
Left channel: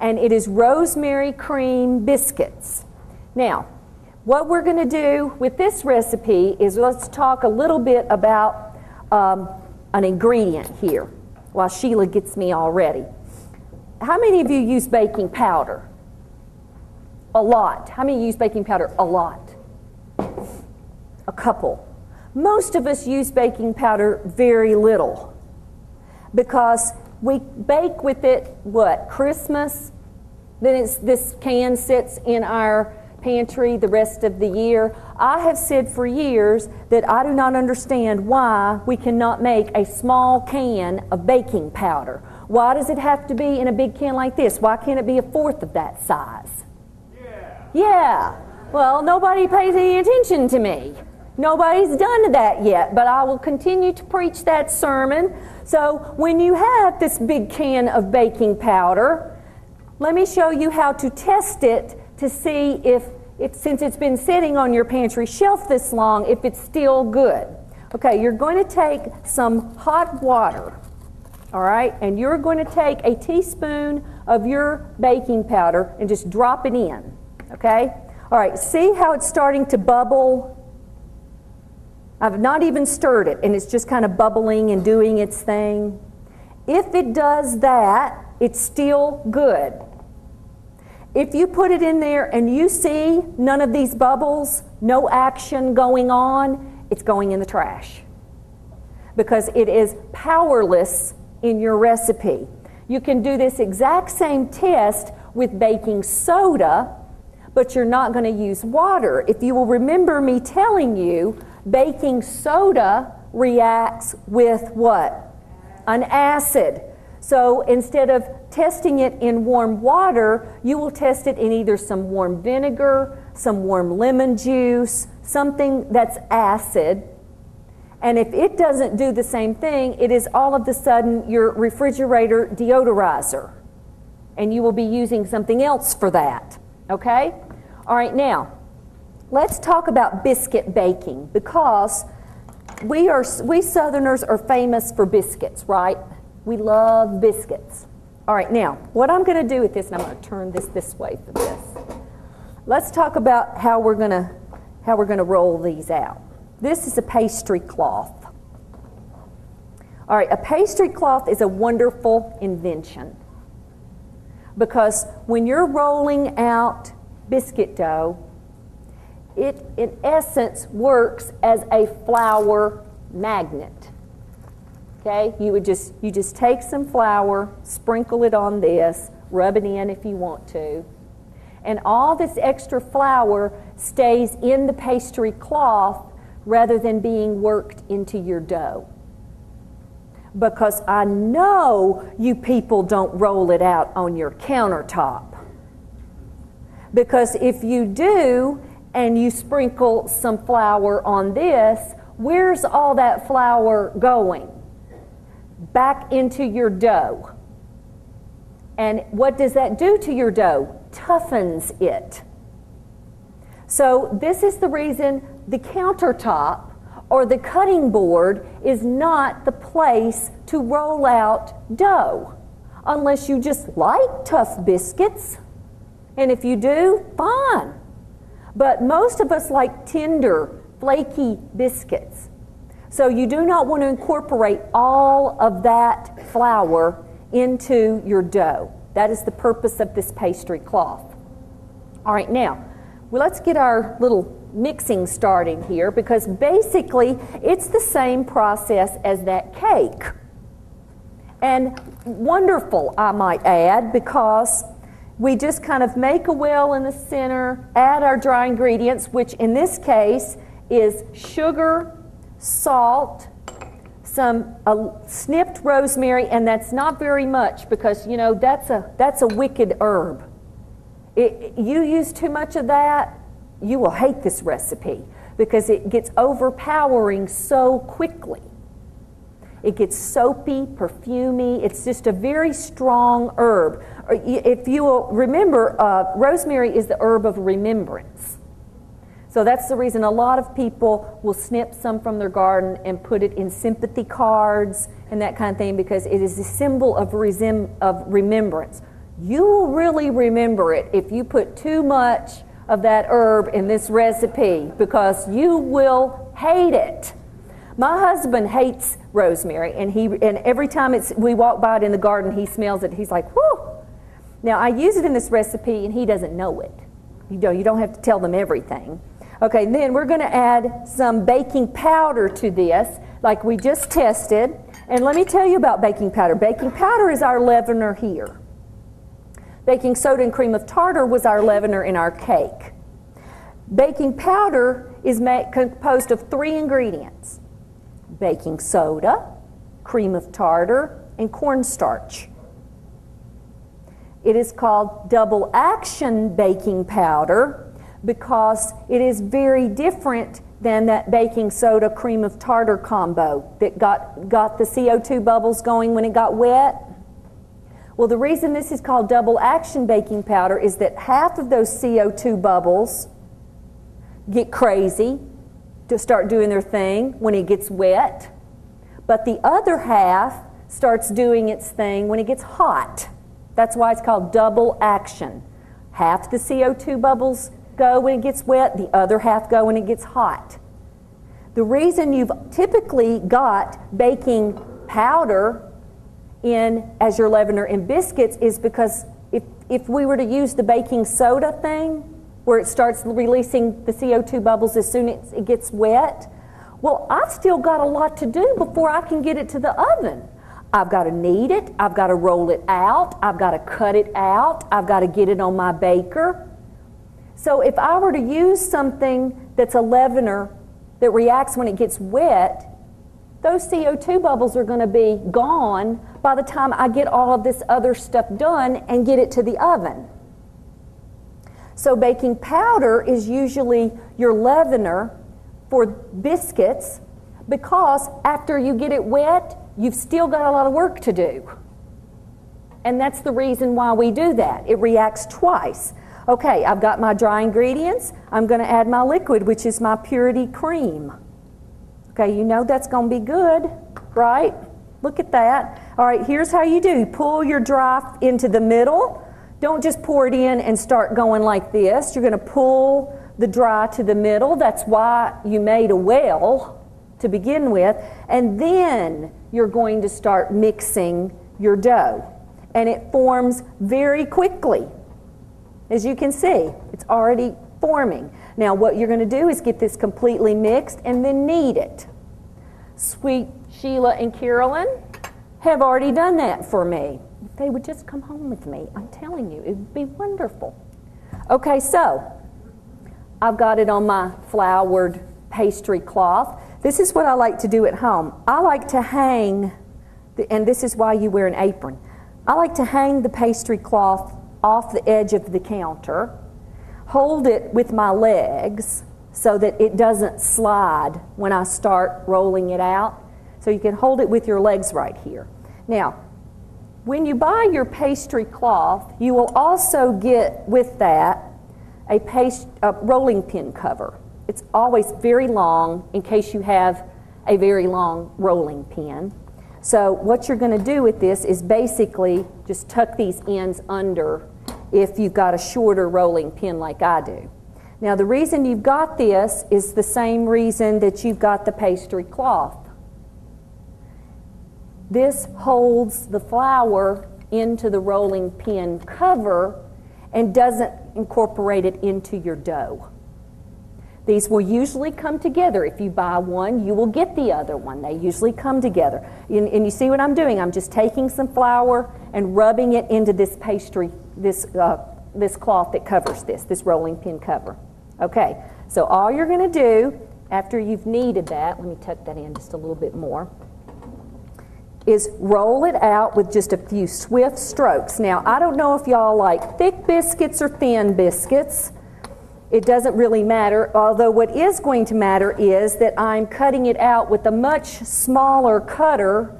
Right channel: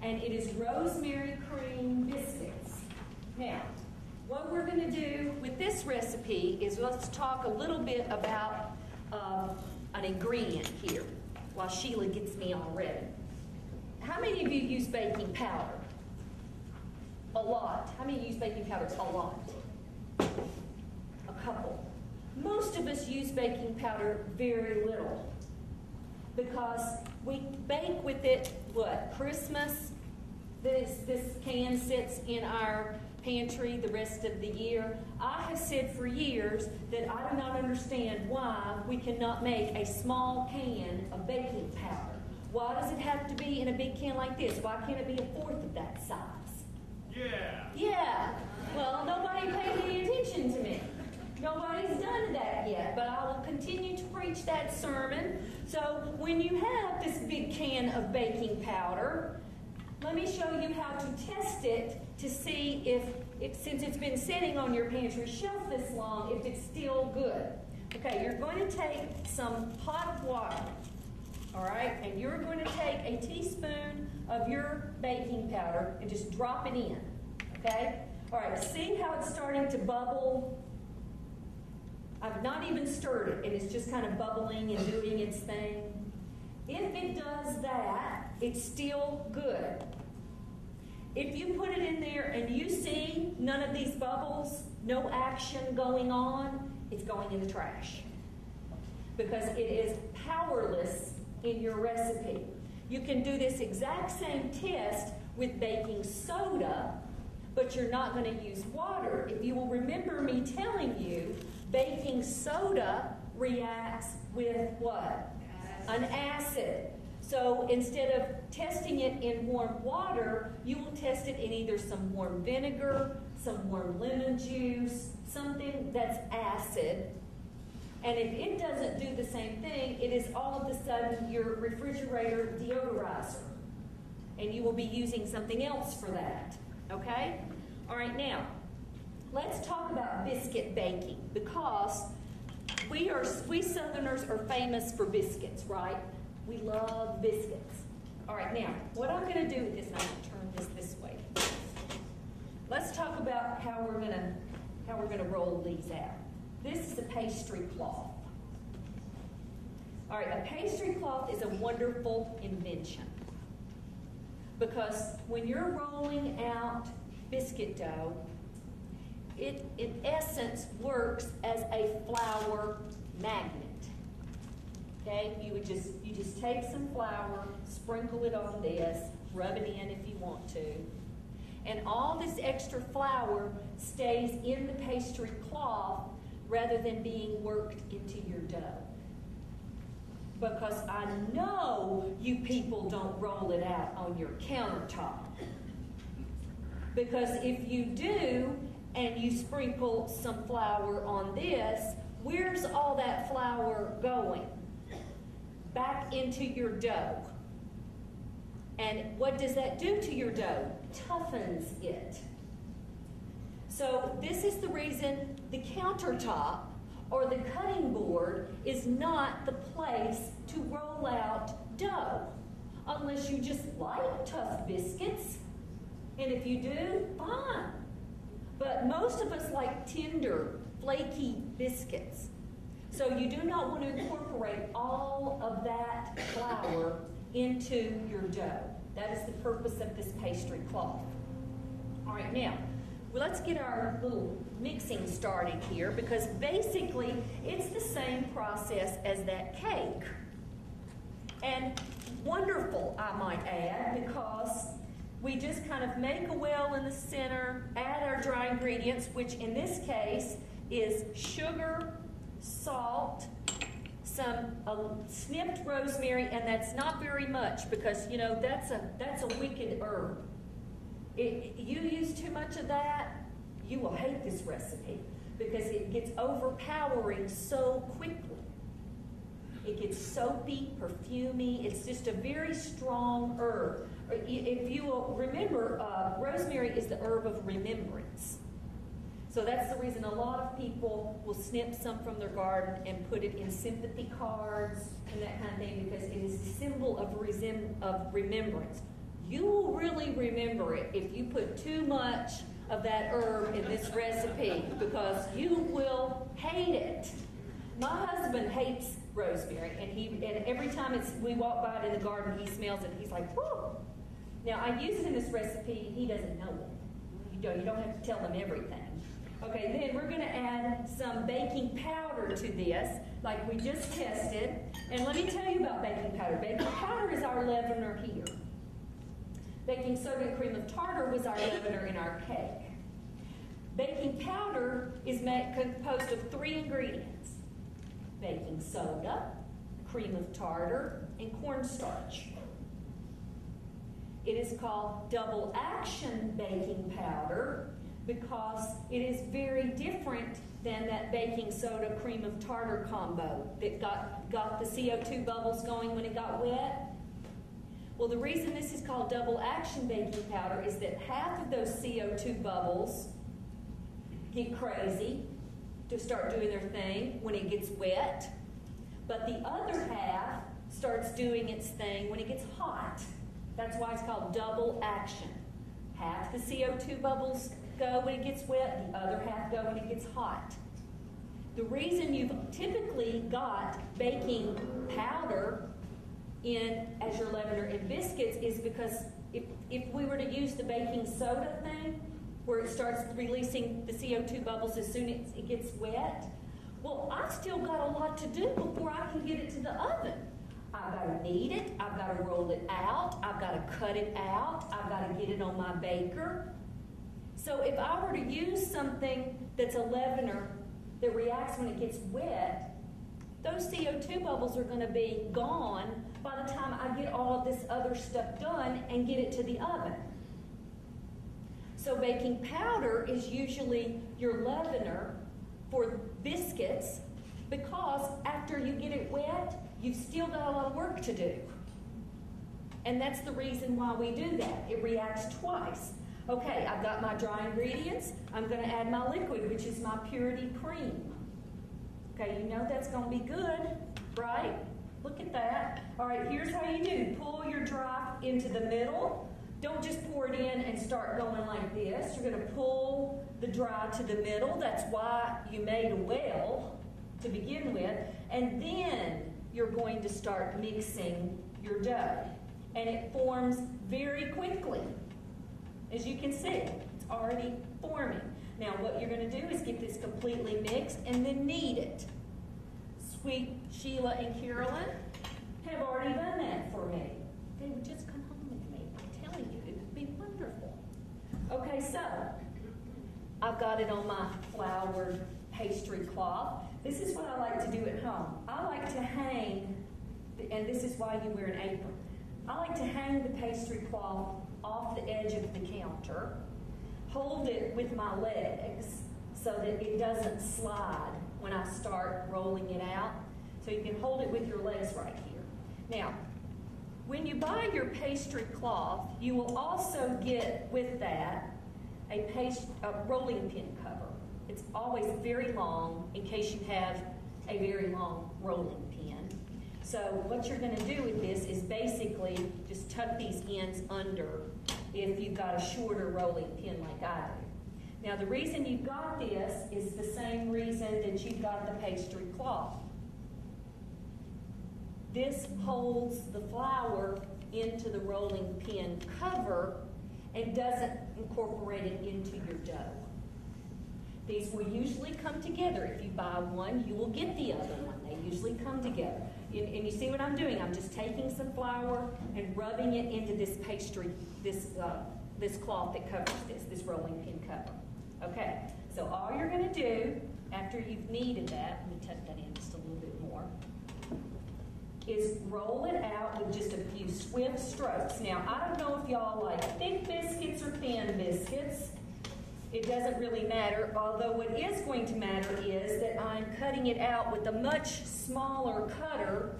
and it is rosemary cream biscuits. Now, what we're going to do with this recipe is let's talk a little bit about an ingredient here while Sheila gets me all ready. How many of you use baking powder? A lot. How many use baking powder? A lot. A couple. Most of us use baking powder very little because we bake with it, what, Christmas? Then this can sits in our pantry the rest of the year. I have said for years that I do not understand why we cannot make a small can of baking powder. Why does it have to be in a big can like this? Why can't it be a fourth of that size? Yeah. Well, nobody pays any attention to me. Nobody's done that yet, but I will continue to preach that sermon. So when you have this big can of baking powder, let me show you how to test it to see if since it's been sitting on your pantry shelf this long, if it's still good. Okay, you're going to take some hot water, all right, and you're going to take a teaspoon of your baking powder and just drop it in, okay? All right, see how it's starting to bubble? I've not even stirred it, and it's just kind of bubbling and doing its thing. If it does that, it's still good. If you put it in there and you see none of these bubbles, no action going on, it's going in the trash because it is powerless in your recipe. You can do this exact same test with baking soda, but you're not going to use water. If you will remember me telling you, baking soda reacts with what? An acid. So instead of testing it in warm water, you will test it in either some warm vinegar, some warm lemon juice, something that's acid. And if it doesn't do the same thing, it is all of a sudden your refrigerator deodorizer. And you will be using something else for that. Okay? All right, now, let's talk about biscuit baking because we Southerners are famous for biscuits, right? We love biscuits. All right, now, what I'm going to do with this, and I'm going to turn this way for this. Let's talk about how we're going to roll these out. This is a pastry cloth. All right, a pastry cloth is a wonderful invention because when you're rolling out biscuit dough, it in essence works as a flour magnet. Okay, you just take some flour, sprinkle it on this, rub it in if you want to, and all this extra flour stays in the pastry cloth rather than being worked into your dough. Because I know you people don't roll it out on your countertop. Because if you do, and you sprinkle some flour on this, where's all that flour going? Back into your dough. And what does that do to your dough? Toughens it. So this is the reason the countertop or the cutting board is not the place to roll out dough, unless you just like tough biscuits. And if you do, fine. But most of us like tender, flaky biscuits. So you do not want to incorporate all of that flour into your dough. That is the purpose of this pastry cloth. All right, now, let's get our little mixing starting here because basically it's the same process as that cake. And wonderful, I might add, because we just kind of make a well in the center, add our dry ingredients, which in this case is sugar, salt, some snipped rosemary, and that's not very much because, you know, that's a wicked herb. You use too much of that, you will hate this recipe because it gets overpowering so quickly. It gets soapy, perfumey. It's just a very strong herb. If you will remember, rosemary is the herb of remembrance. So that's the reason a lot of people will snip some from their garden and put it in sympathy cards and that kind of thing because it is a symbol of remembrance. You will really remember it if you put too much of that herb in this recipe because you will hate it. My husband hates rosemary, and every time we walk by it in the garden, he smells it. He's like, whoo! Now, I use it in this recipe, and he doesn't know it. You don't have to tell them everything. Okay, then we're going to add some baking powder to this, like we just tested. And let me tell you about baking powder. Baking powder is our leavener here. Baking soda and cream of tartar was our leavener in our cake. Baking powder is composed of 3 ingredients: baking soda, cream of tartar, and cornstarch. It is called double action baking powder because it is very different than that baking soda cream of tartar combo that got the CO2 bubbles going when it got wet? Well, the reason this is called double action baking powder is that half of those CO2 bubbles get crazy to start doing their thing when it gets wet, but the other half starts doing its thing when it gets hot. That's why it's called double action. Half the CO2 bubbles go when it gets wet, the other half go when it gets hot. The reason you've typically got baking powder in as your leavener in biscuits is because if we were to use the baking soda thing, where it starts releasing the CO2 bubbles as soon as it gets wet, well, I've still got a lot to do before I can get it to the oven. I've got to knead it, I've got to roll it out, I've got to cut it out, I've got to get it on my baker. So if I were to use something that's a leavener that reacts when it gets wet, those CO2 bubbles are going to be gone by the time I get all of this other stuff done and get it to the oven. So baking powder is usually your leavener for biscuits because after you get it wet, you've still got a lot of work to do. And that's the reason why we do that. It reacts twice. Okay, I've got my dry ingredients. I'm going to add my liquid, which is my purity cream. Okay, you know that's going to be good, right? Look at that. All right, here's how you do. Pull your dry into the middle. Don't just pour it in and start going like this. You're going to pull the dry to the middle. That's why you made a well to begin with. And then you're going to start mixing your dough. And it forms very quickly. As you can see, it's already forming. Now what you're going to do is get this completely mixed and then knead it. Sweet Sheila and Carolyn have already done that for me. If they would just come home with me, I'm telling you, it would be wonderful. Okay, so I've got it on my floured pastry cloth. This is what I like to do at home. I like to hang, and this is why you wear an apron. I like to hang the pastry cloth off the edge of the counter, hold it with my legs so that it doesn't slide when I start rolling it out. So you can hold it with your legs right here. Now, when you buy your pastry cloth, you will also get with that a rolling pin cover. It's always very long in case you have a very long rolling pin. So what you're going to do with this is basically just tuck these ends under if you've got a shorter rolling pin like I do. Now the reason you've got this is the same reason that you've got the pastry cloth. This holds the flour into the rolling pin cover and doesn't incorporate it into your dough. These will usually come together. If you buy one, you will get the other one. They usually come together. And you see what I'm doing? I'm just taking some flour and rubbing it into this pastry, this cloth that covers this rolling pin cover. Okay, so all you're going to do after you've kneaded that, let me tuck that in just a little bit more, is roll it out with just a few swift strokes. Now, I don't know if y'all like thick biscuits or thin biscuits. It doesn't really matter, although what is going to matter is that I'm cutting it out with a much smaller cutter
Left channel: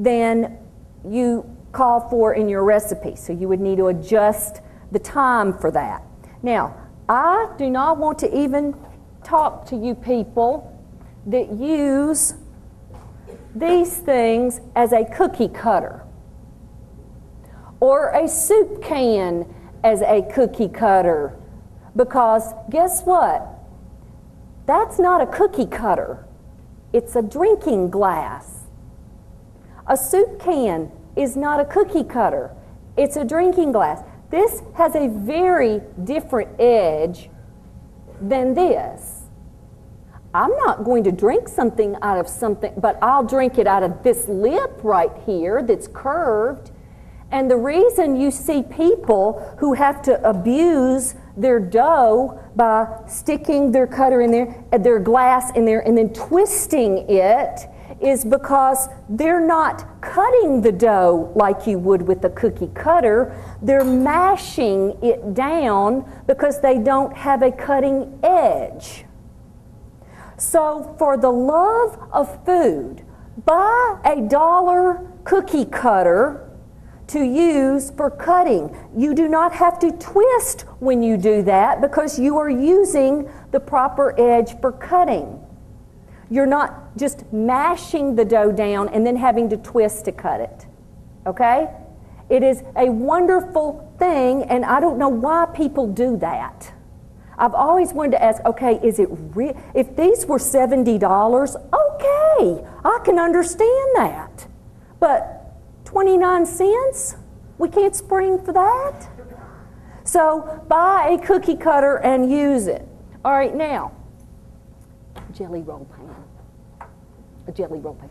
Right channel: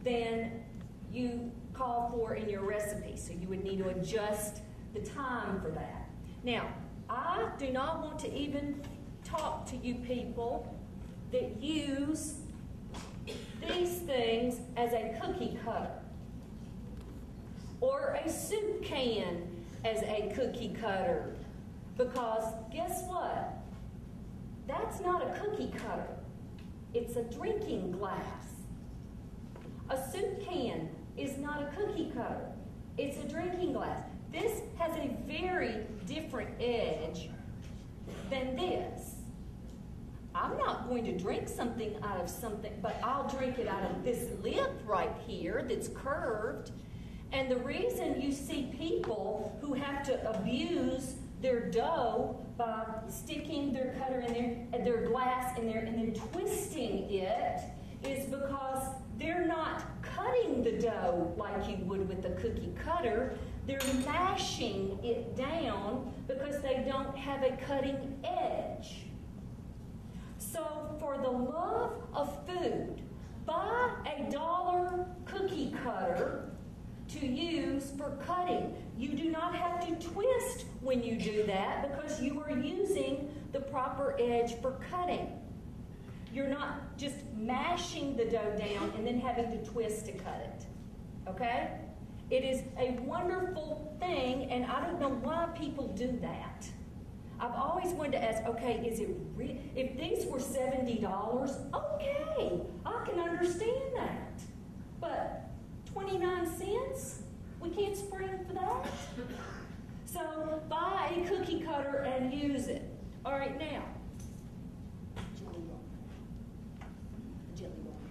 than you call for in your recipe. So you would need to adjust the time for that. Now, I do not want to even talk to you people that use these things as a cookie cutter or a soup can as a cookie cutter. Because guess what? That's not a cookie cutter. It's a drinking glass. A soup can is not a cookie cutter. It's a drinking glass. This has a very different edge than this. I'm not going to drink something out of something, but I'll drink it out of this lip right here that's curved. And the reason you see people who have to abuse their dough by sticking their cutter in there, their glass in there, and then twisting it is because they're not cutting the dough like you would with a cookie cutter. They're mashing it down because they don't have a cutting edge. So for the love of food, buy a $1 cookie cutter to use for cutting. You do not have to twist when you do that because you are using the proper edge for cutting. You're not just mashing the dough down and then having to twist to cut it, okay? It is a wonderful thing, and I don't know why people do that. I've always wanted to ask, okay, is it real? If these were $70, okay, I can understand that. But 29 cents? We can't spring for that? So buy a cookie cutter and use it. All right, now, jelly roll pan. A jelly roll pan.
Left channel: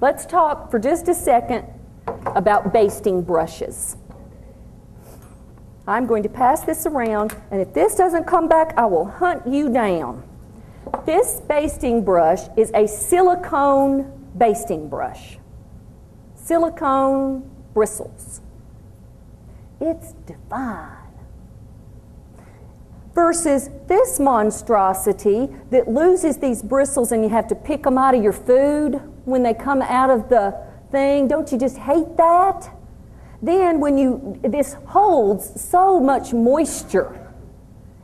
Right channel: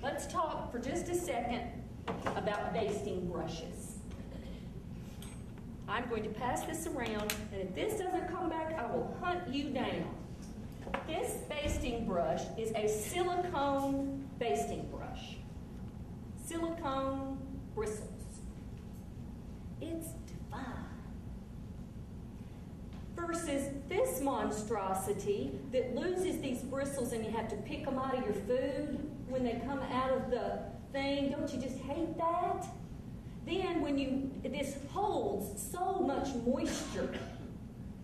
Let's talk for just a second about basting brushes. I'm going to pass this around, and if this doesn't come back, I will hunt you down. This basting brush is a silicone basting brush. Silicone bristles. It's divine. Versus this monstrosity that loses these bristles and you have to pick them out of your food when they come out of the thing. Don't you just hate that? Then this holds so much moisture.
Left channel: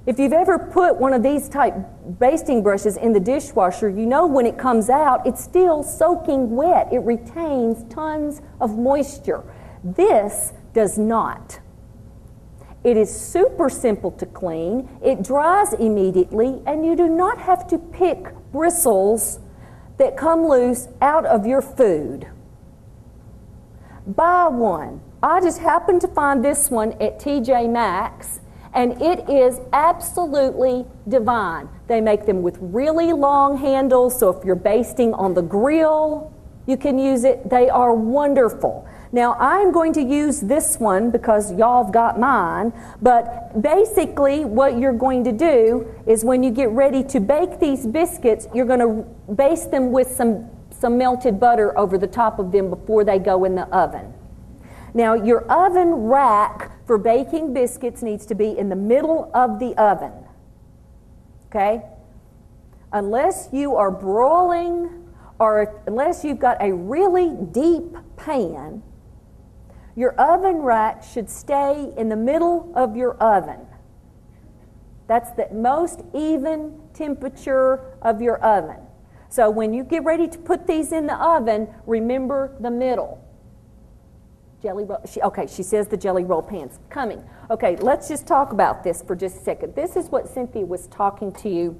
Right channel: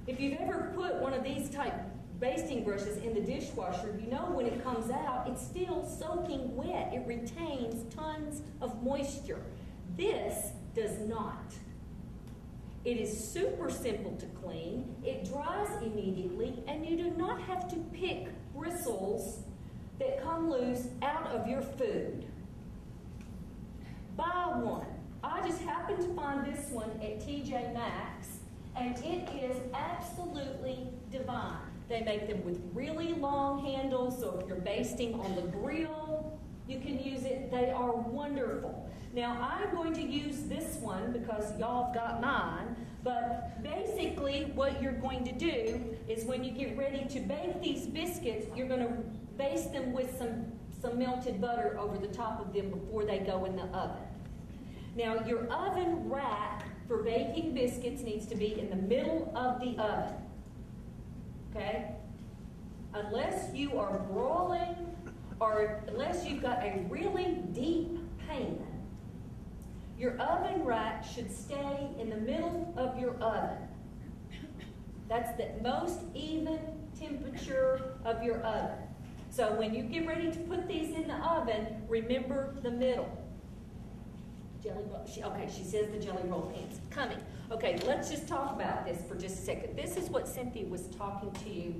If you've ever put one of these type basting brushes in the dishwasher, you know when it comes out, it's still soaking wet. It retains tons of moisture. This does not. It is super simple to clean. It dries immediately, and you do not have to pick bristles that come loose out of your food. Buy one. I just happened to find this one at TJ Maxx, and it is absolutely divine. They make them with really long handles, so if you're basting on the grill, you can use it. They are wonderful. Now, I'm going to use this one because y'all have got mine, but basically what you're going to do is when you get ready to bake these biscuits, you're going to baste them with some melted butter over the top of them before they go in the oven. Now, your oven rack for baking biscuits needs to be in the middle of the oven, okay? Unless you are broiling or unless you've got a really deep pan, your oven rack should stay in the middle of your oven. That's the most even temperature of your oven. So when you get ready to put these in the oven, remember the middle. Jelly roll, she says the jelly roll pan's coming. Okay, let's just talk about this for just a second. This is what Cynthia was talking to you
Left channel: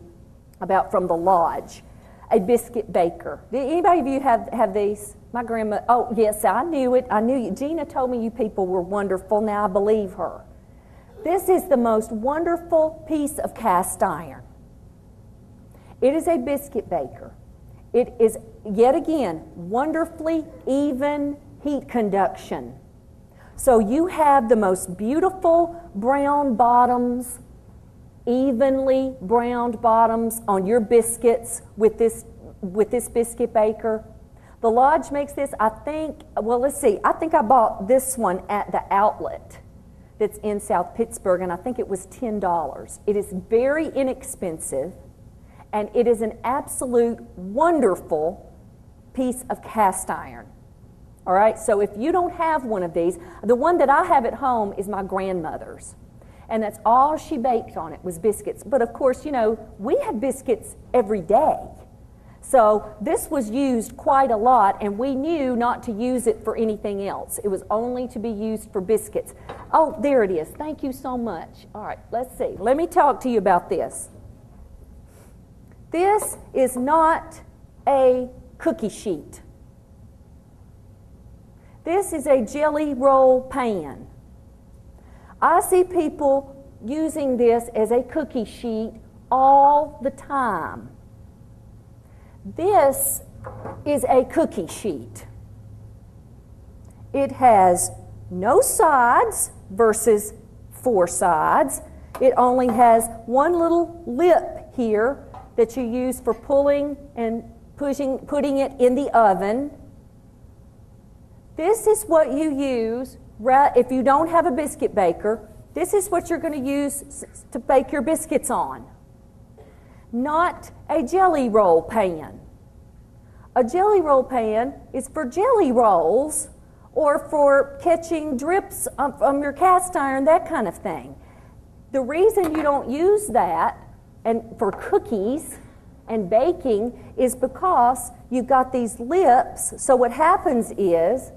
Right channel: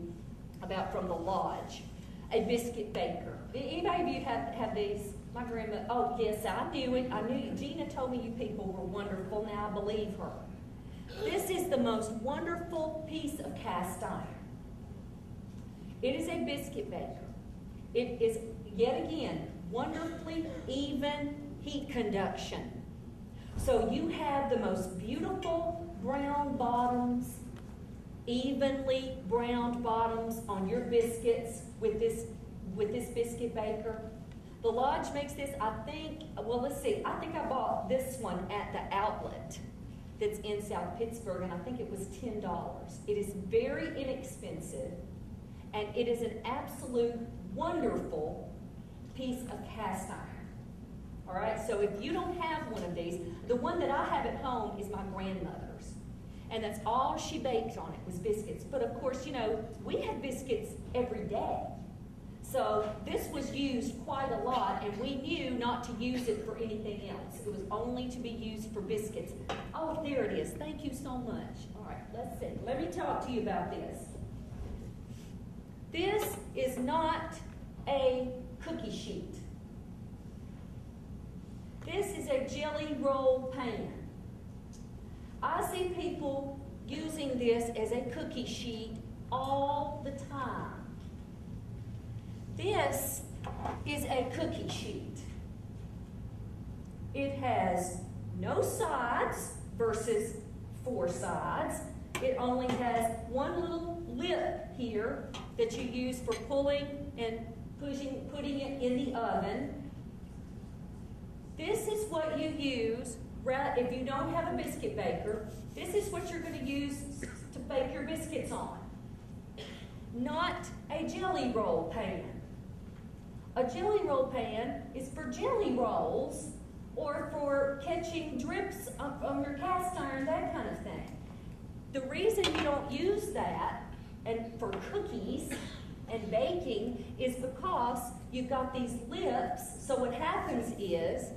about from the lodge. A biscuit baker. Did anybody of you have these? My grandma, oh yes, I knew it. I knew you. Gina told me you people were wonderful. Now I believe her. This is the most wonderful piece of cast iron. It is a biscuit baker. It is, yet again, wonderfully even heat conduction. So you have the most beautiful brown bottoms, evenly browned bottoms on your biscuits with this biscuit baker. The Lodge makes this, I think, well, let's see. I think I bought this one at the outlet that's in South Pittsburgh, and I think it was $10. It is very inexpensive, and it is an absolute wonderful piece of cast iron. All right, so if you don't have one of these, the one that I have at home is my grandmother's. And that's all she baked on it was biscuits. But of course, you know, we have biscuits every day. So this was used quite a lot, and we knew not to use it for anything else. It was only to be used for biscuits. Oh, there it is. Thank you so much. All right, let's see. Let me talk to you about this. This is not a cookie sheet. This is a jelly roll pan. I see people using this as a cookie sheet all the time. This is a cookie sheet. It has no sides versus 4 sides. It only has one little lip here that you use for pulling and putting it in the oven. This is what you use if you don't have a biscuit baker. This is what you're going to use to bake your biscuits on. not a jelly roll pan. A jelly roll pan is for jelly rolls or for catching drips from your cast iron, that kind of thing. The reason you don't use that and for cookies and baking is because you've got these lips. So what happens is,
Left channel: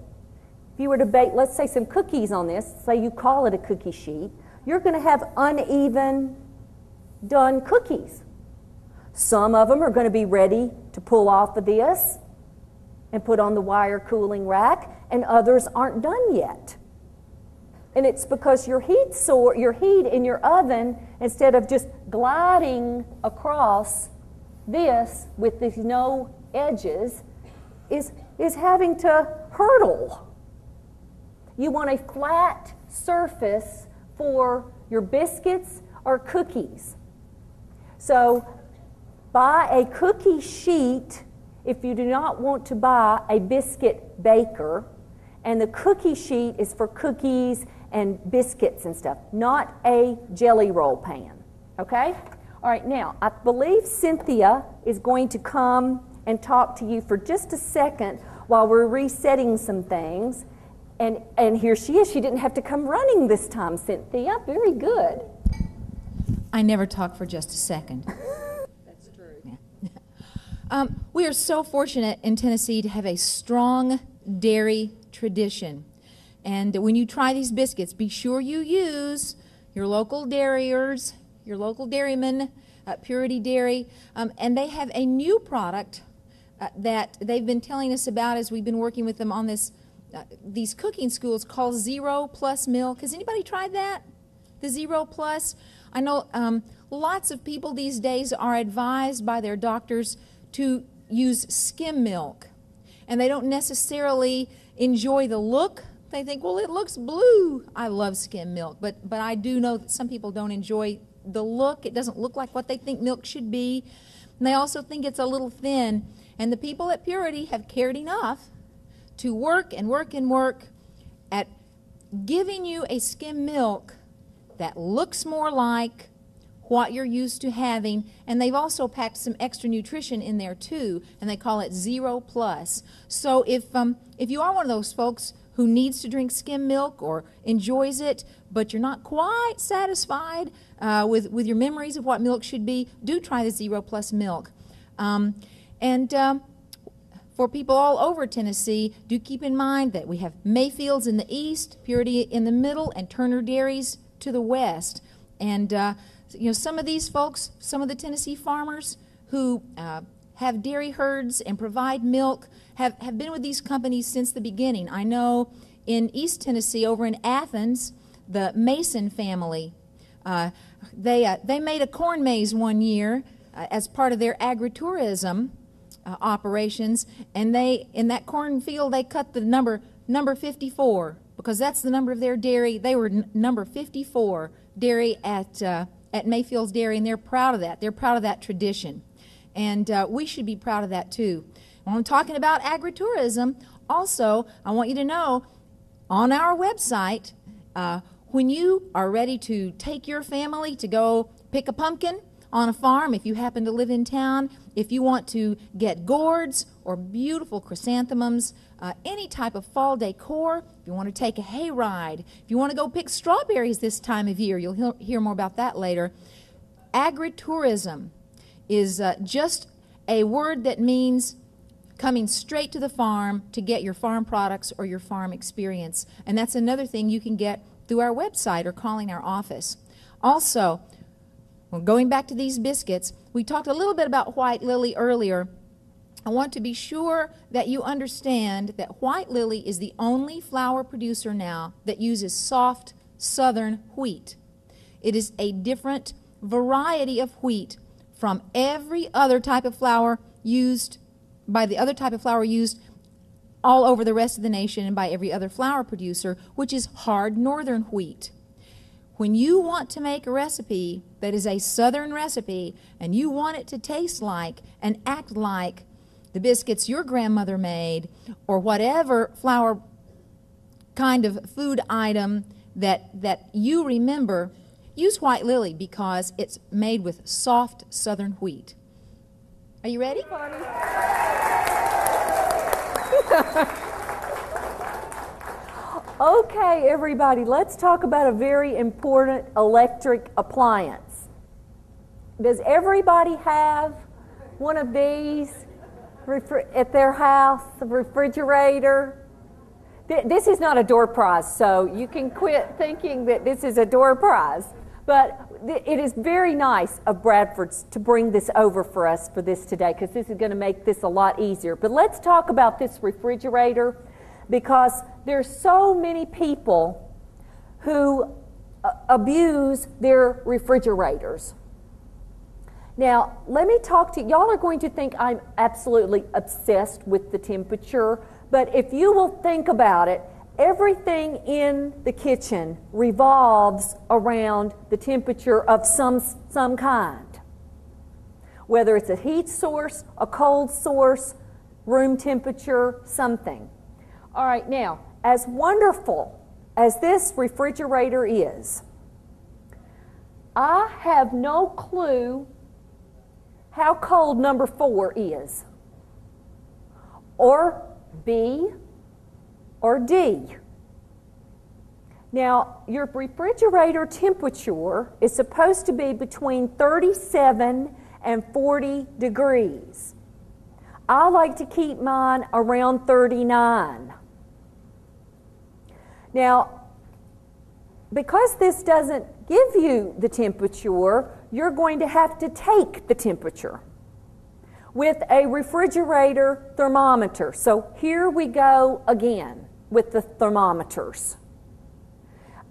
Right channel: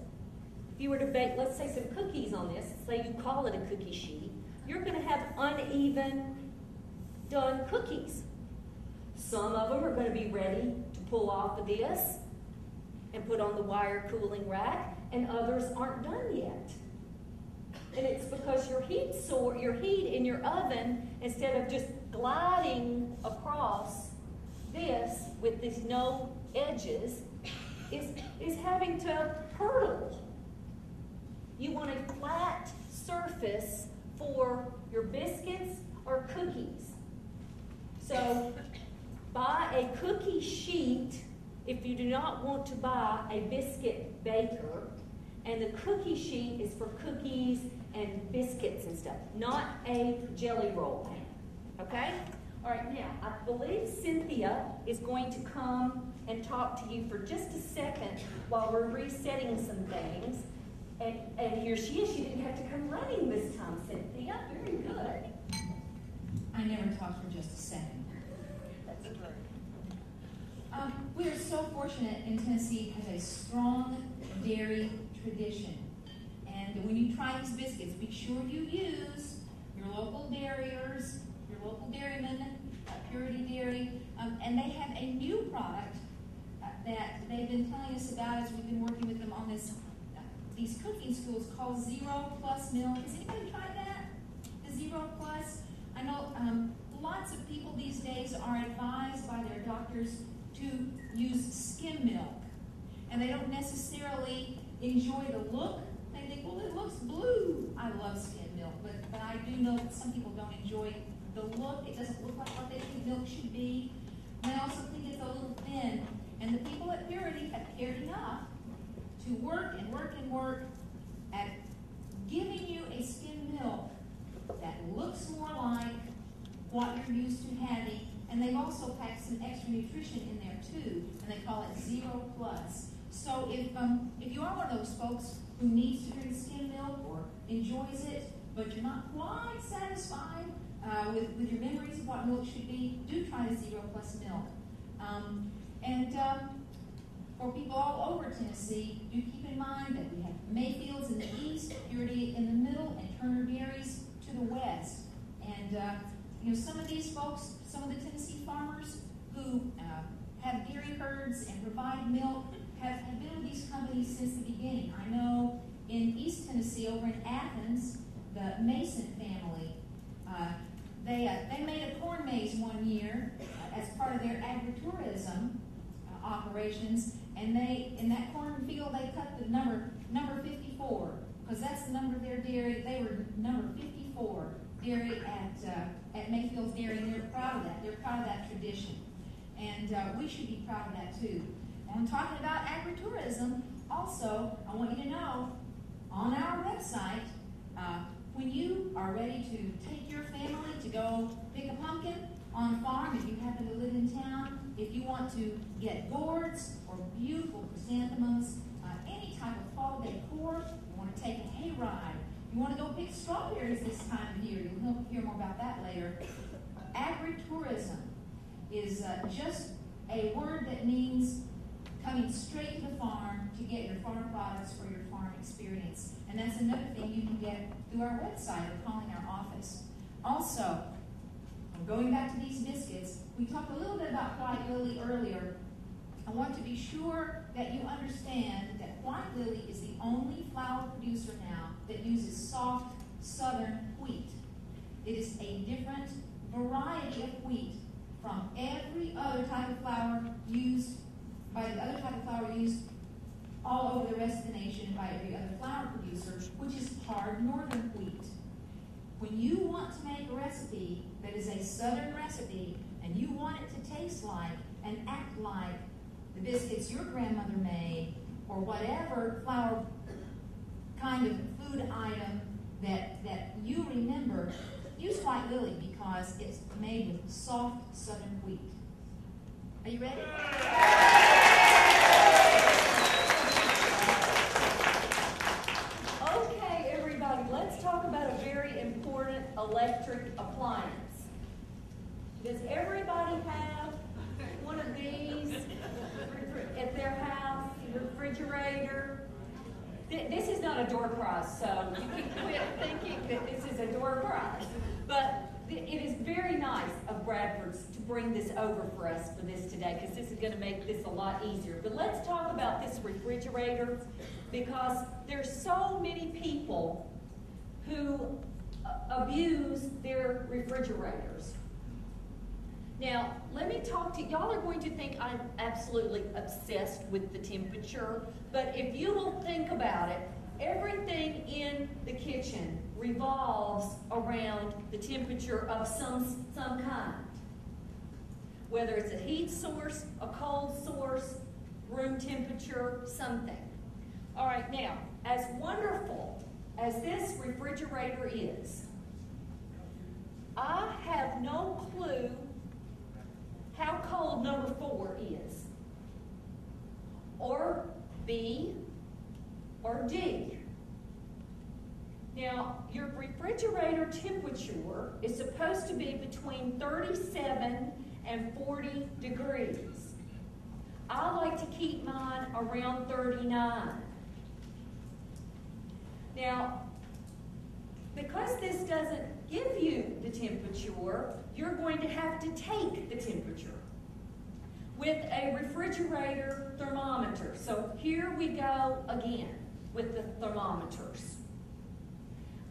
if you were to bake, let's say, some cookies on this, say you call it a cookie sheet, you're going to have uneven done cookies. Some of them are going to be ready to pull off of this and put on the wire cooling rack, and others aren't done yet. And it's because your heat in your oven, instead of just gliding across this with these no edges, is having to hurdle. You want a flat surface for your biscuits or cookies. So buy a cookie sheet if you do not want to buy a biscuit baker, and the cookie sheet is for cookies and biscuits and stuff, not a jelly roll pan, okay? All right, now, I believe Cynthia is going to come and talk to you for just a second while we're resetting some things. And here she is. She didn't have to come running this time, Cynthia. Very good. I never talk for just a second. We are so fortunate in Tennessee to have a strong dairy tradition. And when you try these biscuits, be sure you use your local dairyers, your local dairyman, Purity Dairy. And they have a new product that they've been telling us about as we've been working with them on these cooking schools called Zero Plus Milk. Has anybody tried that? The Zero Plus? I know lots of people these days are advised by their doctors to use skim milk, and they don't necessarily enjoy the look. They think, well, it looks blue. I love skim milk, but I do know that some people don't enjoy the look. It doesn't look like what they think milk should be. And they also think it's a little thin. And the people at Purity have cared enough to work and work and work at giving you a skim milk that looks more like what you're used to having, and they've also packed some extra nutrition in there too, and they call it Zero Plus. So if you are one of those folks who needs to drink skim milk or enjoys it, but you're not quite satisfied with your memories of what milk should be, do try the Zero Plus milk. For people all over Tennessee, do keep in mind that we have Mayfields in the east, Purity in the middle, and Turner Dairies to the west. And some of these folks, some of the Tennessee farmers who have dairy herds and provide milk have been with these companies since the beginning. I know in East Tennessee, over in Athens, the Mason family, they made a corn maze one year as part of their agritourism operations, and in that cornfield they cut the number 54 because that's the number of their dairy. They were number 54 dairy at Mayfield's Dairy, and they're proud of that. They're proud of that tradition, and we should be proud of that too. When I'm talking about agritourism, also I want you to know on our website, when you are ready to take your family to go pick a pumpkin on a farm, if you happen to live in town, if you want to get gourds or beautiful chrysanthemums, any type of fall decor, if you want to take a hayride, if you want to go pick strawberries this time of year, you'll hear more about that later. Agritourism is just a word that means coming straight to the farm to get your farm products or your farm experience. And that's another thing you can get through our website or calling our office. Also, well, going back to these biscuits, we talked a little bit about White Lily earlier. I want to be sure that you understand that White Lily is the only flour producer now that uses soft southern wheat. It is a different variety of wheat from every other type of flour used by the other type of flour used all over the rest of the nation and by every other flour producer, which is hard northern wheat. When you want to make a recipe that is a southern recipe and you want it to taste like and act like the biscuits your grandmother made or whatever flour kind of food item that you remember, Use White Lily because it's made with soft southern wheat. Are you ready? Okay, everybody, let's talk about a very important electric appliance. Does everybody have one of these at their house, a refrigerator? This is not a door prize, so you can quit thinking that this is a door prize. But it is very nice of Bradford's to bring this over for us for this today, because this is going to make this a lot easier. But let's talk about this refrigerator, because there's so many people who abuse their refrigerators. Now, let me talk to you. Y'all are going to think I'm absolutely obsessed with the temperature, but if you will think about it, everything in the kitchen revolves around the temperature of some kind. Whether it's a heat source, a cold source, room temperature, something. All right, now, as wonderful as this refrigerator is, I have no clue how cold number 4 is, or B, or D. Now, your refrigerator temperature is supposed to be between 37 and 40 degrees. I like to keep mine around 39. Now, because this doesn't give you the temperature, you're going to have to take the temperature with a refrigerator thermometer. So here we go again with the thermometers.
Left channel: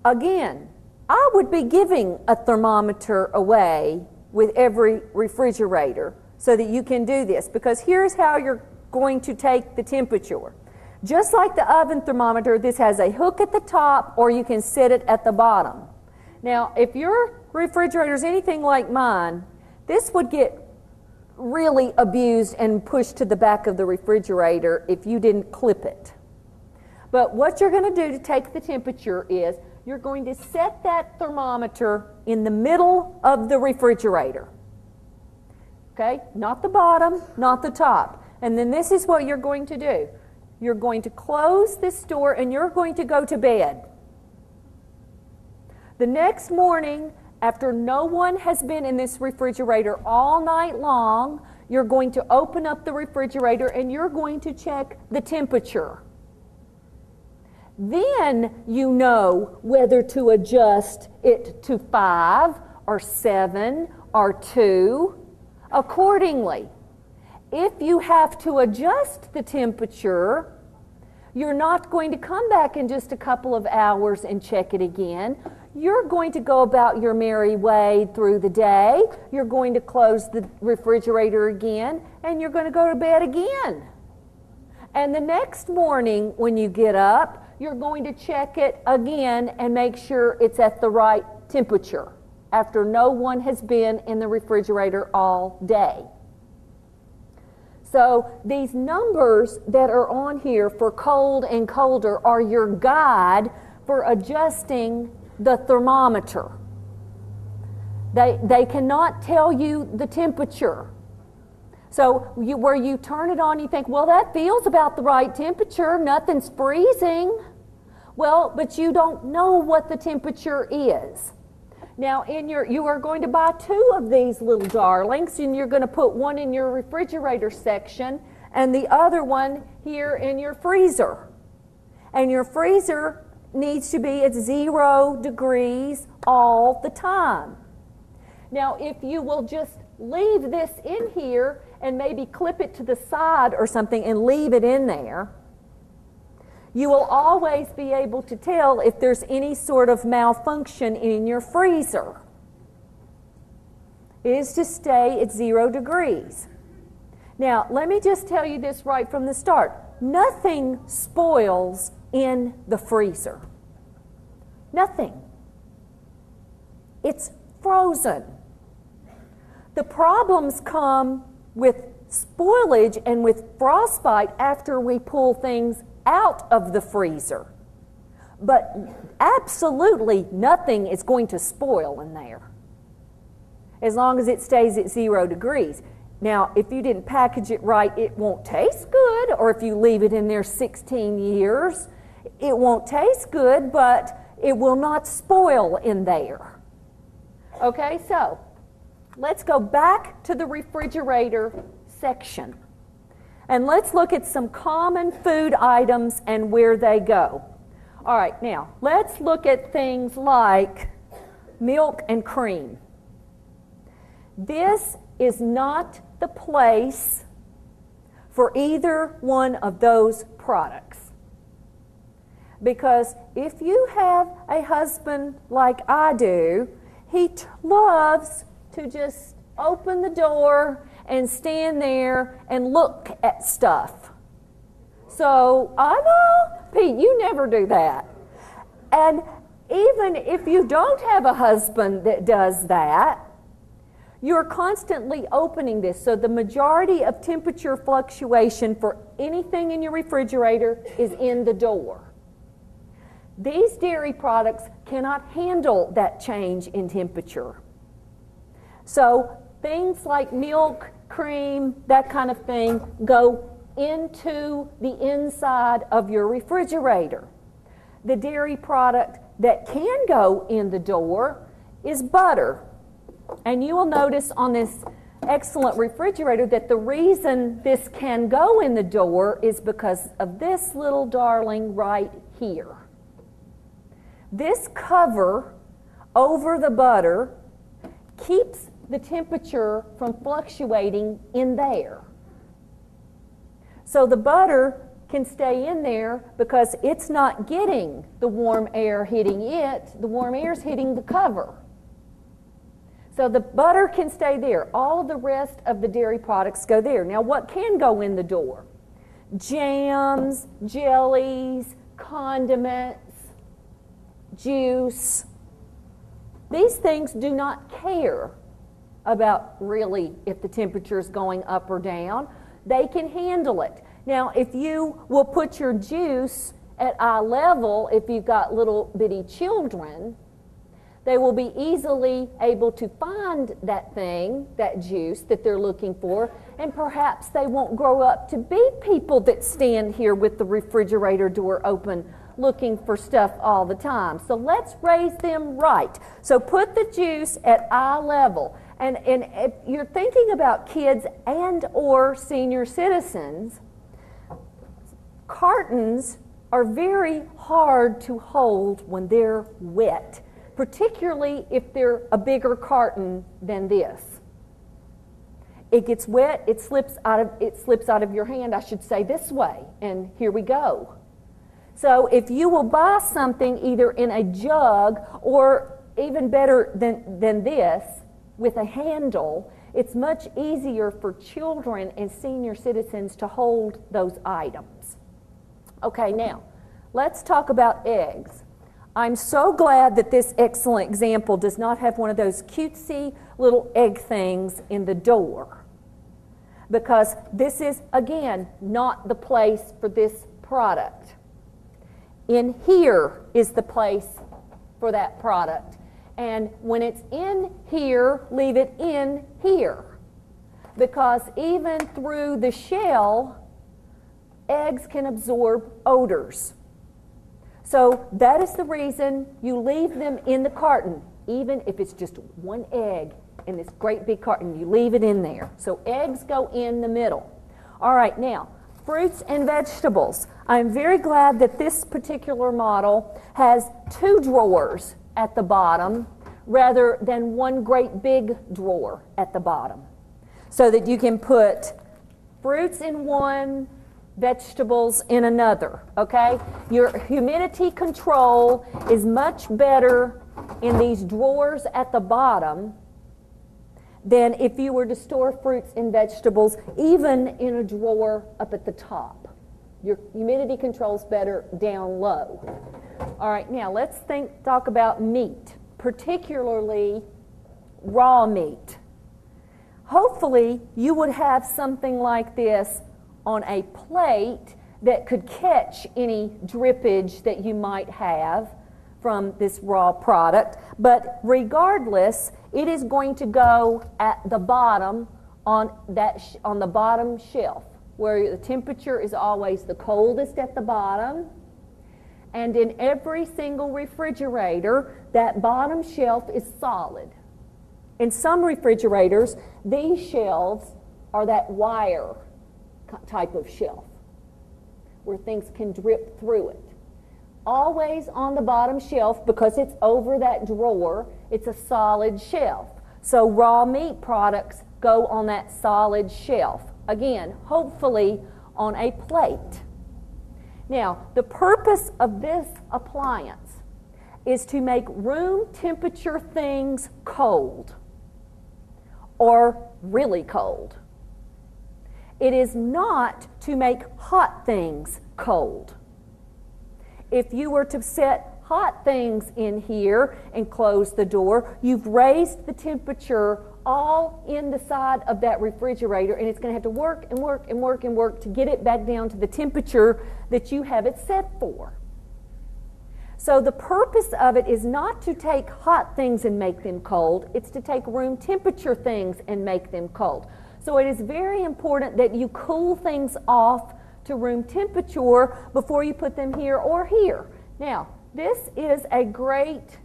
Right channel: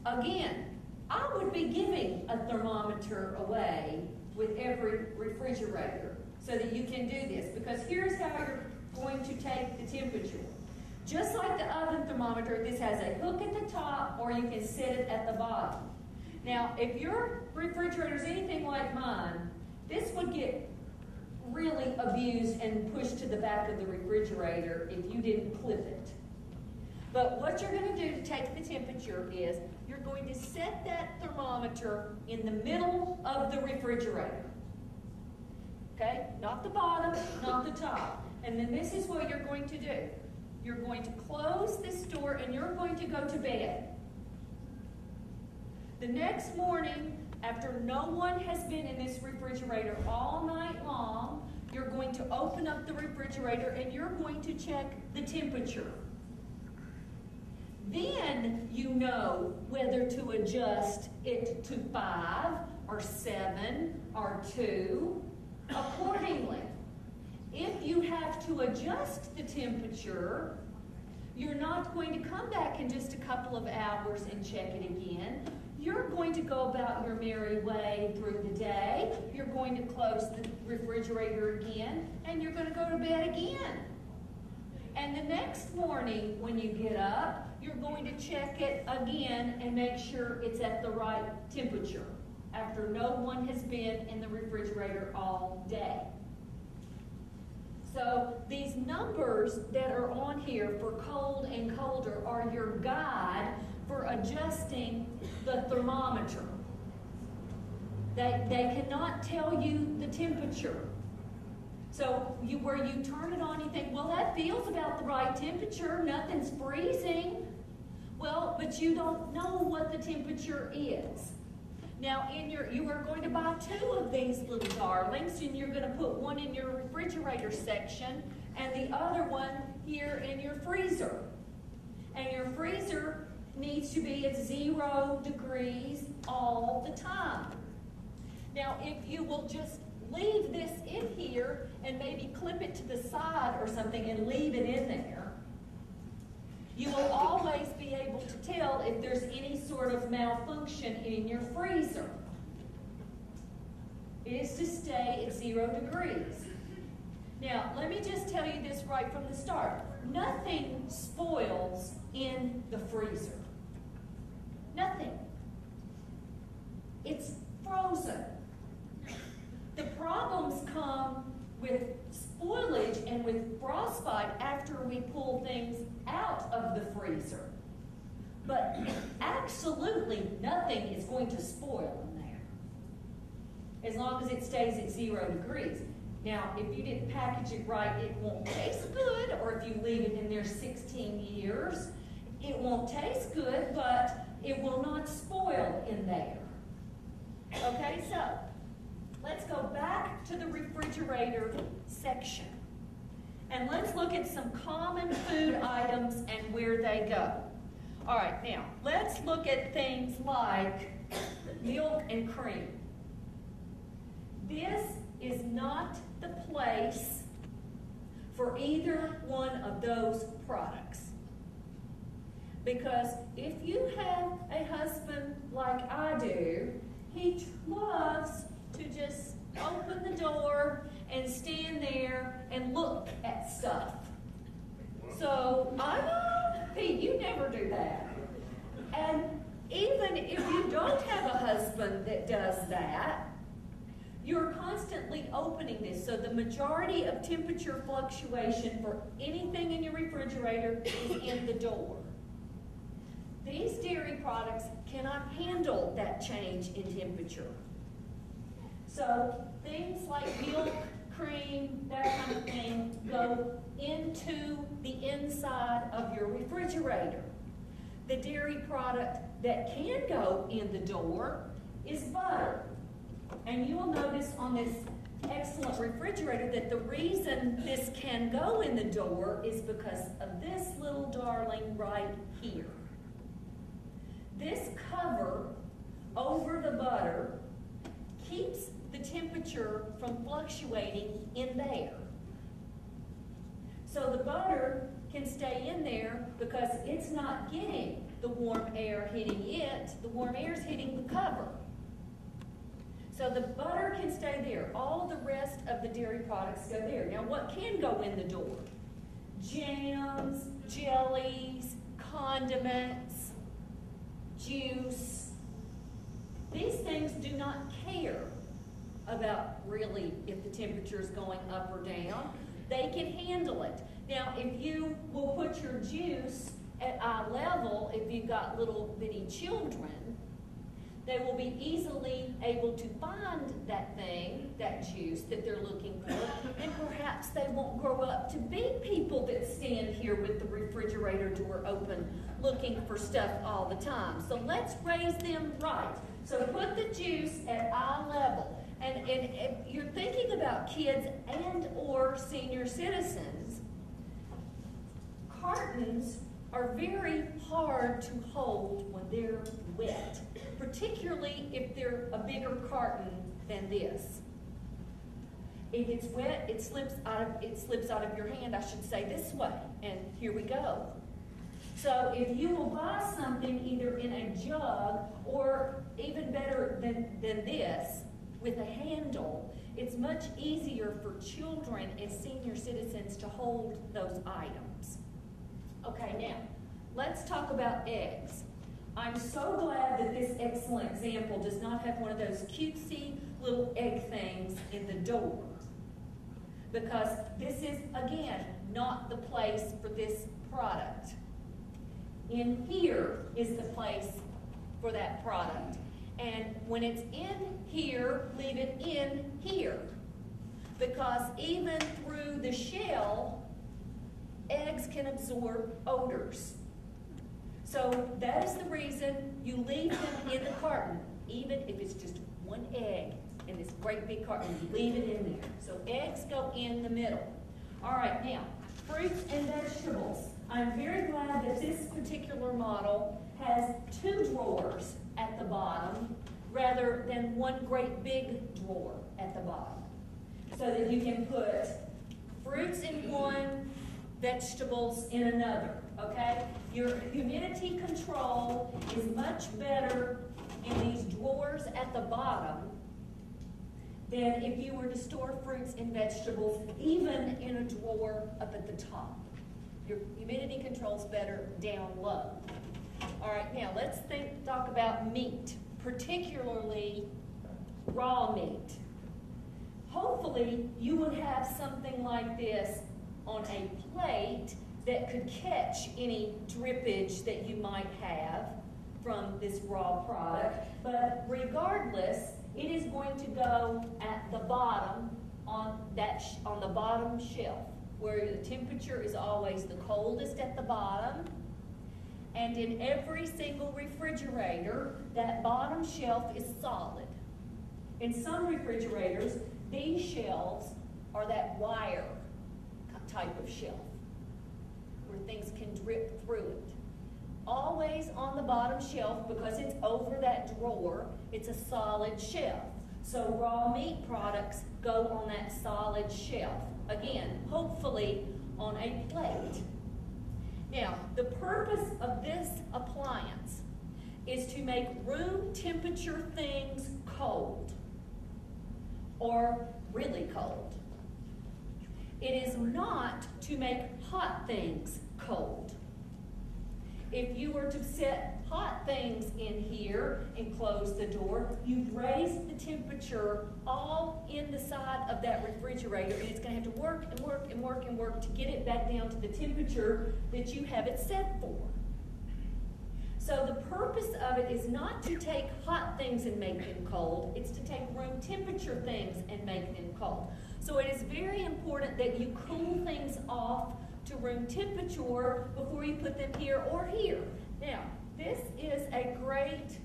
Again, I would be giving a thermometer away with every refrigerator so that you can do this, because here's how you're going to take the temperature. Just like the oven thermometer, this has a hook at the top, or you can set it at the bottom. Now, if your refrigerator is anything like mine, this would get really abused and pushed to the back of the refrigerator if you didn't clip it. But what you're going to do to take the temperature is you're going to set that thermometer in the middle of the refrigerator. Okay? Not the bottom, not the top. And then this is what you're going to do. You're going to close this door and you're going to go to bed. The next morning, after no one has been in this refrigerator all night long, you're going to open up the refrigerator and you're going to check the temperature. Then you know whether to adjust it to 5 or 7 or 2 accordingly. If you have to adjust the temperature, you're not going to come back in just a couple of hours and check it again. You're going to go about your merry way through the day. You're going to close the refrigerator again, and you're going to go to bed again. And the next morning when you get up, you're going to check it again and make sure it's at the right temperature after no one has been in the refrigerator all day. So these numbers that are on here for cold and colder are your guide for adjusting the thermometer. They cannot tell you the temperature. So where you turn it on, you think, well, that feels about the right temperature. Nothing's freezing. Well, but you don't know what the temperature is. Now, you are going to buy 2 of these little darlings, and you're going to put one in your refrigerator section and the other one here in your freezer. And your freezer needs to be at 0 degrees all the time. Now, if you will just leave this in here and maybe clip it to the side or something and leave it in there, you will always be able to tell if there's any sort of malfunction in your freezer. It is to stay at 0 degrees. Now, let me just tell you this right from the start. Nothing spoils in the freezer. Nothing. It's frozen. The problems come with spoilage and with frostbite after we pull things out of the freezer. But absolutely nothing is going to spoil in there as long as it stays at 0 degrees. Now, if you didn't package it right, it won't taste good, or if you leave it in there 16 years, it won't taste good, but it will not spoil in there. Okay, so let's go back to the refrigerator section. And let's look at some common food items and where they go. All right, now, let's look at things like milk and cream. This is not the place for either one of those products. Because if you have a husband like I do, he loves to just open the door and stand there and look at stuff. So, I know, Pete, you never do that. And even if you don't have a husband that does that, you're constantly opening this. So the majority of temperature fluctuation for anything in your refrigerator is in the door. These dairy products cannot handle that change in temperature. So things like milk, cream, that kind of thing go into the inside of your refrigerator. The dairy product that can go in the door is butter. And you will notice on this excellent refrigerator that the reason this can go in the door is because of this little darling right here. This cover over the butter keeps the temperature from fluctuating in there. So the butter can stay in there because it's not getting the warm air hitting it. The warm air is hitting the cover. So the butter can stay there. All of the rest of the dairy products go there. Now, what can go in the door? Jams, jellies, condiments, juice. These things do not care about really if the temperature is going up or down. They can handle it. Now, if you will put your juice at eye level, if you've got little bitty children, they will be easily able to find that thing, that juice that they're looking for, and perhaps they won't grow up to be people that stand here with the refrigerator door open looking for stuff all the time. So let's raise them right. So put the juice at eye level. And if you're thinking about kids and or senior citizens, cartons are very hard to hold when they're wet, particularly if they're a bigger carton than this. It gets wet, it slips out of your hand, I should say, this way, and here we go. So if you will buy something either in a jug or even better than this, with a handle, it's much easier for children and senior citizens to hold those items. Okay, now, let's talk about eggs. I'm so glad that this excellent example does not have one of those cutesy little egg things in the door, because this is, again, not the place for this product. In here is the place for that product. And when it's in here, leave it in here. Because even through the shell, eggs can absorb odors. So that is the reason you leave them in the carton, even if it's just one egg in this great big carton, you leave it in there. So eggs go in the middle. All right, now, fruits and vegetables. I'm very glad that this particular model has 2 drawers at the bottom rather than one great big drawer at the bottom, so that you can put fruits in one, vegetables in another, okay? Your humidity control is much better in these drawers at the bottom than if you were to store fruits and vegetables even in a drawer up at the top. Your humidity control is better down low. All right, now let's talk about meat, particularly raw meat. Hopefully you would have something like this on a plate that could catch any drippage that you might have from this raw product. But regardless, it is going to go at the bottom on the bottom shelf, where the temperature is always the coldest at the bottom. And in every single refrigerator, that bottom shelf is solid. In some refrigerators, these shelves are that wire type of shelf where things can drip through it. Always on the bottom shelf, because it's over that drawer, it's a solid shelf. So raw meat products go on that solid shelf. Again, hopefully on a plate. Now, the purpose of this appliance is to make room temperature things cold or really cold. It is not to make hot things cold. If you were to set hot things in here and close the door, you've raised the temperature all in the side of that refrigerator, and it's going to have to work and work and work and work to get it back down to the temperature that you have it set for. So the purpose of it is not to take hot things and make them cold, it's to take room temperature things and make them cold. So it is very important that you cool things off to room temperature before you put them here or here. Now, this is a great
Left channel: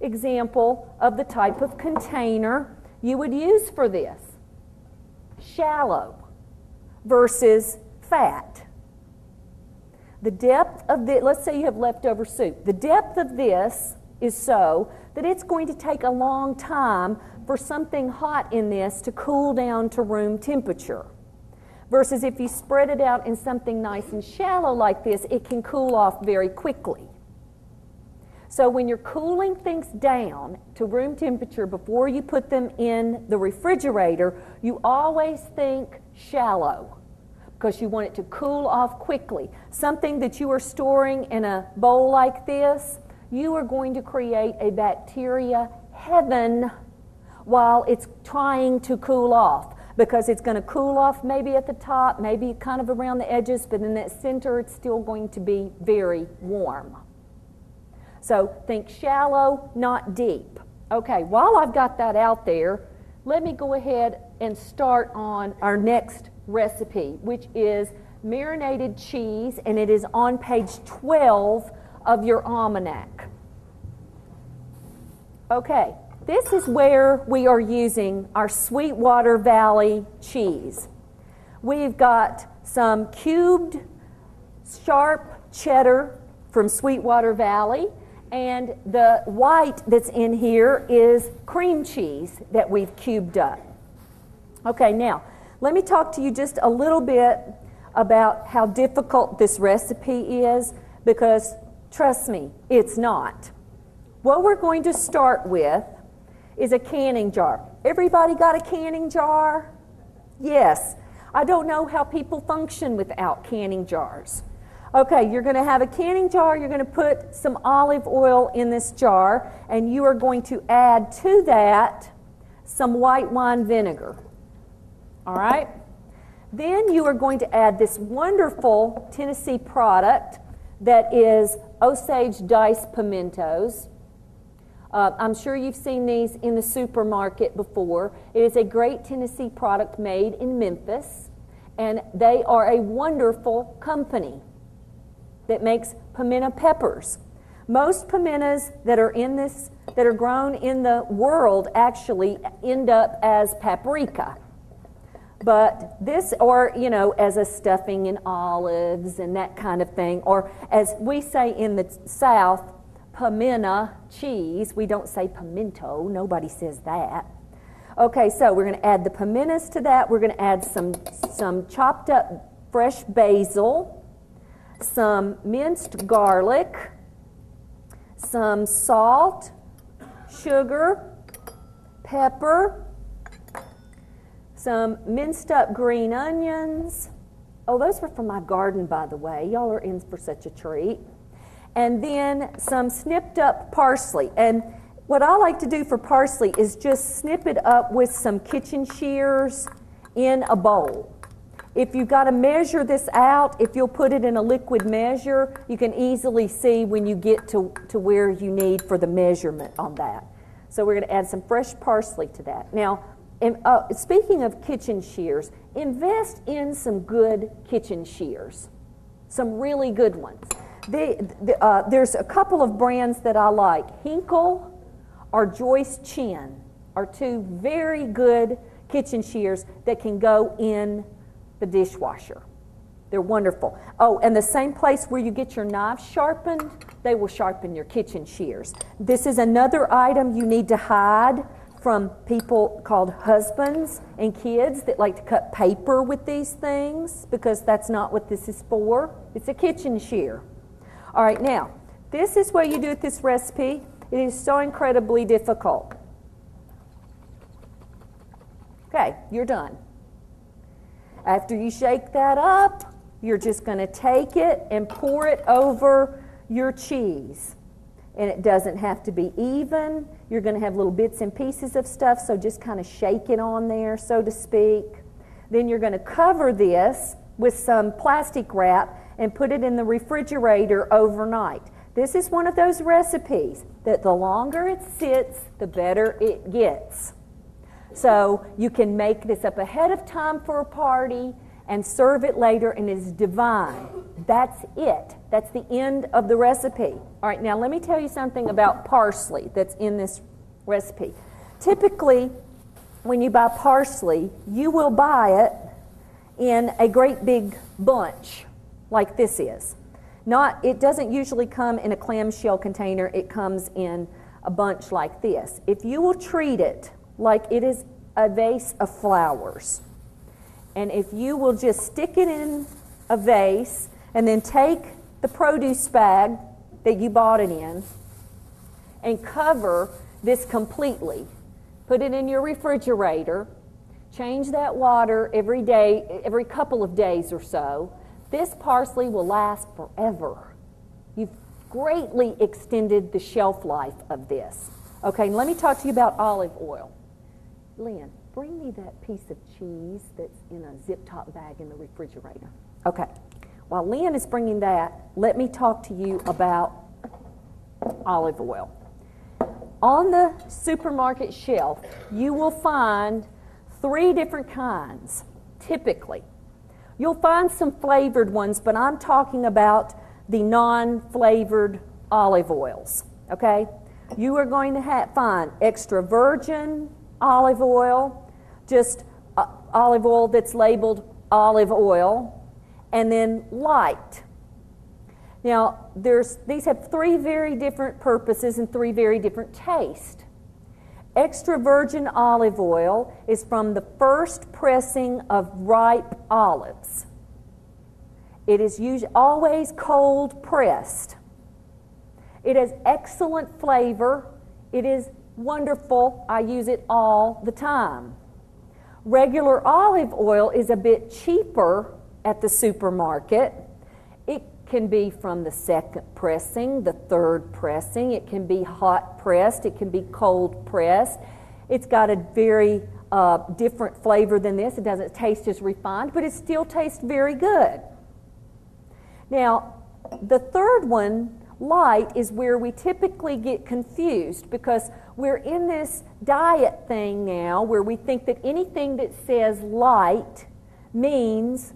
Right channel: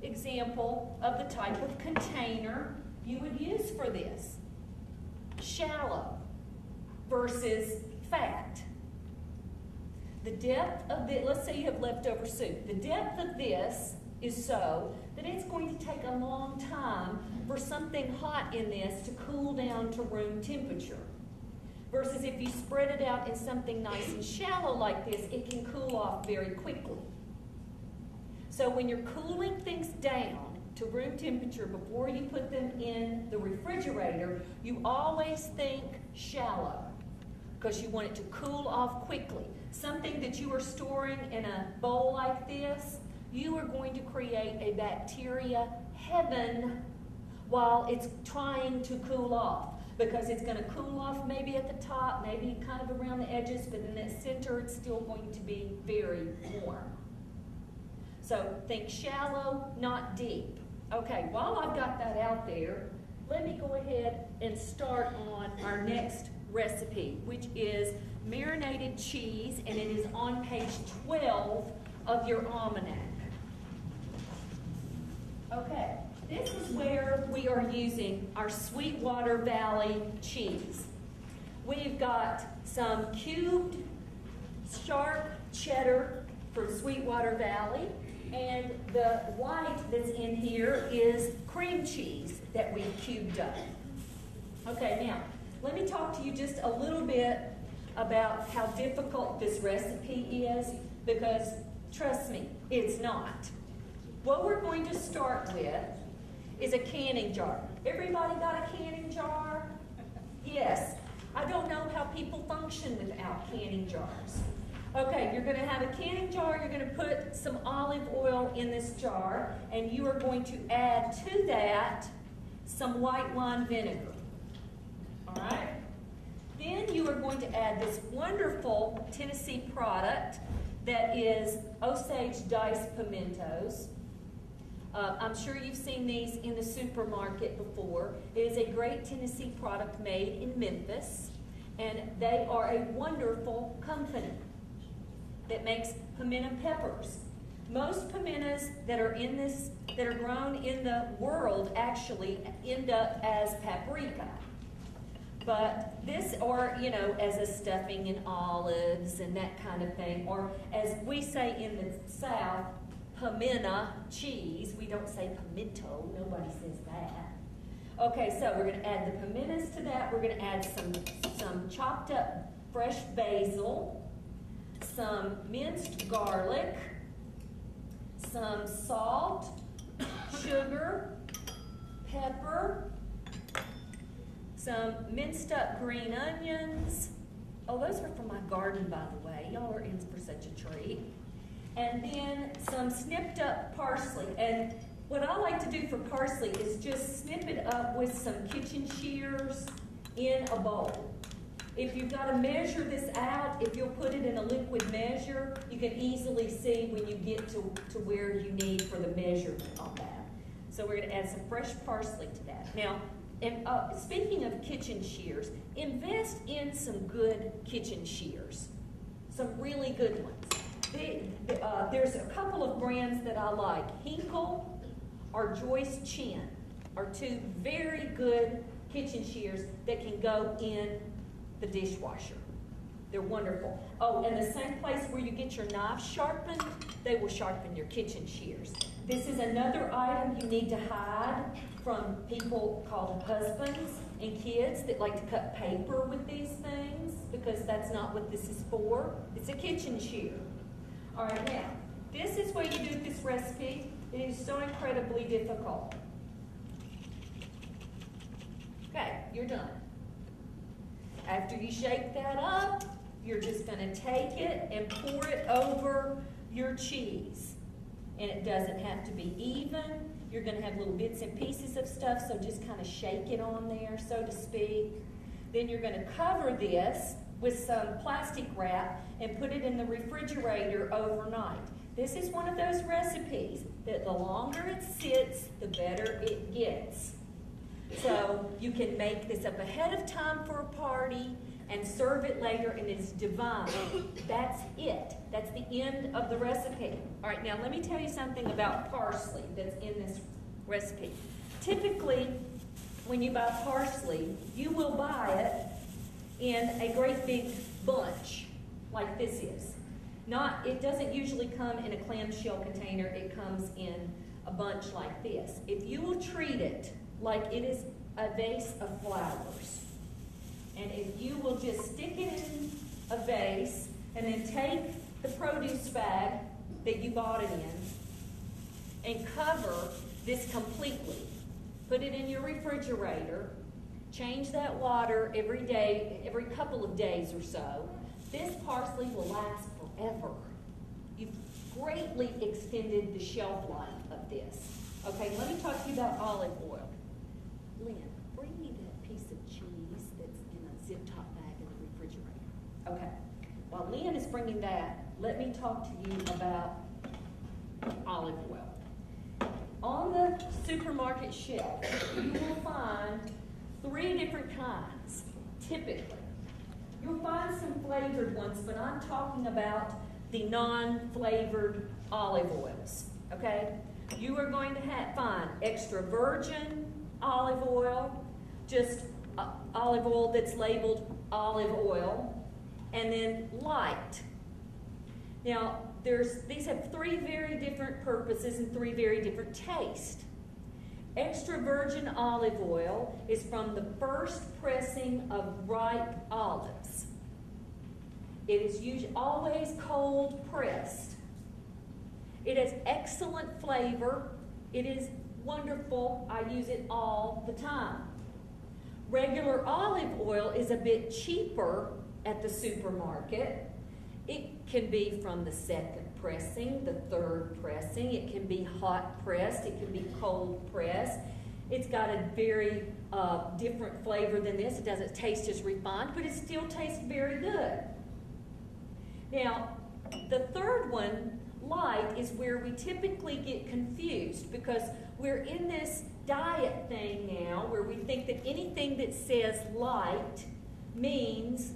example of the type of container you would use for this. Shallow versus fat. The depth of this, let's say you have leftover soup. The depth of this is so that it's going to take a long time for something hot in this to cool down to room temperature. Versus if you spread it out in something nice and shallow like this, it can cool off very quickly. So when you're cooling things down to room temperature before you put them in the refrigerator, you always think shallow because you want it to cool off quickly. Something that you are storing in a bowl like this, you are going to create a bacteria heaven while it's trying to cool off, because it's going to cool off maybe at the top, maybe kind of around the edges, but in that center it's still going to be very warm. So think shallow, not deep. Okay, while I've got that out there, let me go ahead and start on our next recipe, which is marinated cheese, and it is on page 12 of your almanac. Okay, this is where we are using our Sweetwater Valley cheese. We've got some cubed sharp cheddar from Sweetwater Valley, and the white that's in here is cream cheese that we've cubed up. Okay, now, let me talk to you just a little bit about how difficult this recipe is, because trust me, it's not. What we're going to start with is a canning jar. Everybody got a canning jar? Yes. I don't know how people function without canning jars. Okay, you're going to have a canning jar. You're going to put some olive oil in this jar, and you are going to add to that some white wine vinegar. All right? Then you are going to add this wonderful Tennessee product that is Osage diced pimentos. I'm sure you've seen these in the supermarket before. It is a great Tennessee product made in Memphis, and they are a wonderful company that makes pimento peppers. Most pimentos that are grown in the world actually end up as paprika. But this, or, you know, as a stuffing in olives and that kind of thing, or as we say in the South, pimento cheese. We don't say pimento. Nobody says that. Okay, so we're going to add the pimentos to that. We're going to add some chopped up fresh basil, some minced garlic, some salt, sugar, pepper, some minced up green onions. Oh, those were from my garden, by the way. Y'all are in for such a treat. And then some snipped up parsley. And what I like to do for parsley is just snip it up with some kitchen shears in a bowl. If you've got to measure this out, if you'll put it in a liquid measure, you can easily see when you get to where you need for the measurement on that. So we're going to add some fresh parsley to that. Now, speaking of kitchen shears, invest in some good kitchen shears, some really good ones. There's a couple of brands that I like. Hinkle or Joyce Chin are two very good kitchen shears that can go in the dishwasher. They're wonderful. Oh, and the same place where you get your knives sharpened, they will sharpen your kitchen shears. This is another item you need to hide from people called husbands and kids that like to cut paper with these things, because that's not what this is for. It's a kitchen shear. All right, now, this is what you do with this recipe. It is so incredibly difficult. Okay, you're done. After you shake that up, you're just going to take it and pour it over your cheese. And it doesn't have to be even. You're going to have little bits and pieces of stuff, so just kind of shake it on there, so to speak. Then you're going to cover this with some plastic wrap and put it in the refrigerator overnight. This is one of those recipes that the longer it sits, the better it gets. So you can make this up ahead of time for a party and serve it later, and it's divine. That's it. That's the end of the recipe. All right, now let me tell you something about parsley that's in this recipe. Typically, when you buy parsley, you will buy it in a great big bunch like this is. It doesn't usually come in a clamshell container. It comes in a bunch like this. If you will treat it like it is a vase of flowers, and if you will just stick it in a vase and then take the produce bag that you bought it in and cover this completely, put it in your refrigerator, change that water every day, every couple of days or so, this parsley will last forever. You've greatly extended the shelf life of this. Okay, let me talk to you about olive oil. Lynn, bring me that piece of cheese that's in a zip-top bag in the refrigerator. Okay, while Lynn is bringing that, let me talk to you about olive oil. On the supermarket shelf, you will find 3 different kinds, typically. You'll find some flavored ones, but I'm talking about the non-flavored olive oils, okay? You are going to find extra virgin olive oil, just olive oil that's labeled olive oil, and then light. Now, these have 3 very different purposes and 3 very different tastes. Extra virgin olive oil is from the first pressing of ripe olives. It is always cold pressed. It has excellent flavor. It is wonderful. I use it all the time. Regular olive oil is a bit cheaper at the supermarket. It can be from the second pressing, the third pressing. It can be hot pressed. It can be cold pressed. It's got a very different flavor than this. It doesn't taste as refined, but it still tastes very good. Now, the third one, light, is where we typically get confused, because we're in this diet thing now where we think that anything that says light means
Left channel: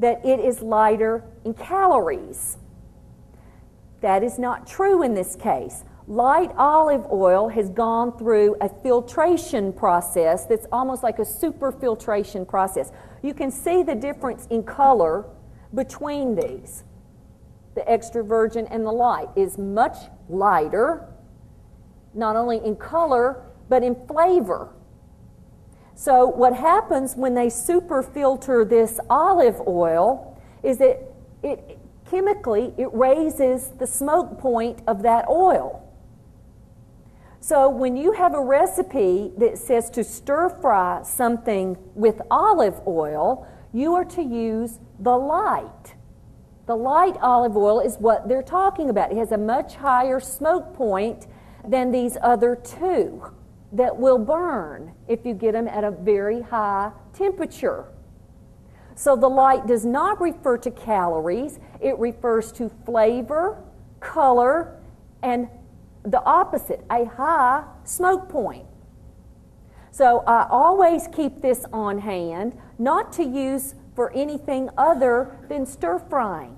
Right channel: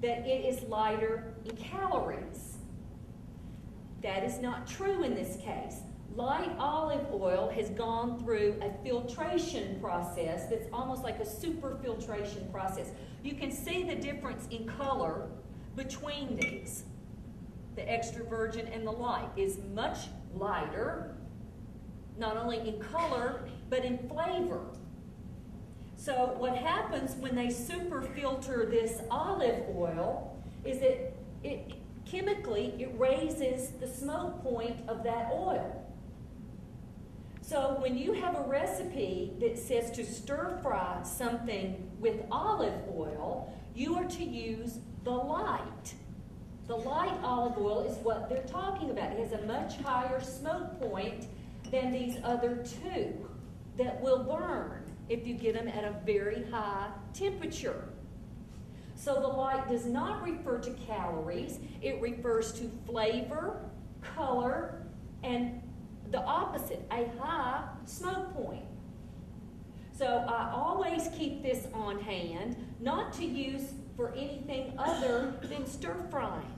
that it is lighter in calories. That is not true in this case. Light olive oil has gone through a filtration process that's almost like a super filtration process. You can see the difference in color between these. The extra virgin and the light is much lighter, not only in color, but in flavor. So what happens when they super filter this olive oil is that chemically it raises the smoke point of that oil. So when you have a recipe that says to stir fry something with olive oil, you are to use the light. The light olive oil is what they're talking about. It has a much higher smoke point than these other 2 that will burn if you get them at a very high temperature. So the light does not refer to calories. It refers to flavor, color, and the opposite, a high smoke point. So I always keep this on hand, not to use for anything other than stir frying,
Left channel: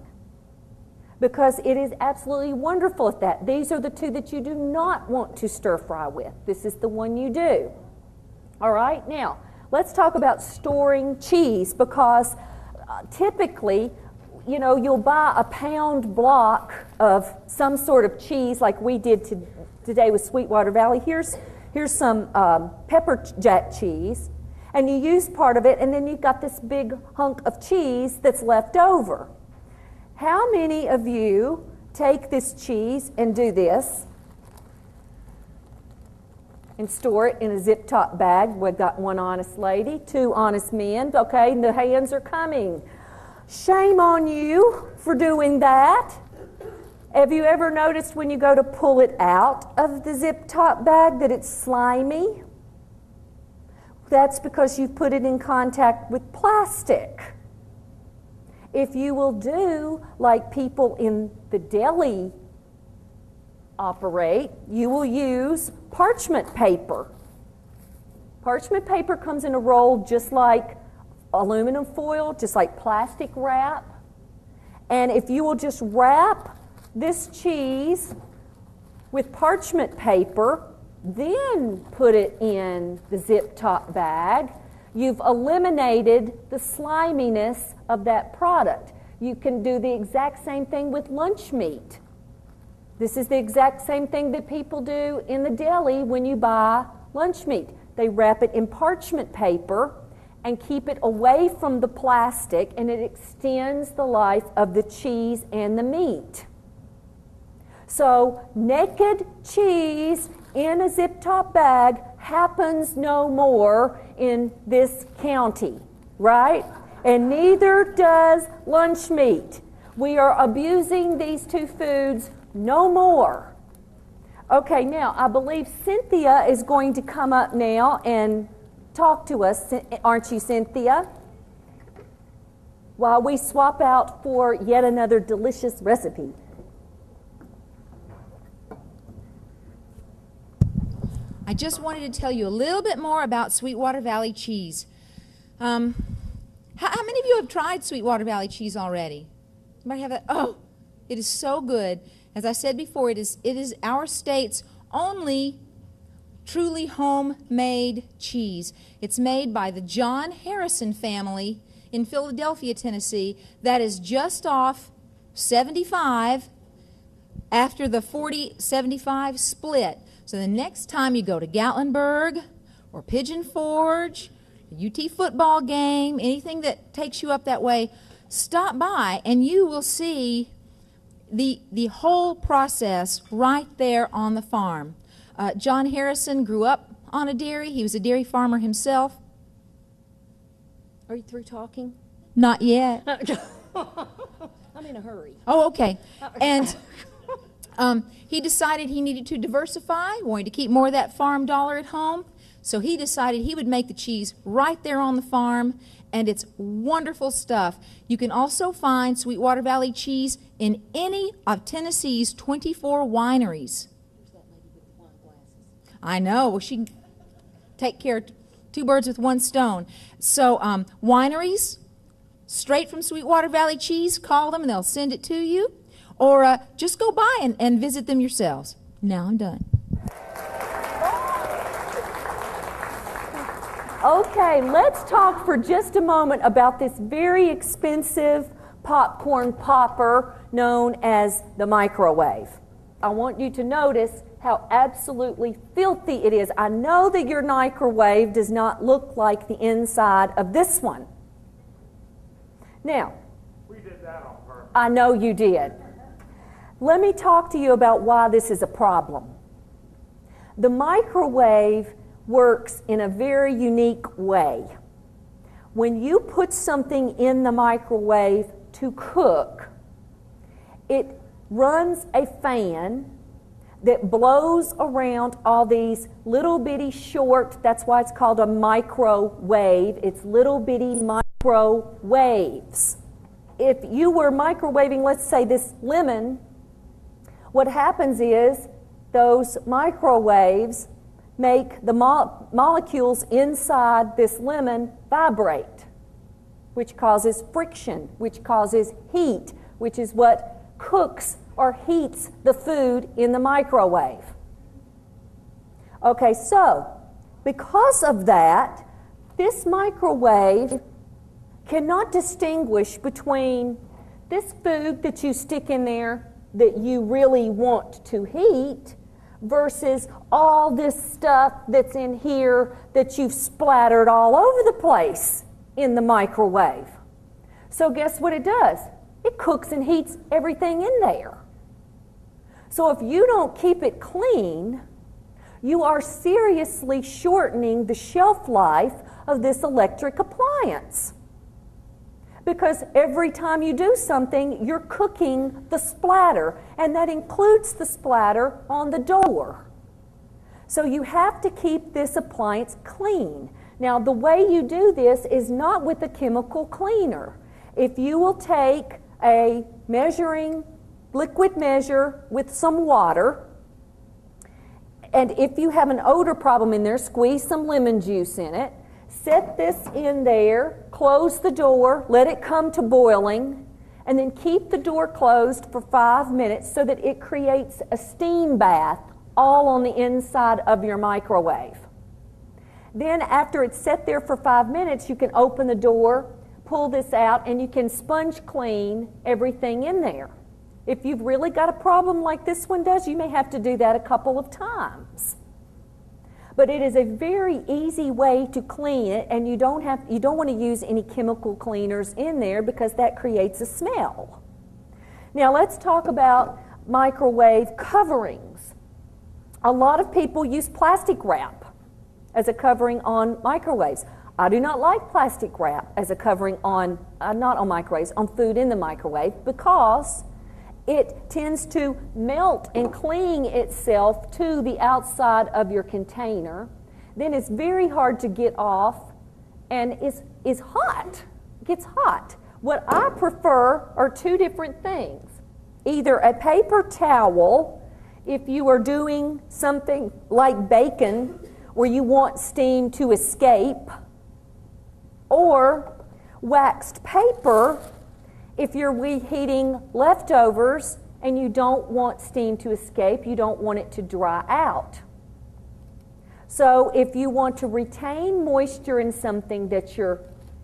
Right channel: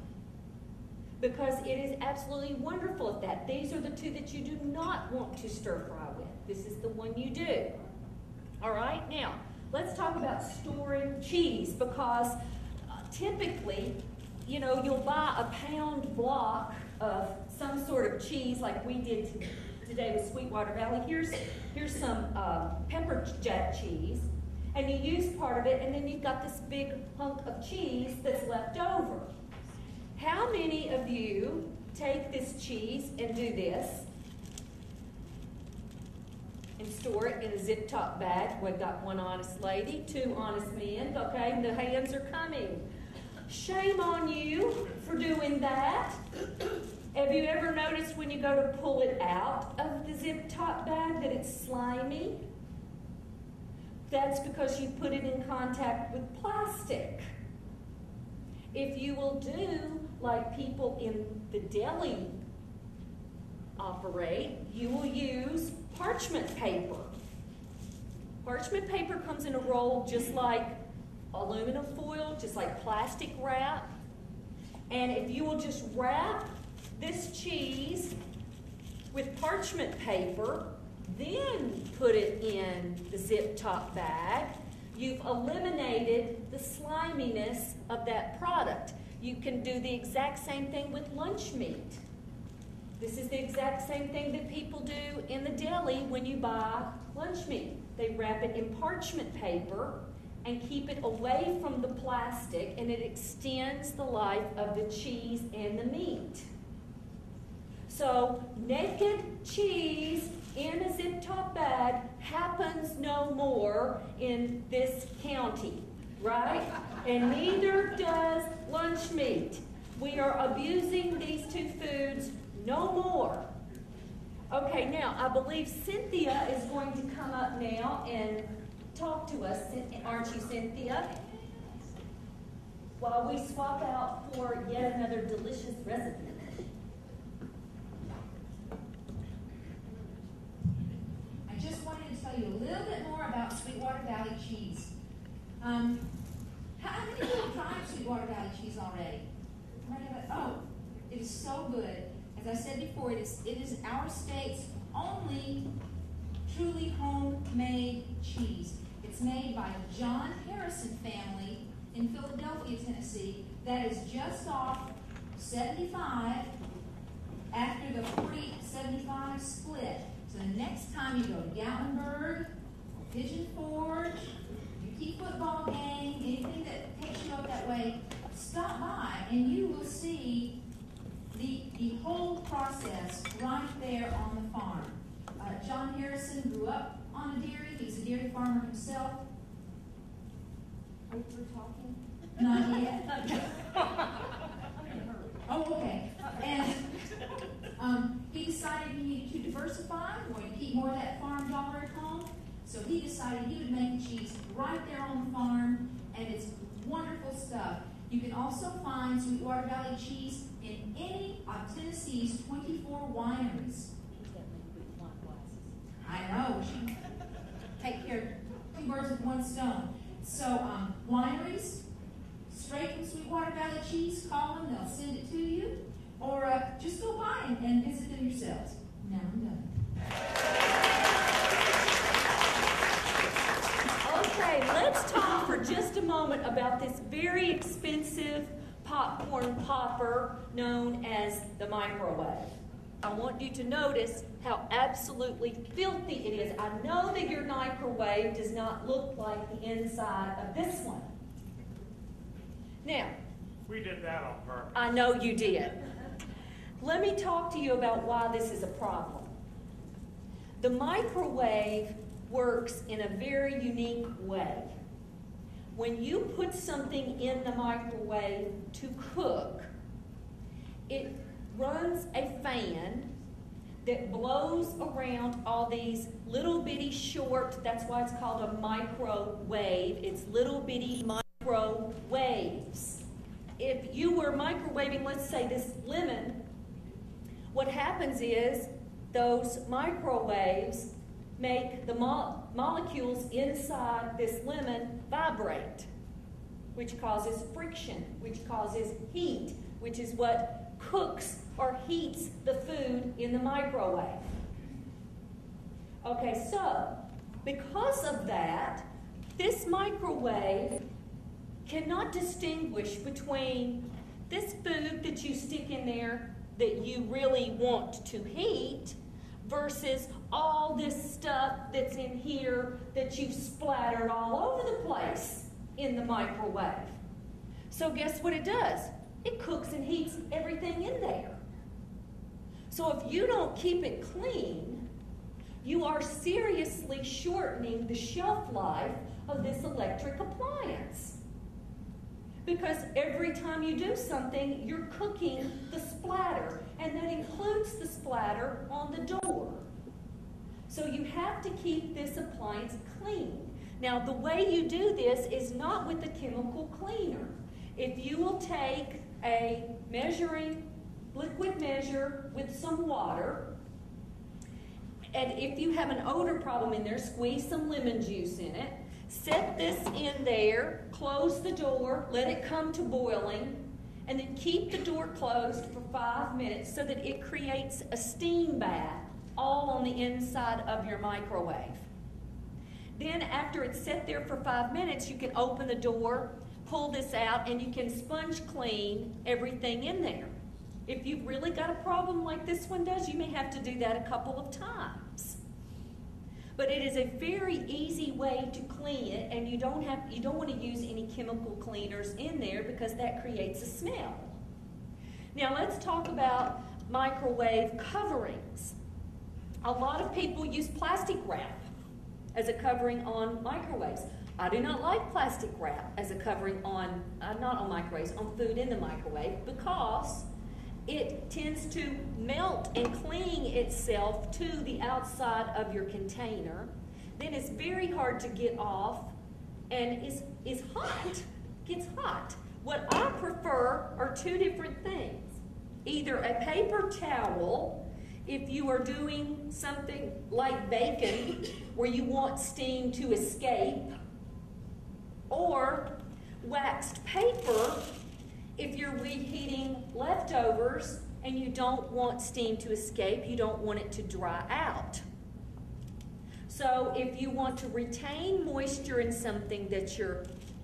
because it is absolutely wonderful at that. These are the two that you do not want to stir fry with. This is the one you do. All right, now let's talk about storing cheese, because typically, you know, you'll buy a pound block of some sort of cheese like we did today with Sweetwater Valley. Here's some pepper jack cheese, and you use part of it, and then you've got this big hunk of cheese that's left over. How many of you take this cheese and do this and store it in a zip-top bag? We've got one honest lady, two honest men. Okay, the hands are coming. Shame on you for doing that. Have you ever noticed when you go to pull it out of the zip-top bag that it's slimy? That's because you put it in contact with plastic. If you will do like people in the deli operate, you will use parchment paper. Parchment paper comes in a roll just like aluminum foil, just like plastic wrap. And if you will just wrap this cheese with parchment paper, then put it in the zip-top bag, you've eliminated the sliminess of that product. You can do the exact same thing with lunch meat. This is the exact same thing that people do in the deli when you buy lunch meat. They wrap it in parchment paper and keep it away from the plastic, and it extends the life of the cheese and the meat. So naked cheese in a zip-top bag happens no more in this county, right? And neither does lunch meat. We are abusing these two foods no more. Okay, now I believe Cynthia is going to come up now and talk to us, aren't you, Cynthia? While we swap out for yet another delicious recipe. I just wanted to tell you a little bit more about Sweetwater Valley cheese. How many of you have tried Sweetwater Valley cheese already? Somebody have that? Oh, it is so good. As I said before, it is our state's only truly homemade cheese. It's made by the John Harrison family in Philadelphia, Tennessee. That is just off 75 after the 40-75 split. So the next time you go to Gatlinburg or Pigeon Forge, UT football game, anything that takes you up that way, stop by and you will see the whole process right there on the farm. John Harrison grew up on a dairy. He was a dairy farmer himself. Are you through talking? Not yet. I'm in a hurry. Oh, okay. And he decided he needed to diversify, wanted to keep more of that farm dollar at home. So he decided he would make the cheese right there on the farm, and it's wonderful stuff. You can also find Sweetwater Valley cheese in any of Tennessee's 24 wineries. I know. Well, she can take care of two birds with one stone. So wineries, straight from Sweetwater Valley cheese, call them and they'll send it to you. Or just go by and visit them yourselves. Now I'm done. Okay, let's talk for just a moment about this very expensive popcorn popper known as the microwave. I want you to notice how absolutely filthy it is. I know that your microwave does not look like the inside of this one. Now, we did that on purpose. I know you did. Let me talk to you about why this is a problem. The microwave works in a very unique way. When you put something in the microwave to cook, it runs a fan that blows around all these little bitty short, that's why it's called a microwave. It's little bitty microwaves. If you were microwaving, let's say, this lemon, what happens is those microwaves make the molecules inside this lemon vibrate, which causes friction, which causes heat, which is what cooks or heats the food in the microwave. Okay, so because of that, this microwave cannot distinguish between this food that you stick in there that you really want to heat versus all this stuff that's in here that you've splattered all over the place in the microwave. So guess what it does? It cooks and heats everything in there. So if you don't keep it clean, you are seriously shortening the shelf life of this electric appliance. Because every time you do something, you're cooking the splatter, and that includes the splatter on the door. So you have to keep this appliance clean. Now, the way you do this is not with a chemical cleaner. If you will take a liquid measure with some water, and if you have an odor problem in there, squeeze some lemon juice in it, set this in there, close the door, let it come to boiling, and then keep the door closed for 5 minutes so that it creates a steam bath all on the inside of your microwave. Then after it's set there for 5 minutes, you can open the door, pull this out, and you can sponge clean everything in there. If you've really got a problem like this one does, you may have to do that a couple of times. But it is a very easy way to clean it, and you don't want to use any chemical cleaners in there because that creates a smell. Now let's talk about microwave coverings. A lot of people use plastic wrap as a covering on microwaves. I do not like plastic wrap as a covering on, not on microwaves, on food in the microwave, because it tends to melt and cling itself to the outside of your container. Then it's very hard to get off, and is hot. It gets hot. What I prefer are two different things. Either a paper towel, if you are doing something like bacon where you want steam to escape, or waxed paper if you're reheating leftovers and you don't want steam to escape, you don't want it to dry out. So if you want to retain moisture in something that you're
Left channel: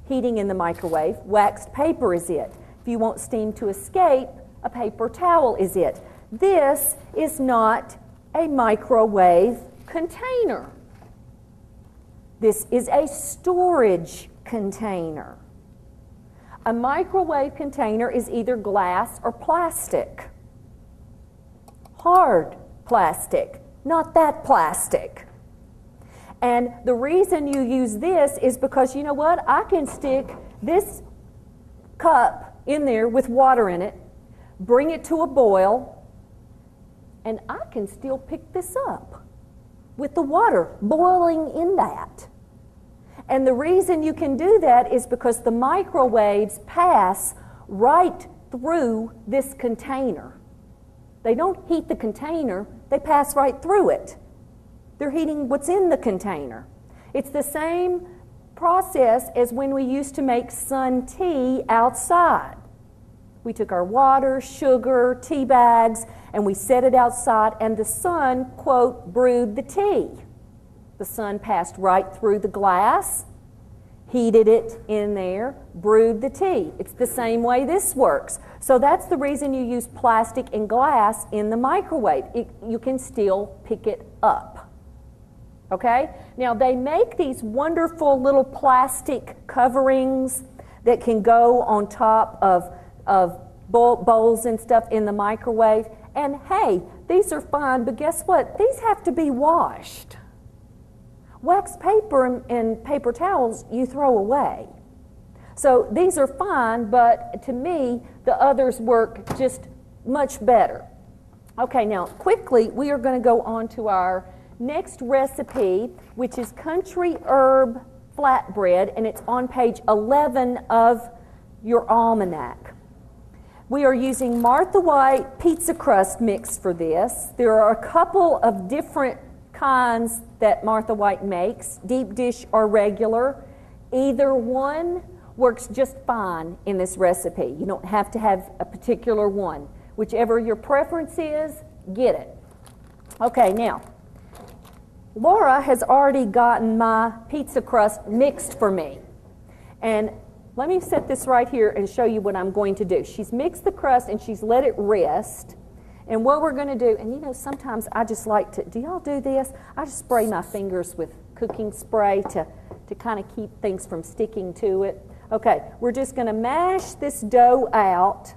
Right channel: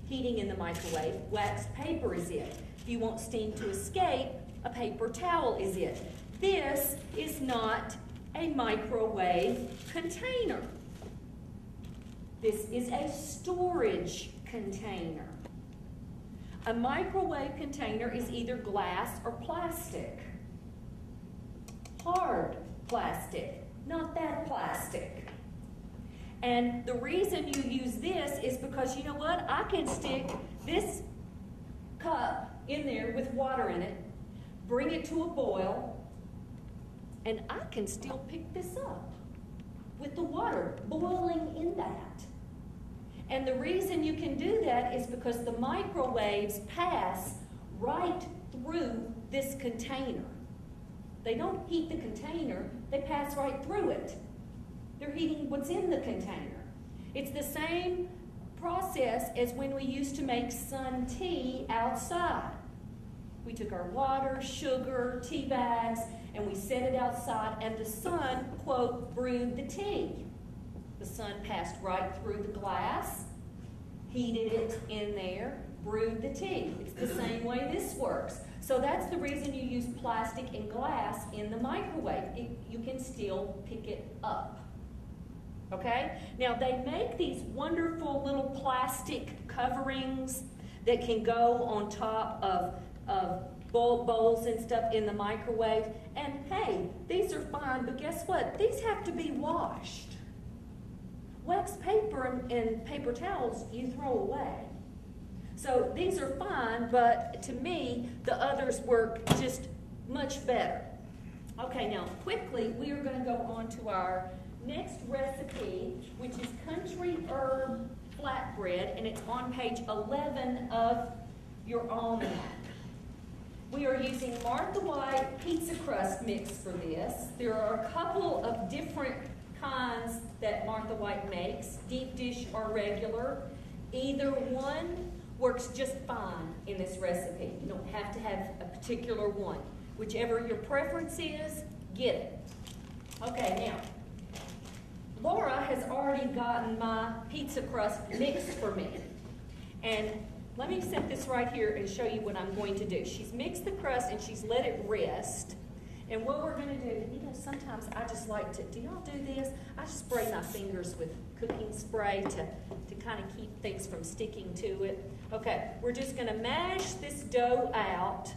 heating in the microwave, waxed paper is it. If you want steam to escape, a paper towel is it. This is not a microwave container. This is a storage container. A microwave container is either glass or plastic. Hard plastic, not that plastic. And the reason you use this is because, you know what? I can stick this cup in there with water in it, bring it to a boil, and I can still pick this up with the water boiling in that. And the reason you can do that is because the microwaves pass right through this container. They don't heat the container, they pass right through it. They're heating what's in the container. It's the same process as when we used to make sun tea outside. We took our water, sugar, tea bags, and we set it outside, and the sun, quote, brewed the tea. The sun passed right through the glass, heated it in there, brewed the tea. It's the same way this works. So that's the reason you use plastic and glass in the microwave. You can still pick it up. Okay? Now they make these wonderful little plastic coverings that can go on top of bowls and stuff in the microwave. And hey, these are fine, but guess what? These have to be washed. Wax paper and paper towels you throw away. So these are fine, but to me, the others work just much better. Okay, now quickly, we are going to go on to our next recipe, which is country herb flatbread, and it's on page 11 of your almanac. We are using Martha White pizza crust mix for this. There are a couple of different kinds that Martha White makes, deep dish or regular. Either one works just fine in this recipe. You don't have to have a particular one. Whichever your preference is, get it. Okay, now, Laura has already gotten my pizza crust mixed for me. And let me set this right here and show you what I'm going to do. She's mixed the crust and she's let it rest. And what we're going to do, and you know, sometimes I just like to, do y'all do this? I just spray my fingers with cooking spray to kind of keep things from sticking to it. Okay, we're just going to mash this dough out.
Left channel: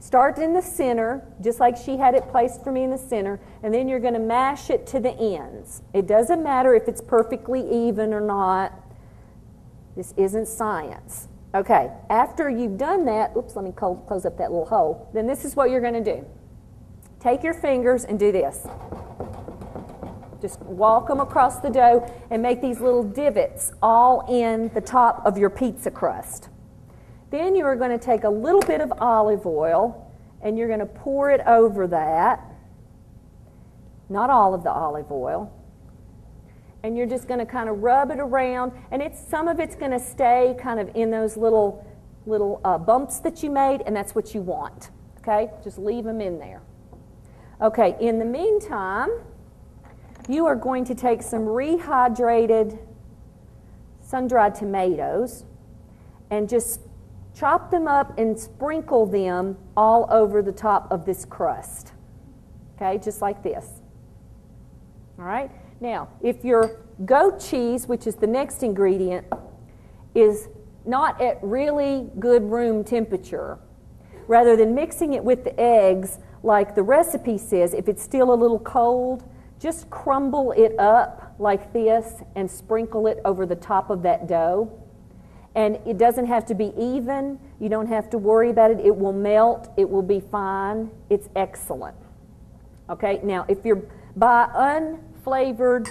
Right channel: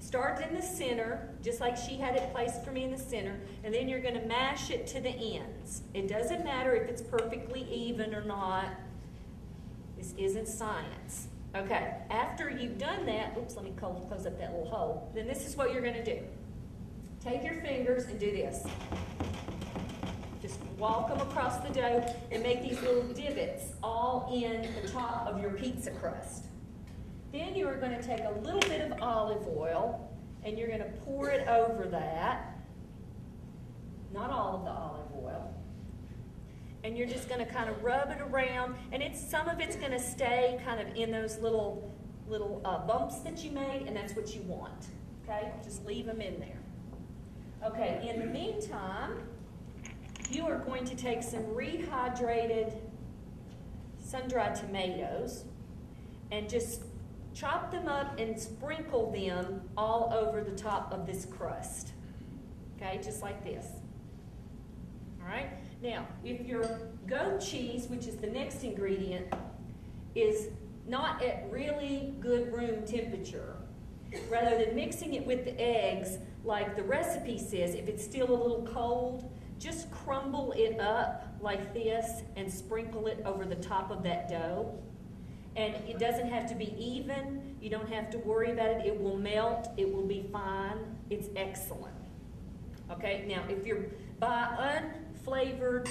Start in the center, just like she had it placed for me in the center, and then you're going to mash it to the ends. It doesn't matter if it's perfectly even or not. This isn't science. Okay, after you've done that, oops, let me close up that little hole. Then this is what you're going to do. Take your fingers and do this. Just walk them across the dough and make these little divots all in the top of your pizza crust. Then you are going to take a little bit of olive oil and you're going to pour it over that. Not all of the olive oil. And you're just going to kind of rub it around, and some of it's going to stay kind of in those little bumps that you made, and that's what you want. Okay, just leave them in there. Okay, in the meantime, you are going to take some rehydrated sun-dried tomatoes and just chop them up and sprinkle them all over the top of this crust. Okay, just like this. All right. Now, if your goat cheese, which is the next ingredient, is not at really good room temperature, rather than mixing it with the eggs like the recipe says, if it's still a little cold, just crumble it up like this and sprinkle it over the top of that dough. And it doesn't have to be even. You don't have to worry about it. It will melt. It will be fine. It's excellent. Okay, now if you're buy unflavored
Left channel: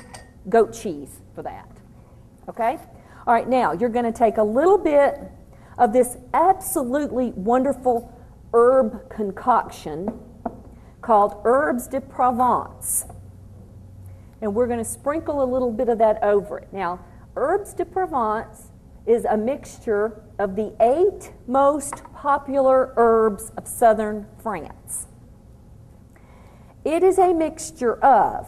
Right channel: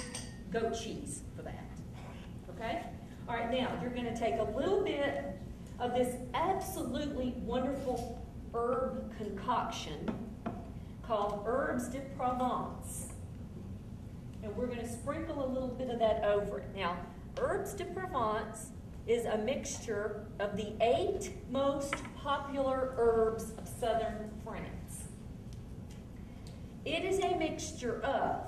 goat cheese for that. Okay? All right, now you're going to take a little bit of this absolutely wonderful herb concoction called Herbes de Provence. And we're going to sprinkle a little bit of that over it. Now, Herbes de Provence is a mixture of the 8 most popular herbs of southern France. It is a mixture of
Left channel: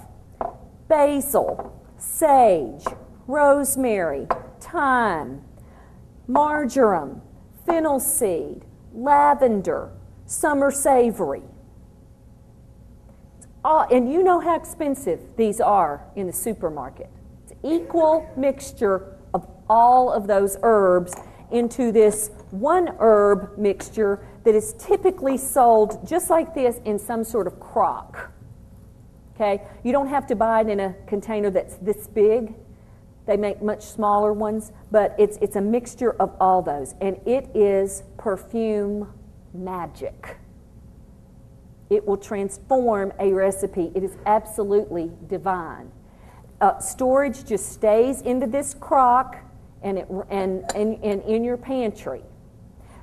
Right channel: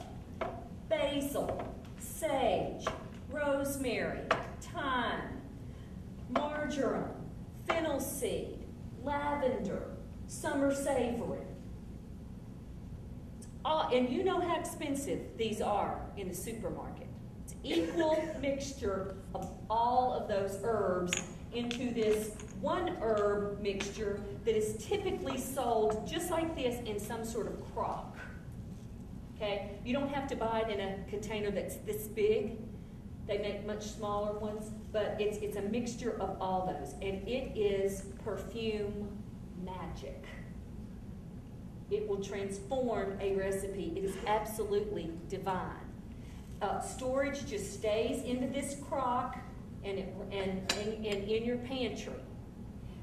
basil, sage, rosemary, thyme, marjoram, fennel seed, lavender, summer savory. And you know how expensive these are in the supermarket. It's an equal mixture of all of those herbs into this one herb mixture that is typically sold just like this in some sort of crock. Okay? You don't have to buy it in a container that's this big. They make much smaller ones, but it's a mixture of all those, and it is perfume magic. It will transform a recipe. It is absolutely divine. Storage just stays into this crock and in your pantry.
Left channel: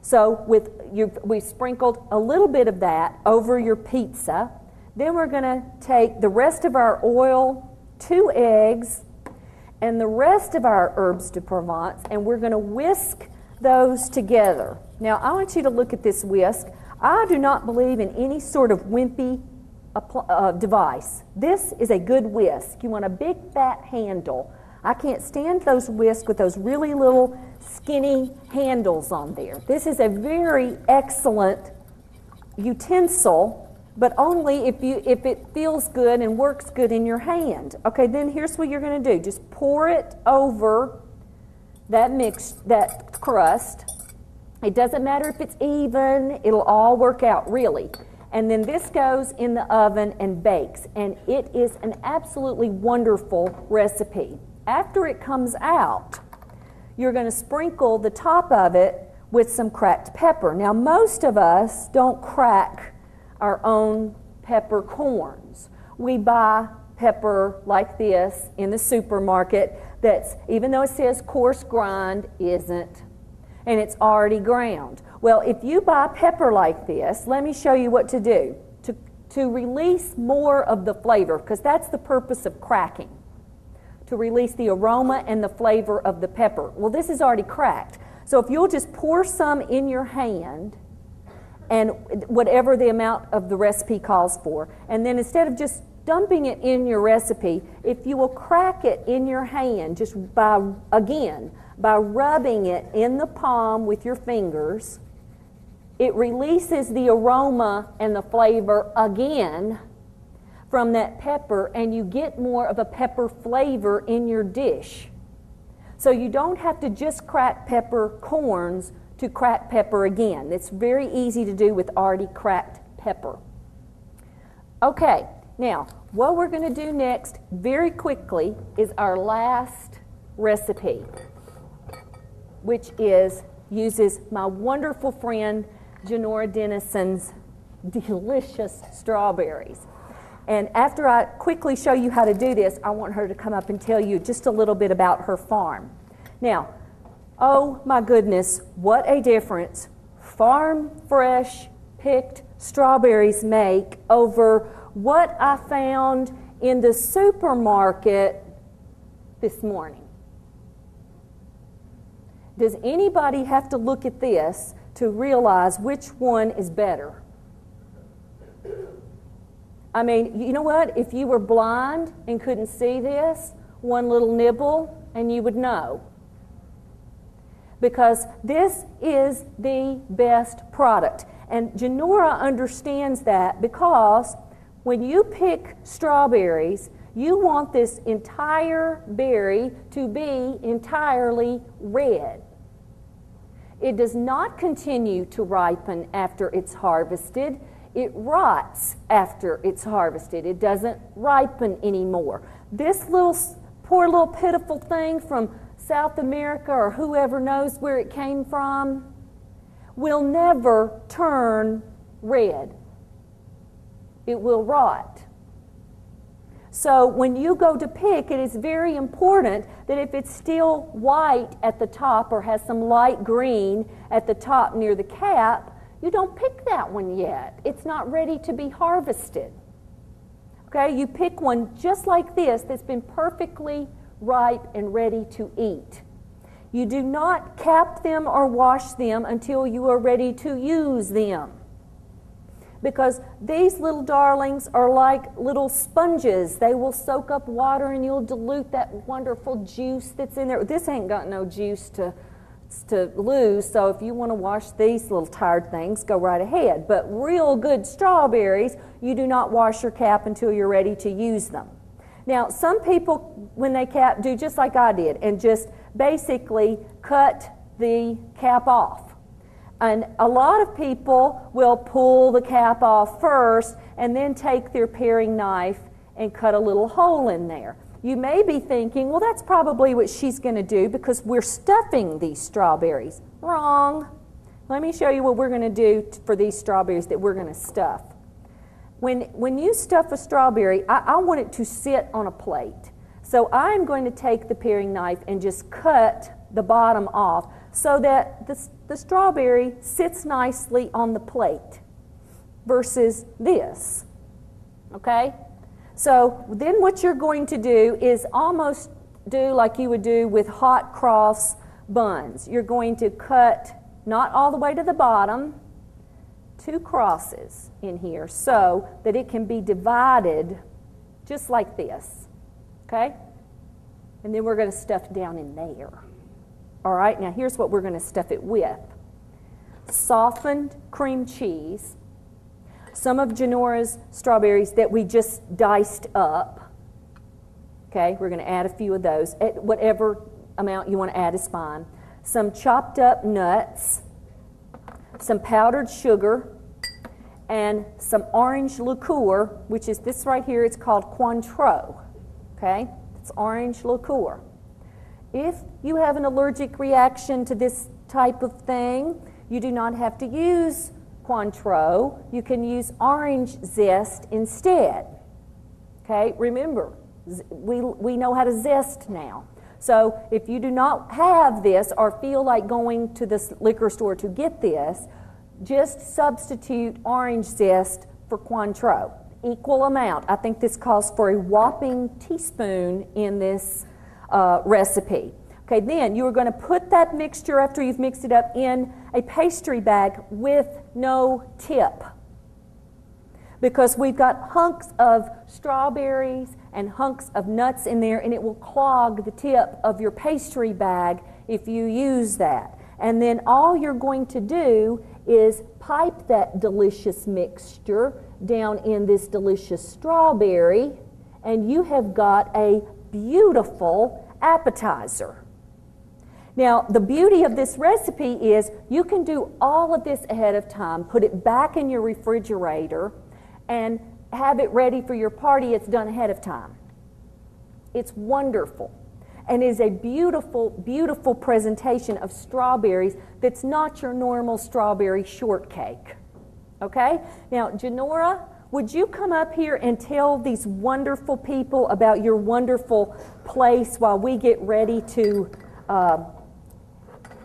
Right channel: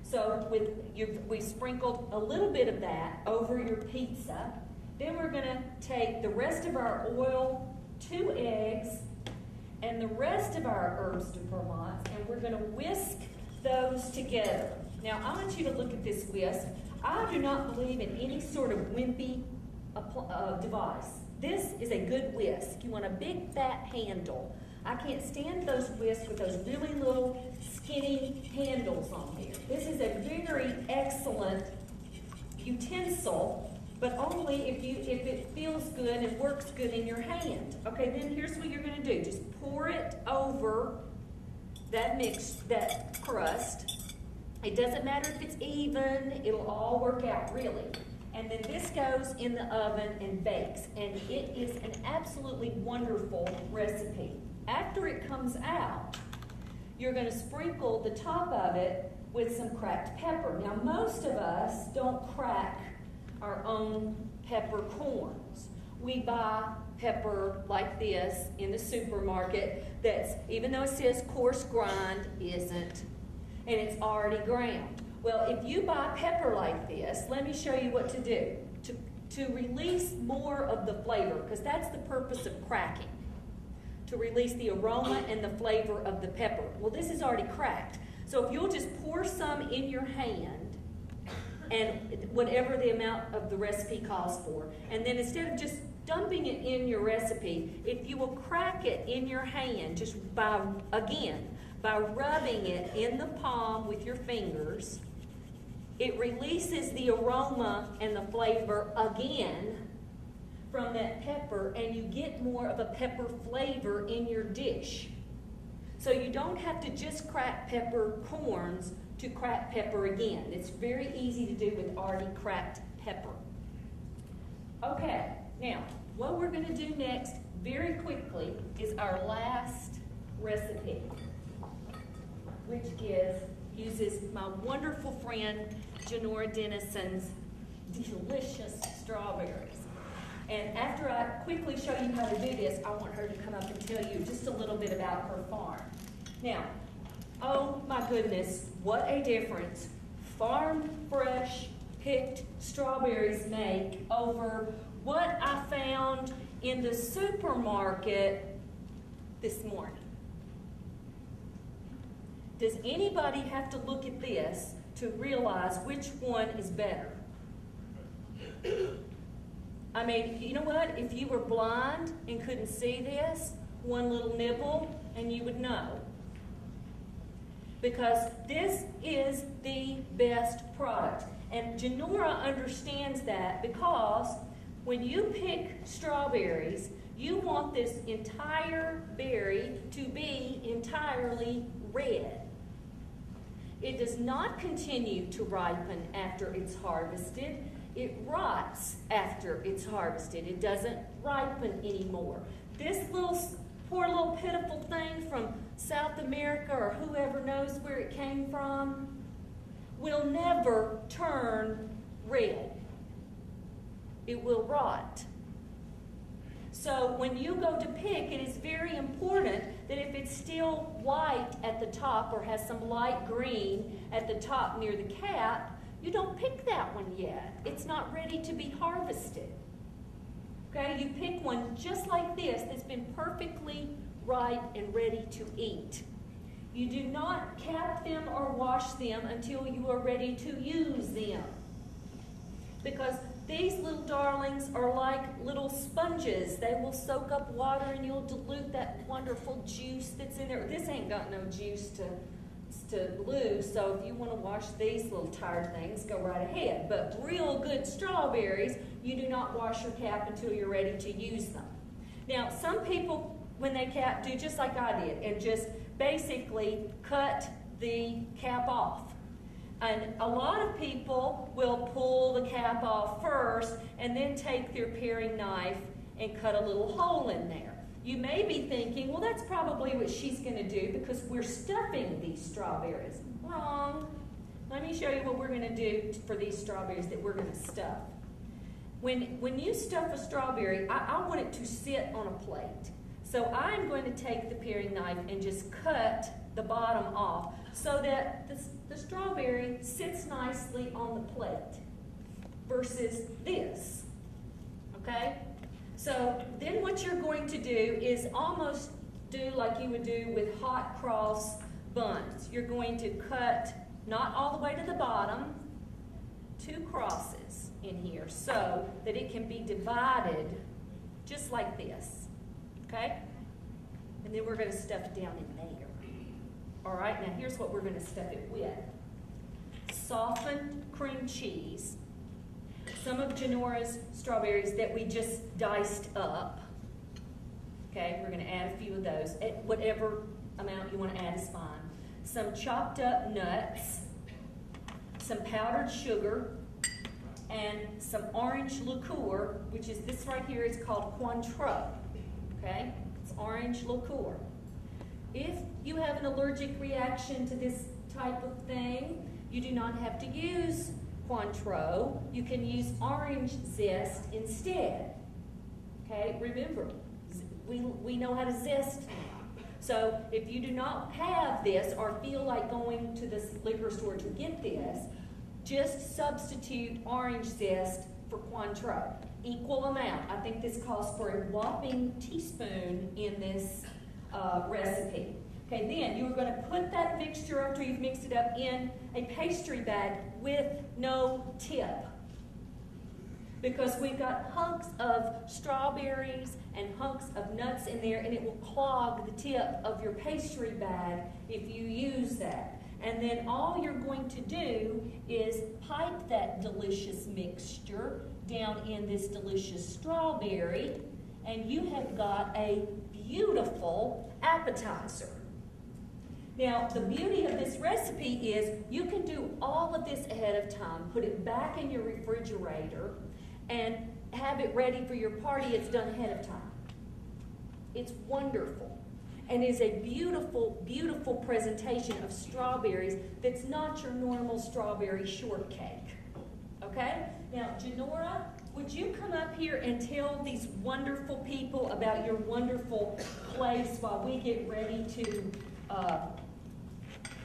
So we've sprinkled a little bit of that over your pizza. Then we're going to take the rest of our oil, 2 eggs, and the rest of our Herbes de Provence, and we're going to whisk those together. Now, I want you to look at this whisk. I do not believe in any sort of wimpy device. This is a good whisk. You want a big fat handle. I can't stand those whisks with those really little skinny handles on there. This is a very excellent utensil, but only if it feels good and works good in your hand. Okay, then here's what you're going to do. Just pour it over that crust. It doesn't matter if it's even. It'll all work out, really. And then this goes in the oven and bakes. And it is an absolutely wonderful recipe. After it comes out, you're going to sprinkle the top of it with some cracked pepper. Now, most of us don't crack our own peppercorns. We buy pepper like this in the supermarket, that's, even though it says coarse grind, isn't, and it's already ground. Well, if you buy pepper like this, let me show you what to do to release more of the flavor, because that's the purpose of cracking, to release the aroma and the flavor of the pepper. Well, this is already cracked. So if you'll just pour some in your hand, and whatever the amount of the recipe calls for, and then instead of just dumping it in your recipe, if you will crack it in your hand just by rubbing it in the palm with your fingers, it releases the aroma and the flavor again from that pepper, and you get more of a pepper flavor in your dish. So you don't have to just crack peppercorns to crack pepper again. It's very easy to do with already cracked pepper. Okay, now what we're going to do next very quickly is our last recipe, which uses my wonderful friend Janora Dennison's delicious strawberries. And after I quickly show you how to do this, I want her to come up and tell you just a little bit about her farm. Now, oh my goodness, what a difference farm fresh picked strawberries make over what I found in the supermarket this morning. Does anybody have to look at this to realize which one is better? I mean, you know what? If you were blind and couldn't see this, one little nibble and you would know. Because this is the best product. And Janora understands that, because when you pick strawberries, you want this entire berry to be entirely red. It does not continue to ripen after it's harvested. It rots after it's harvested. It doesn't ripen anymore. This poor little pitiful thing from South America, or whoever knows where it came from, will never turn red. It will rot. So when you go to pick, it is very important that if it's still white at the top or has some light green at the top near the cap, you don't pick that one yet. It's not ready to be harvested. Okay, you pick one just like this that's been perfectly ripe and ready to eat. You do not cap them or wash them until you are ready to use them. Because these little darlings are like little sponges. They will soak up water and you'll dilute that wonderful juice that's in there. This ain't got no juice to lose, so if you want to wash these little tired things, go right ahead. But real good strawberries, you do not wash your cap until you're ready to use them. Now, some people, when they cap, do just like I did and just basically cut the cap off. And a lot of people will pull the cap off first and then take their paring knife and cut a little hole in there. You may be thinking, well, that's probably what she's going to do because we're stuffing these strawberries. Wrong. Let me show you what we're going to do for these strawberries that we're going to stuff. When you stuff a strawberry, I want it to sit on a plate. So I'm going to take the paring knife and just cut the bottom off so that the strawberry sits nicely on the plate versus this. Okay? So then what you're going to do is almost do like you would do with hot cross buns. You're going to cut not all the way to the bottom, 2 crosses in here so that it can be divided just like this. Okay? And then we're going to stuff down in there. All right, now here's what we're going to stuff it with. Softened cream cheese, some of Janora's strawberries that we just diced up. Okay, we're going to add a few of those. Whatever amount you want to add is fine. Some chopped up nuts, some powdered sugar, and some orange liqueur, which is this right here. It's called Cointreau. Okay, it's orange liqueur. If you have an allergic reaction to this type of thing, you do not have to use Cointreau. You can use orange zest instead. Okay, remember, we know how to zest now. So if you do not have this or feel like going to the liquor store to get this, just substitute orange zest for Cointreau. Equal amount. I think this calls for a whopping teaspoon in this recipe. Okay, then you are going to put that mixture after you've mixed it up in a pastry bag with no tip, because we've got hunks of strawberries and hunks of nuts in there, and it will clog the tip of your pastry bag if you use that. And then all you're going to do is pipe that delicious mixture down in this delicious strawberry, and you have got a beautiful appetizer. Now, the beauty of this recipe is you can do all of this ahead of time, put it back in your refrigerator, and have it ready for your party. It's done ahead of time. It's wonderful, and is a beautiful, beautiful presentation of strawberries that's not your normal strawberry shortcake. Okay? Now, Janora, would you come up here and tell these wonderful people about your wonderful place while we get ready to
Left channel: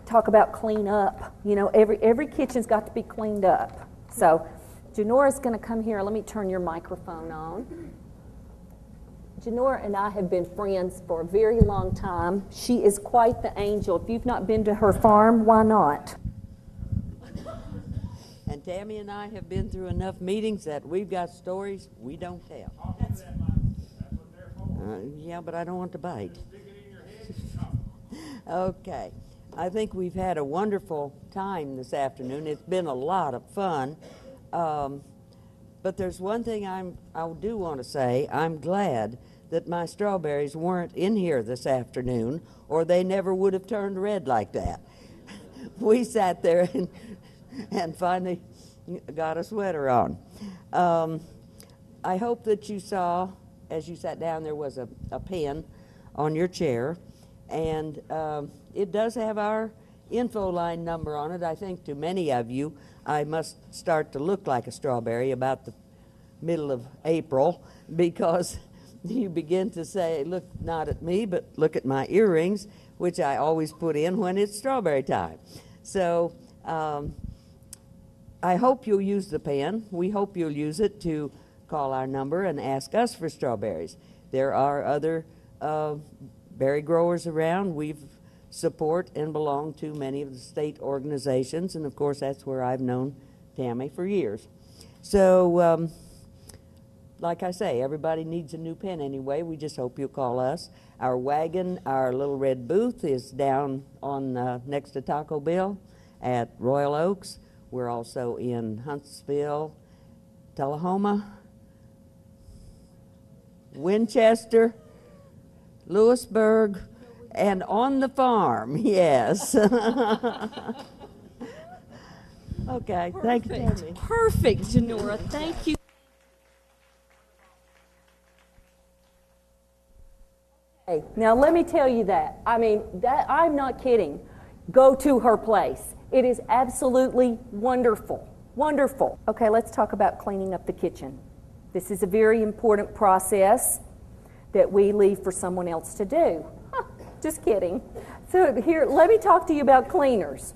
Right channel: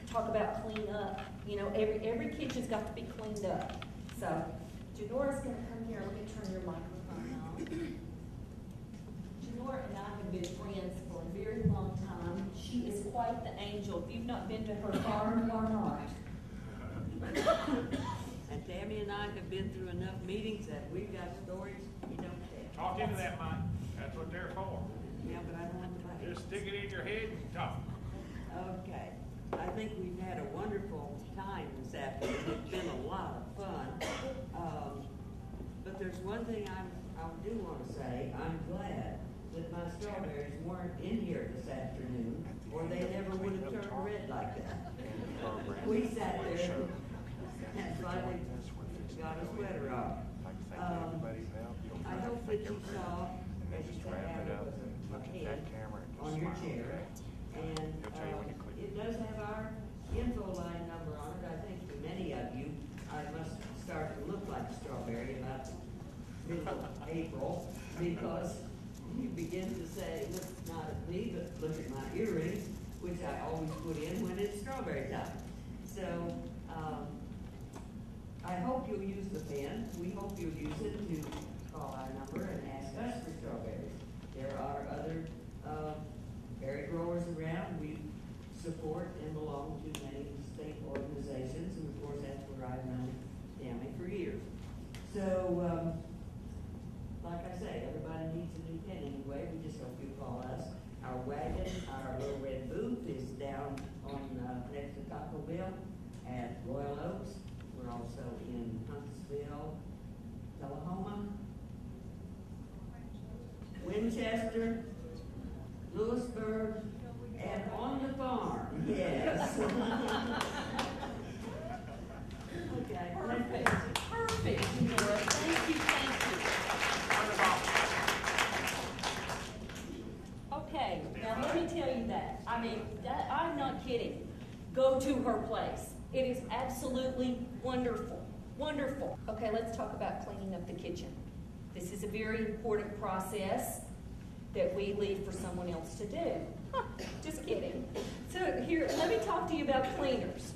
talk about clean up? You know, every kitchen's got to be cleaned up. So, Janora's going to come here. Let me turn your microphone on. Janora and I have been friends for a very long time. She is quite the angel. If you've not been to her farm, why not? And Tammy and I have been through enough meetings that we've got stories we don't tell. Talk into that, Mike. That's what they're for. Yeah, but I don't want to bite. Just stick it in your head and talk. Okay. I think we've had a wonderful time this afternoon. It's been a lot of fun. But there's one thing I do want to say. I'm glad that my strawberries weren't in here this afternoon, or they never would have turned red like that. We sat there and finally got a sweater on. I hope that you saw, as you sat down, there was a pen on your chair, and it does have our info line number on it. I think to many of you, I must start to look like a strawberry about the middle of April, because you begin to say, look not at me, but look at my earrings, which I always put in when it's strawberry time. So I hope you'll use the pen. We hope you'll use it to call our number and ask us for strawberries. There are other berry growers around. We support and belong to many of the state organizations, and of course that's where I've known Tammy for years. So like I say, everybody needs a new pen anyway. We just hope you'll call us. Our wagon, our little red booth, is down on next to Taco Bell at Royal Oaks. We're also in Huntsville, Tullahoma, Winchester, Lewisburg, and on the farm, yes. Okay, thank you. Perfect, Janora. Thank you. Okay, now let me tell you that. I mean, I'm not kidding. Go to her place. It is absolutely wonderful. Wonderful. Okay, let's talk about cleaning up the kitchen. This is a very important process that we leave for someone else to do. Just kidding. So here, let me talk to you about cleaners.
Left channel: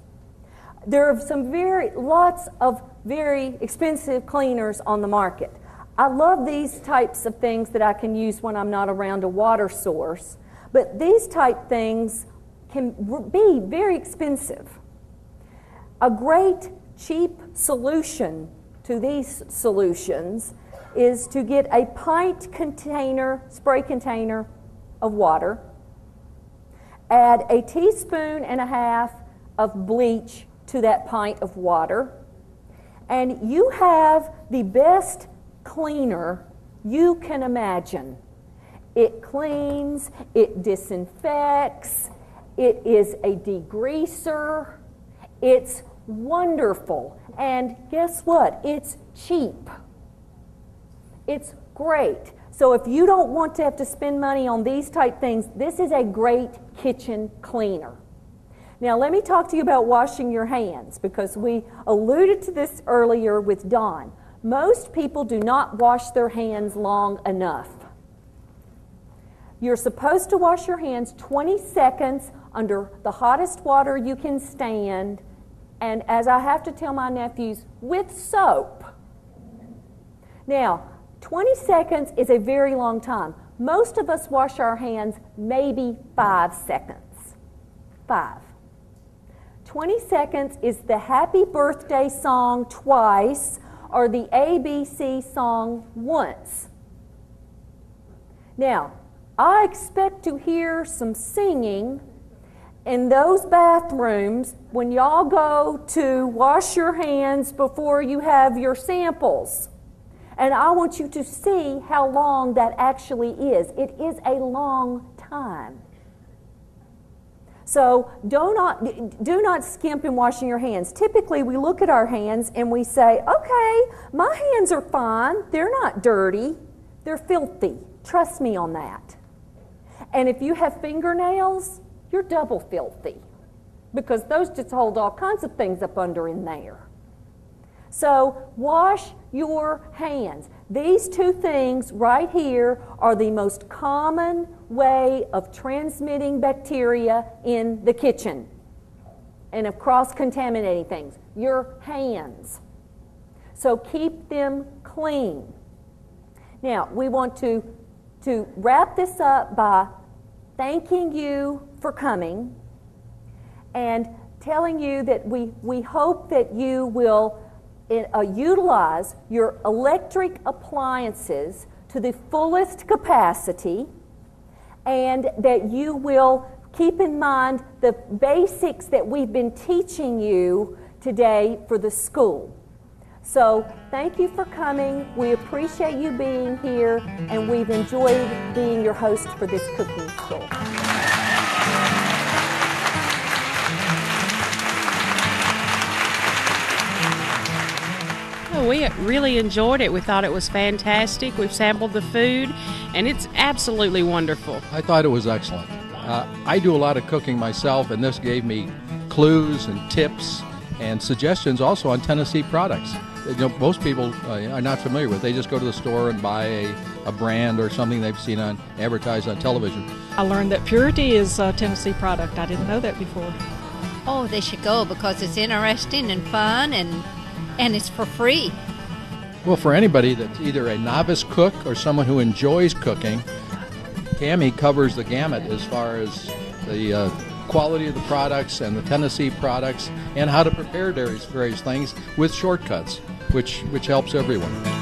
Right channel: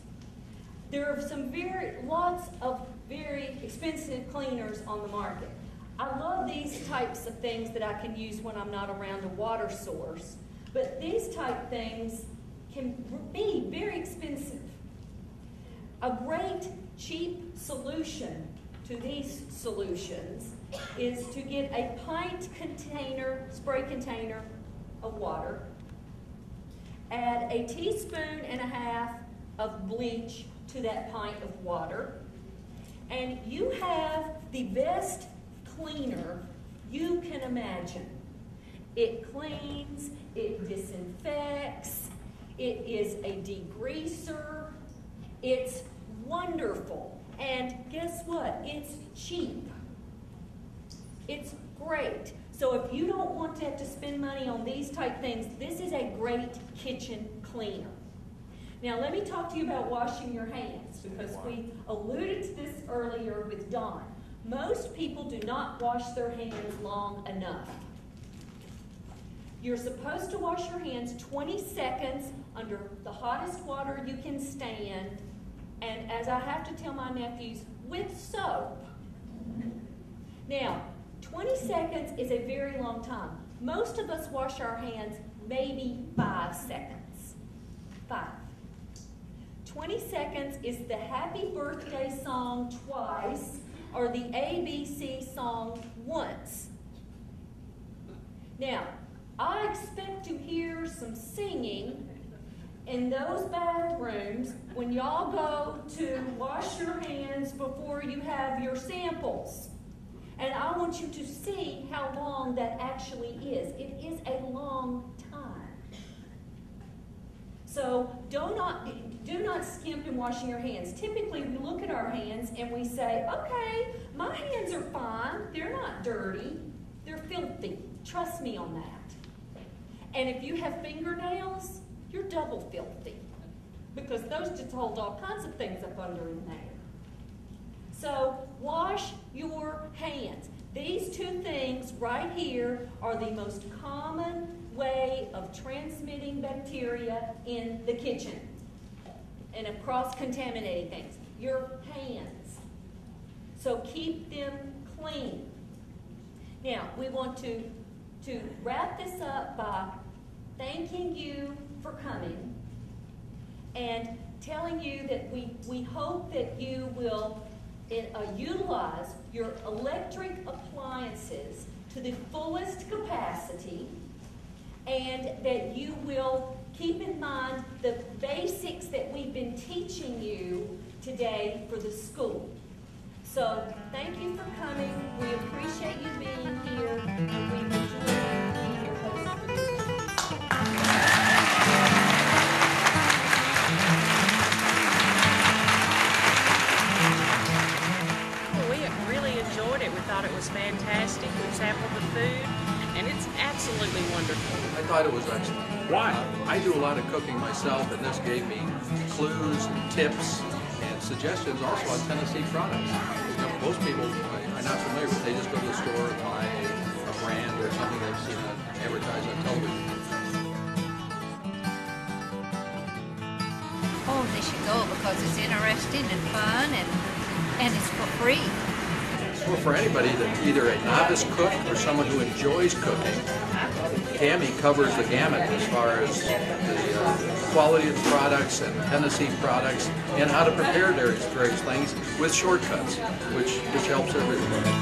There are lots of very expensive cleaners on the market. I love these types of things that I can use when I'm not around a water source, but these type things can be very expensive. A great cheap solution to these solutions is to get a pint container, spray container of water, add a teaspoon and a half of bleach to that pint of water, and you have the best cleaner you can imagine. It cleans, it disinfects, it is a degreaser, it's wonderful, and guess what? It's cheap. It's great. So if you don't want to have to spend money on these type things, this is a great kitchen cleaner. Now let me talk to you about washing your hands, because we alluded to this earlier with Dawn. Most people do not wash their hands long enough. You're supposed to wash your hands 20 seconds under the hottest water you can stand, and as I have to tell my nephews, with soap. Now, 20 seconds is a very long time. Most of us wash our hands maybe 5 seconds. 5. 20 seconds is the happy birthday song twice or the ABC song once. Now, I expect to hear some singing in those bathrooms when y'all go to wash your hands before you have your samples. And I want you to see how long that actually is. It is a long time. So do not skimp in washing your hands. Typically, we look at our hands and we say, okay, my hands are fine. They're not dirty. They're filthy. Trust me on that. And if you have fingernails, you're double filthy because those just hold all kinds of things up under in there. So wash your hands. These two things right here are the most common way of transmitting bacteria in the kitchen and of cross-contaminating things. Your hands. So keep them clean. Now, we want to wrap this up by thanking you for coming and telling you that we hope that you will utilize your electric appliances to the fullest capacity, and that you will keep in mind the basics that we've been teaching you today for the school. So thank you for coming. We appreciate you being here, and we've enjoyed being your host for this cooking school. We really enjoyed it. We thought it was fantastic. We've sampled the food, and it's absolutely wonderful. I thought it was excellent. I do a lot of cooking myself, and this gave me clues and tips and suggestions also on Tennessee products. You know, most people are not familiar with. They just go to the store and buy a brand or something they've seen advertised on television. I learned that Purity is a Tennessee product. I didn't know that before. Oh, they should go because it's interesting and fun, and it's for free. Well, for anybody that's either a novice cook or someone who enjoys cooking, Tammy covers the gamut as far as the quality of the products and the Tennessee products and how to prepare various things with shortcuts, which helps everyone.